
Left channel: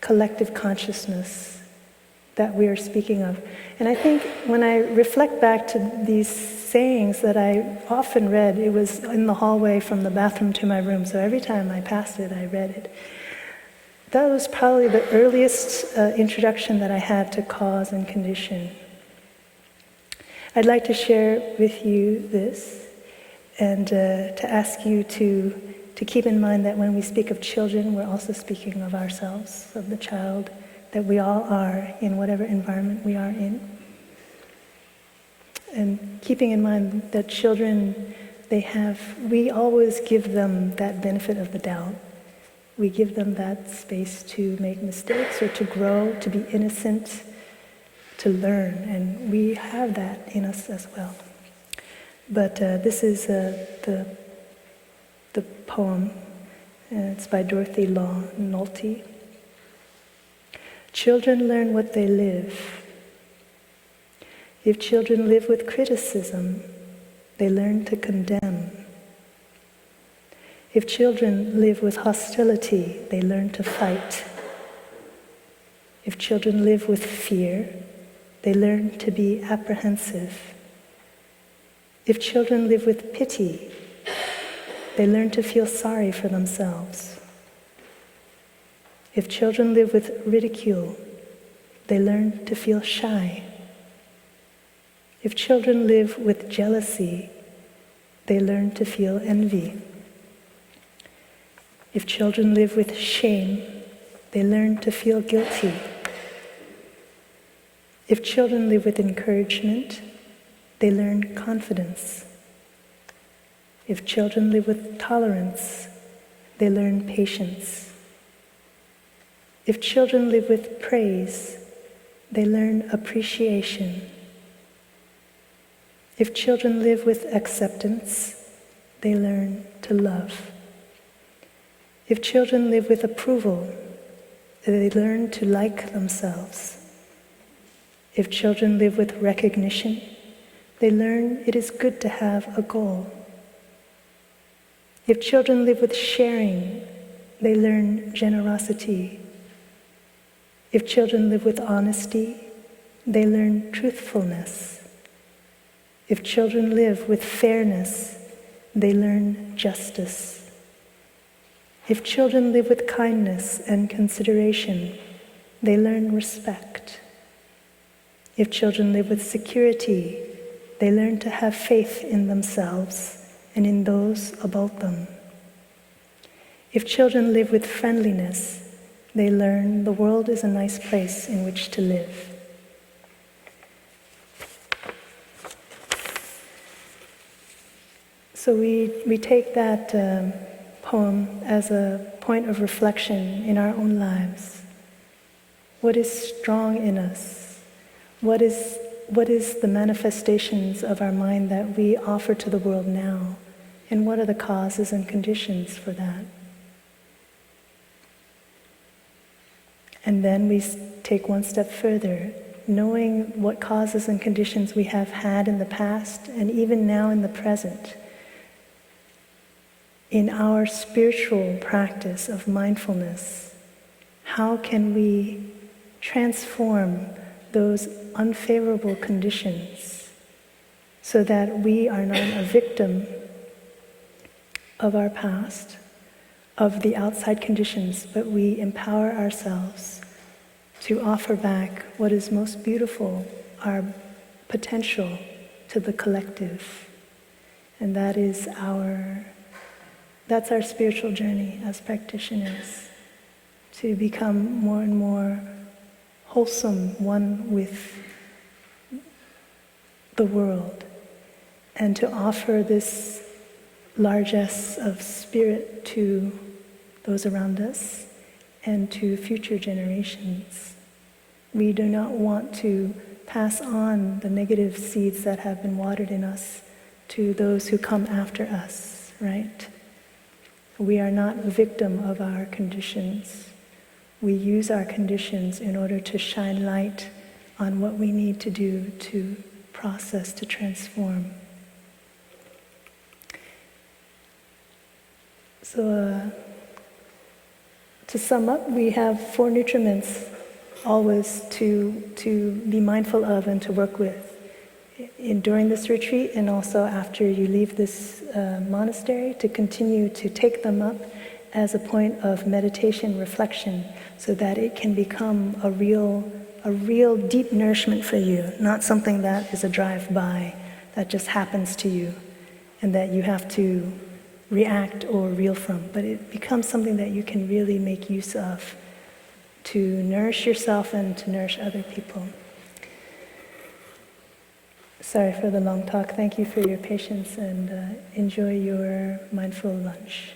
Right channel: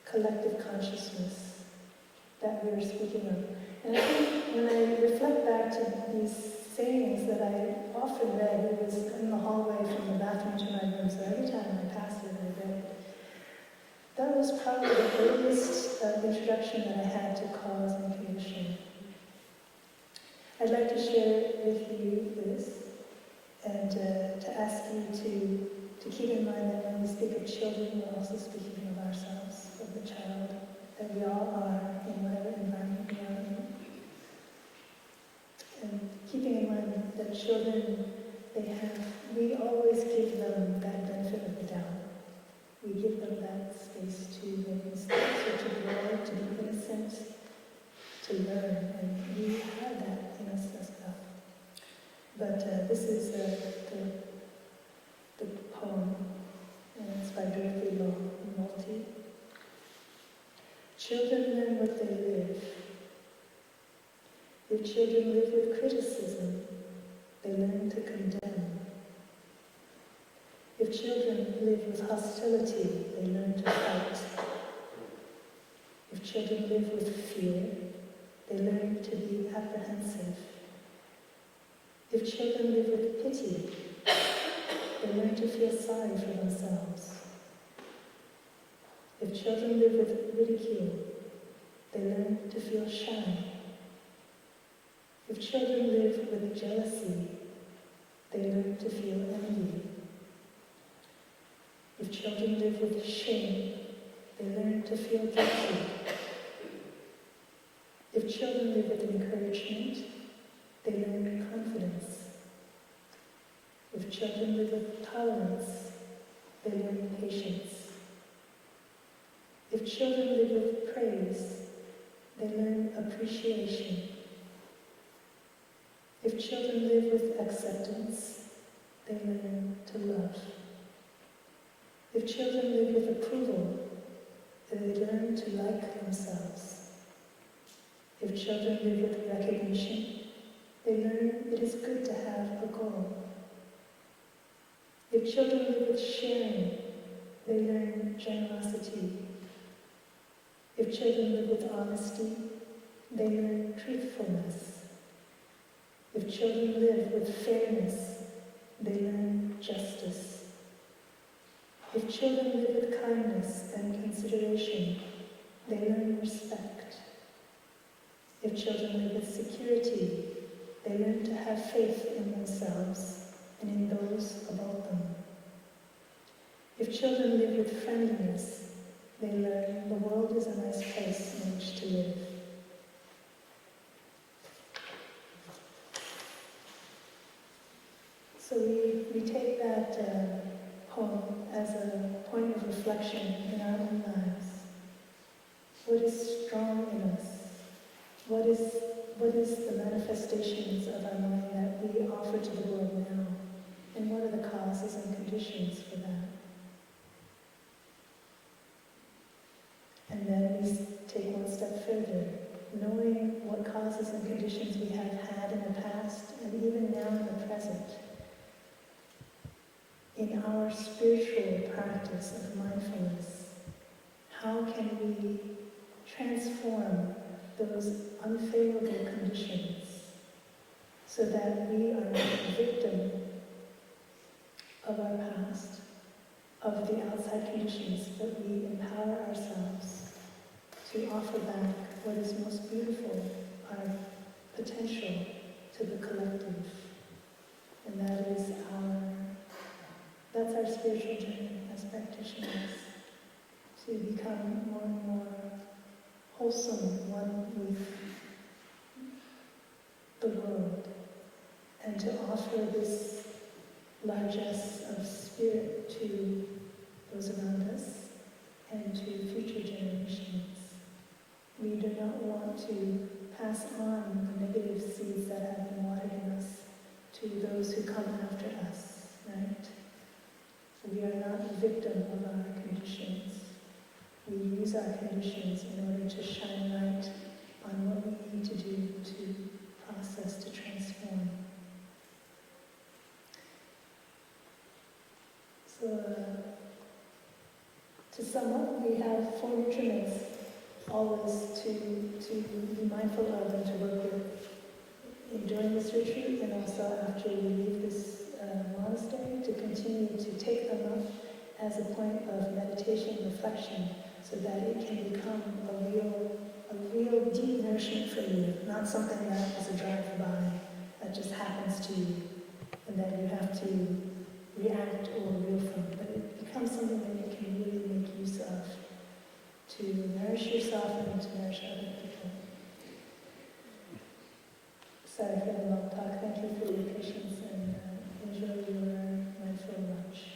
collective consciousness that we are speaking of. And I think when I reflect back to these sayings that I often read, it was in the hallway from the bathroom to my room, so every time I passed it, I read it. That was probably the earliest introduction that I had to cause and condition. I'd like to share with you this, and to ask you to keep in mind that when we speak of children, we're also speaking of ourselves, of the child that we all are in whatever environment we are in. And keeping in mind that children, we always give them that benefit of the doubt. We give them that space to make mistakes or to grow, to be innocent, to learn, and we have that in us as well. But this is the poem, and it's by Dorothy Law Nolte. Children learn what they live. If children live with criticism, they learn to condemn. If children live with hostility, they learn to fight. If children live with fear, they learn to be apprehensive. If children live with pity, they learn to feel sorry for themselves. If children live with ridicule, they learn to feel shy. If children live with jealousy, they learn to feel envy. If children live with shame, they learn to feel guilty. If children live with encouragement, they learn confidence. If children live with tolerance, they learn patience. If children live with praise, they learn appreciation. If children live with acceptance, they learn to love. If children live with approval, they learn to like themselves. If children live with recognition, they learn it is good to have a goal. If children live with sharing, they learn generosity. If children live with honesty, they learn truthfulness. If children live with fairness, they learn justice. If children live with kindness and consideration, they learn respect. If children live with security, they learn to have faith in themselves and in those about them. If children live with friendliness, they learn the world is a nice place in which to live. So we take that poem as a point of reflection in our own lives. What is strong in us? What is the manifestations of our mind that we offer to the world now? And what are the causes and conditions for that? And then we take one step further, knowing what causes and conditions we have had in the past and even now in the present. In our spiritual practice of mindfulness, how can we transform those unfavorable conditions so that we are not a victim of our past, of the outside conditions, but we empower ourselves to offer back what is most beautiful, our potential to the collective. And that's our spiritual journey as practitioners, to become more and more wholesome, one with the world, and to offer this largesse of spirit to those around us and to future generations. We do not want to pass on the negative seeds that have been watered in us to those who come after us, right? We are not a victim of our conditions. We use our conditions in order to shine light on what we need to do to process, to transform. So to sum up, we have 4 nutriments always to be mindful of and to work with during this retreat, and also after you leave this monastery, to continue to take them up as a point of meditation, reflection, so that it can become a real deep nourishment for you, not something that is a drive-by that just happens to you and that you have to react or reel from, but it becomes something that you can really make use of to nourish yourself and to nourish other people. Sorry for the long talk. Thank you for your patience, and enjoy your mindful lunch.